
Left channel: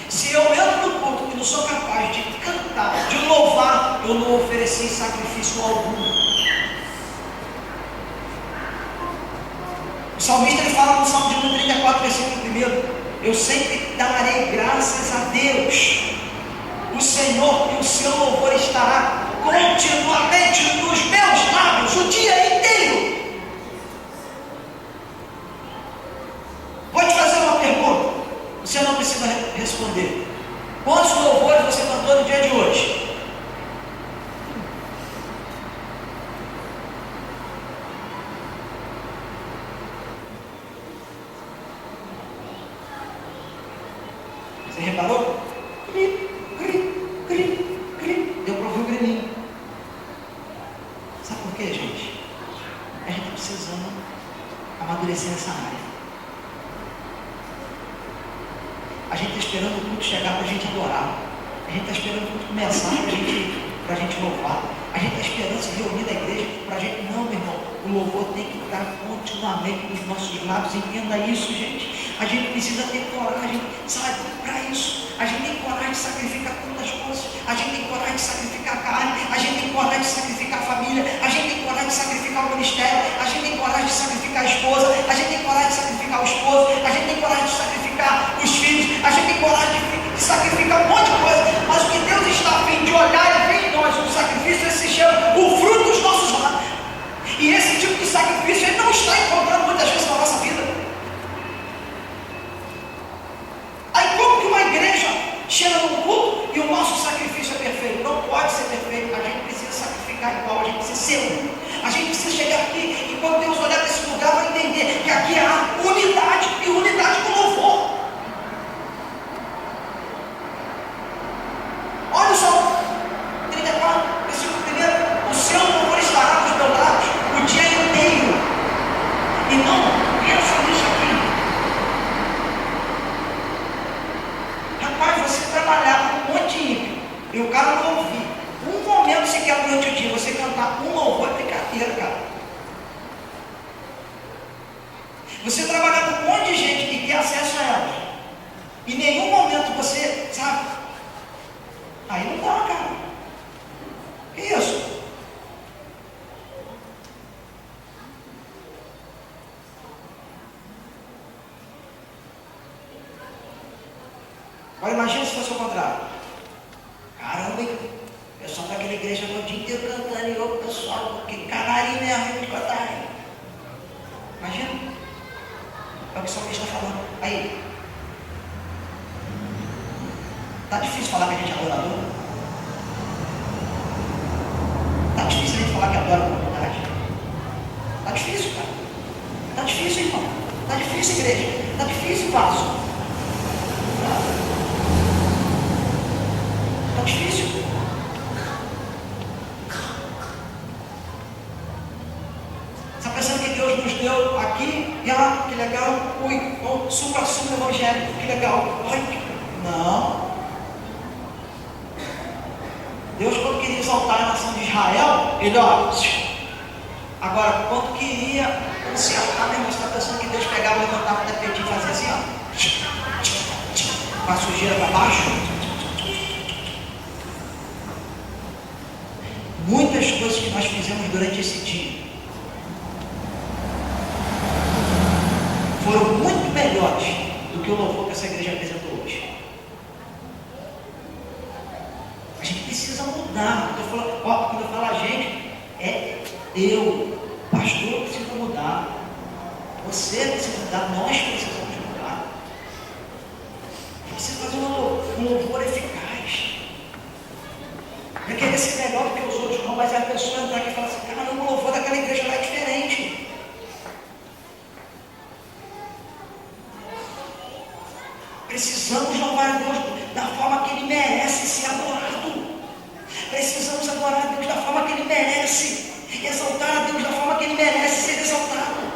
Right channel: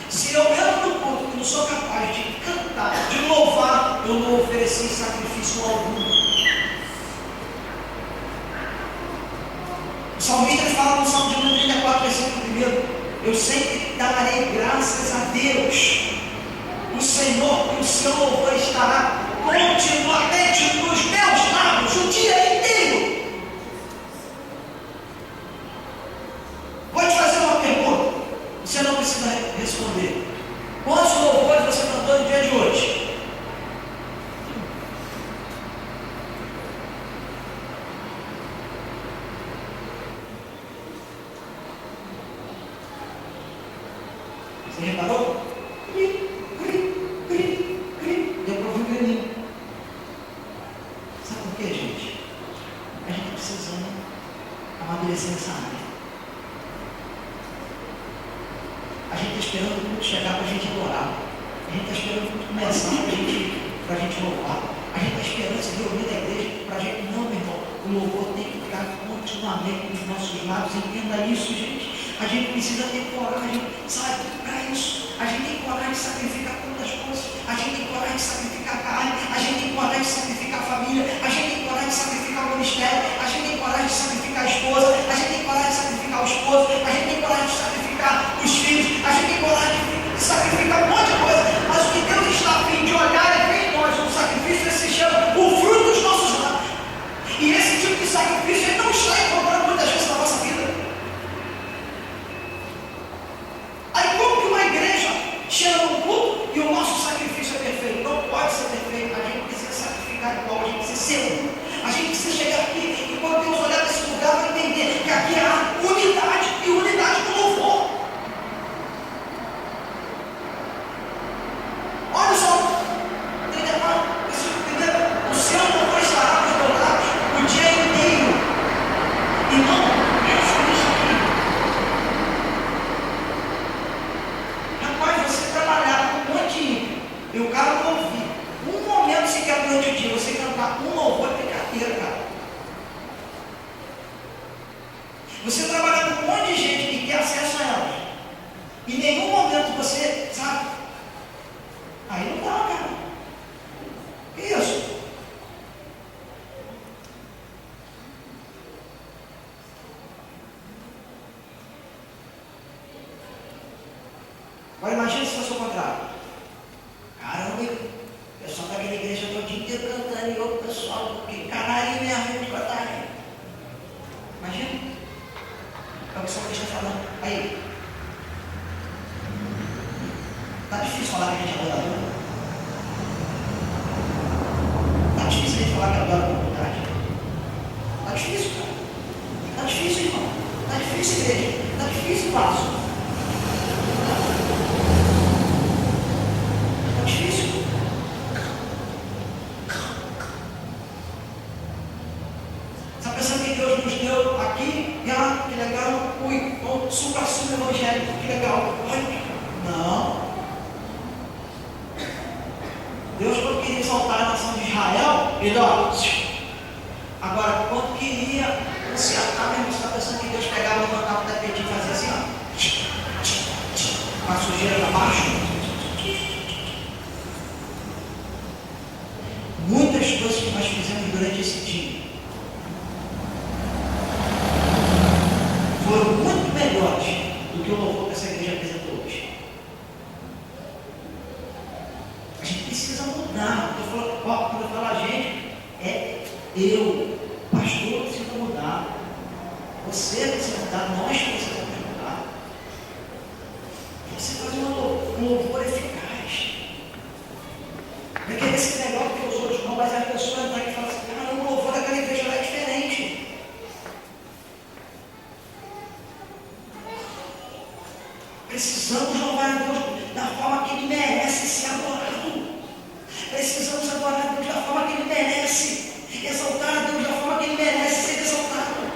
Se eu entro no culto e não sou capaz de cantar, de louvar, eu não ofereci sacrifício algum. O salmista ele fala no Salmo de 34, versículo 1: eu sempre darei graças a Deus, o Senhor, e o seu louvor estará continuamente nos meus lábios o dia inteiro. Vou te fazer uma pergunta, você não precisa responder. Quantos louvores você cantou no dia de hoje? Você reparou? Deu para ouvir o grilinho. Sabe por quê, gente? A gente está precisando amadurecer nessa área. A gente está esperando o culto chegar para a gente adorar. A gente está esperando o culto começar para a gente louvar. A gente está esperando se reunir na igreja para a gente. Não, meu irmão. O louvor tem que estar continuamente nos nossos lábios. Entenda isso, gente. A gente precisa ter coragem, sabe, para isso. A gente tem coragem de sacrificar tantas coisas. A gente tem coragem de sacrificar a carne. A gente tem coragem de sacrificar a família. A gente tem coragem de sacrificar o ministério. A gente tem coragem de sacrificar a esposa. A gente tem coragem de sacrificar o esposo. A gente tem coragem de sacrificar os filhos. A gente tem coragem de sacrificar um monte de coisa. Mas o que Deus está a fim de olhar e ver em nós um sacrifício, esse se chama o fruto dos nossos lábios. E esse tipo de sacrifício ele não está encontrando muitas vezes na nossa vida. Aí como que uma igreja chega no culto e o nosso sacrifício é perfeito? Não pode ser perfeito. A gente precisa sacrificar igual, a gente precisa ser um. A gente precisa chegar aqui e quando Deus olhar para esse lugar vai entender que aqui há unidade e unidade com louvor. Olha só, 34, versículo 1. O seu louvor estará nos meus lábios o dia inteiro. E não pensa nisso aqui. Rapaz, você trabalhar com um monte de ímpio e o cara não ouvir um momento sequer durante o dia, você cantar um louvor é brincadeira, cara. Você trabalhar com um monte de gente que quer acesso a ela, em nenhum momento você, sabe? Aí não dá, cara. Que isso? Agora imagina se fosse o contrário. Caramba, o pessoal daquela igreja o dia inteiro cantando e o pessoal, que canarinho mesmo de cantar. Imagina? É o que o salmista está falando. Aí. Tá difícil falar que a gente é adorador? Tá difícil a gente falar que adora com vontade? Tá difícil, cara. Tá difícil, irmão. Tá difícil, igreja. Tá difícil, vaso. Tá difícil. Você está pensando que Deus nos deu aqui e lá, que legal, supra-sumo evangélico, que legal. Ai, não. Deus, quando queria exaltar a nação de Israel, ele, agora, quando queria consertar, meu irmão, você está pensando que Deus pegava, levantava o tapete e fazia assim, com a sujeira para baixo? Muitas coisas que nós fizemos durante esse dia foram muito melhores do que o louvor que essa igreja apresentou hoje. A gente precisa mudar. Quando eu falo a gente, é eu, pastor, precisa mudar. Você precisa mudar, nós precisamos mudar. Você fazer um louvor eficaz. Vai querer ser melhor do que os outros, não, mas a pessoa entrar aqui e falar assim, caramba, o louvor daquela igreja lá é diferente. Precisamos louvar a Deus da forma que Ele merece ser adorado. Precisamos adorar a Deus da forma que Ele merece. Exaltar a Deus da forma que Ele merece ser exaltado.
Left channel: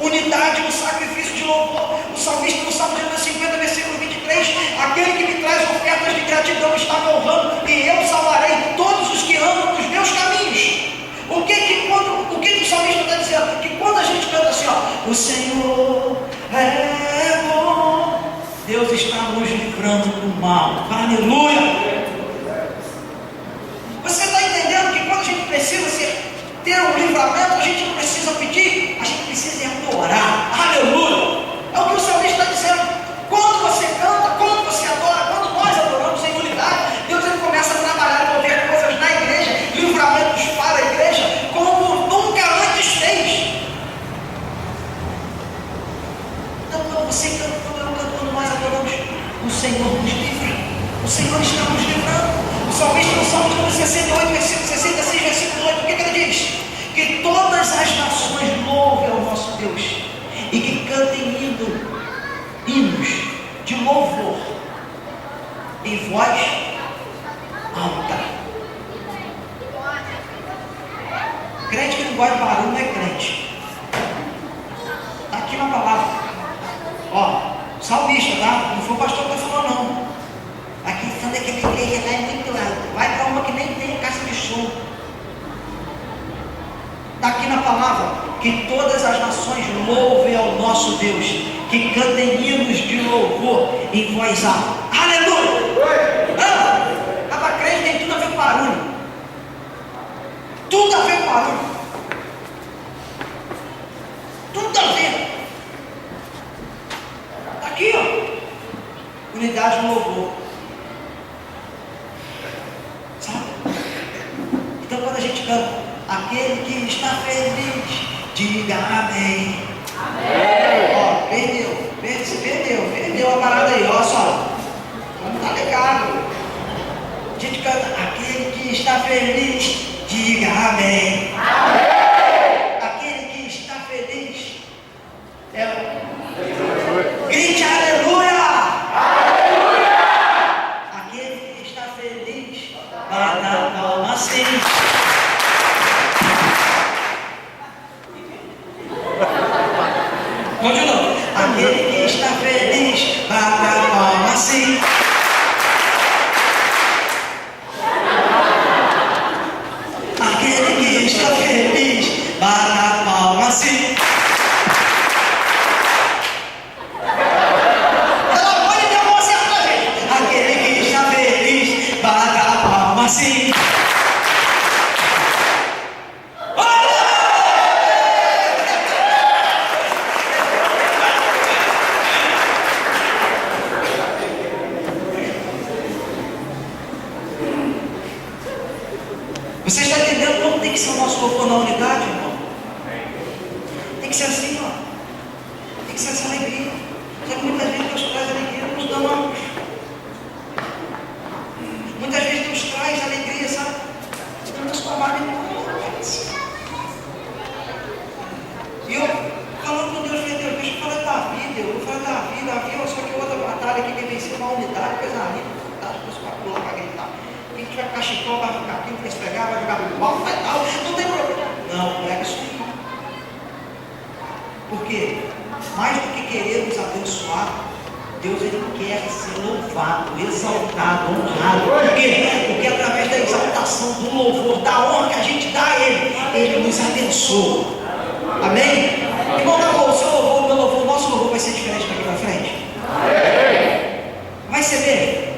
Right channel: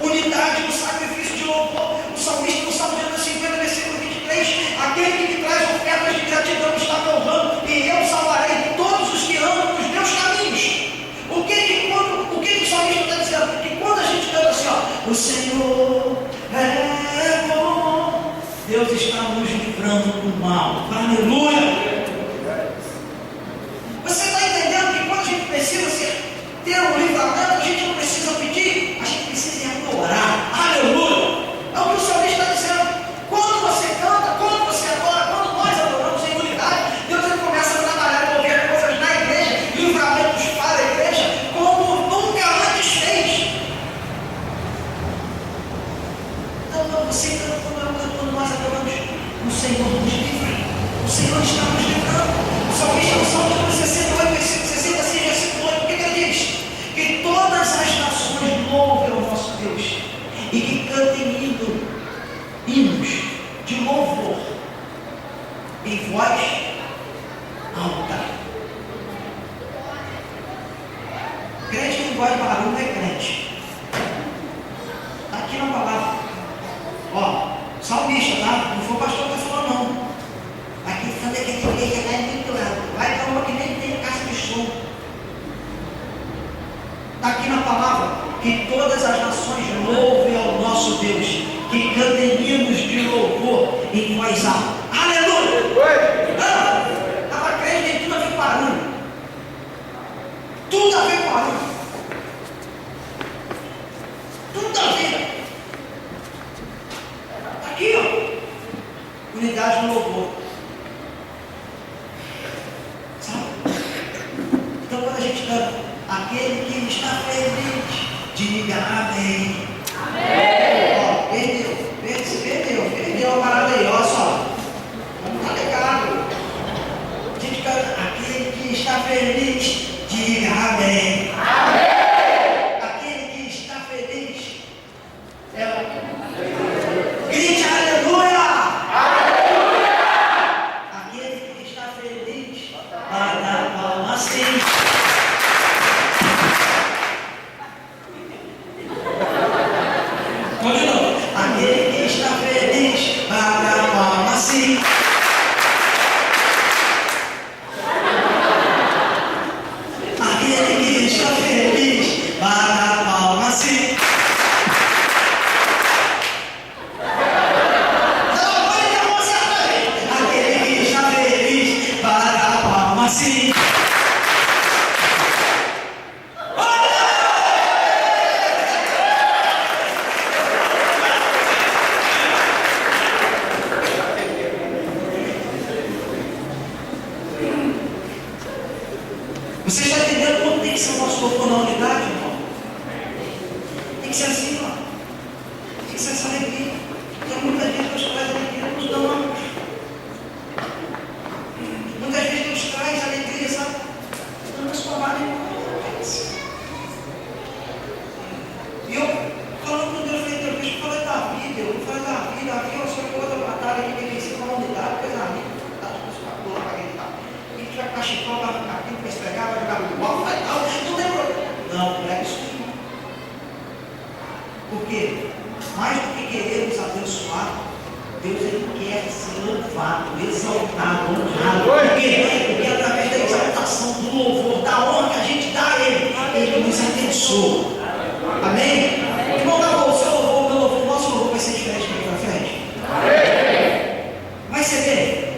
Unidade no sacrifício de louvor. O salmista no Salmo 50, versículo 23. Aquele que me traz ofertas de gratidão está me honrando, e eu salvarei todos os que andam nos meus caminhos. O que o salmista está dizendo? Que quando a gente canta assim, o Senhor é bom, Deus está nos livrando do mal. Aleluia! Você está entendendo que quando a gente precisa ter um livramento, a gente não precisa pedir, a gente precisa adorar. Aleluia! É o que o salmista está dizendo. Quando você canta, quando você adora, quando nós adoramos em unidade, Deus ele começa a trabalhar e mover coisas na igreja, livramentos para a igreja, como nunca antes fez. Então, você canta, quando nós adoramos, o Senhor nos livra. O Senhor está nos livrando. O salmista no Salmo 68, versículo 66, versículo 8, o que ele diz? Que todas as nações louvem ao nosso Deus e que cantem hinos de louvor em voz alta. Crente que não gosta de barulho não é crente. Está aqui na palavra. Salmista, tá? Não foi o pastor que está falando, todas as nações louvem ao nosso Deus, que cantem hinos de louvor em voz alta. Aleluia! Não, estava crente, tem tudo a ver com barulho. Tudo a ver com barulho. Tudo a ver. Está aqui, ó. Unidade no louvor. Sabe? Então quando a gente canta, aquele que está feliz, diga amém. Amém. Ó, perdeu a parada aí, olha só. Não tá ligado. A gente canta, aquele que está feliz, diga amém. Amém. Aquele que está feliz, grite aleluia. Aleluia. Aquele que está feliz, bata a palma assim. Continua. Aquele que está feliz, bata a palma assim. Aquele que está feliz, bata a palma assim. Ela pode ter uma certa gente. Aquele que está feliz, bata a palma assim. Você está entendendo como tem que ser o nosso louvor na unidade, irmão? Tem que ser assim, ó. Tem que ser essa alegria. Porque muitas vezes Deus traz alegria nos damos. Muitas vezes Deus traz alegria, sabe? Dando sua mão. E eu, falando com Deus, falei, Deus, eu falei da vida, eu falei da vida, a vida é só que outra batalha que tem vencido uma unidade, coisa linda, tá? Deus para pular, para gritar. Quem tiver cachecol vai ficar aqui, para esfregar, vai jogar no balão, vai tal, não tem problema. Não, não é isso não. Por quê? Mais do que queremos abençoar, Deus ele quer ser louvado, exaltado, honrado. Por quê? Porque através da exaltação, do louvor, da honra que a gente dá a Ele nos abençoa. Amém? Irmão, o seu louvor, o meu louvor, o nosso louvor vai ser diferente daqui para frente? Vai ser bem?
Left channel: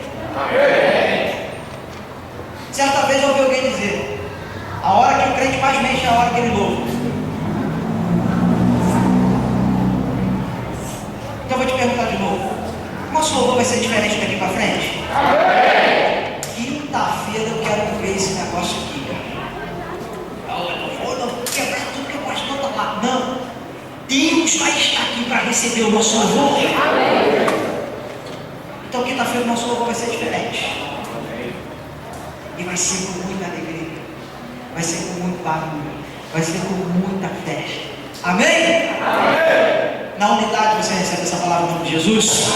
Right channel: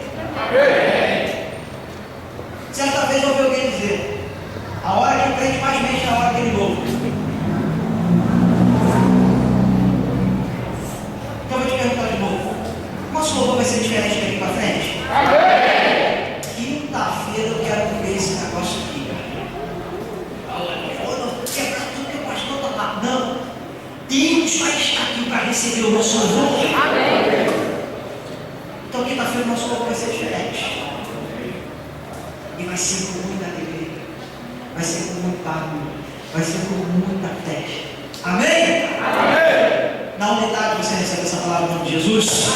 Certa vez eu ouvi alguém dizer: a hora que o crente mais mente é a hora que ele louva. Então eu vou te perguntar de novo: nosso louvor vai ser diferente daqui para frente? Quinta-feira eu quero ver esse negócio aqui, cara. Eu não vou quebrar tudo que o pastor está lá. Não. Deus vai estar aqui para receber o nosso louvor. Então quinta-feira o nosso louvor vai ser diferente. E vai ser com muita alegria, vai ser com muito barulho, vai ser com muita festa. Amém? Amém. Na unidade você recebe essa palavra em nome de Jesus.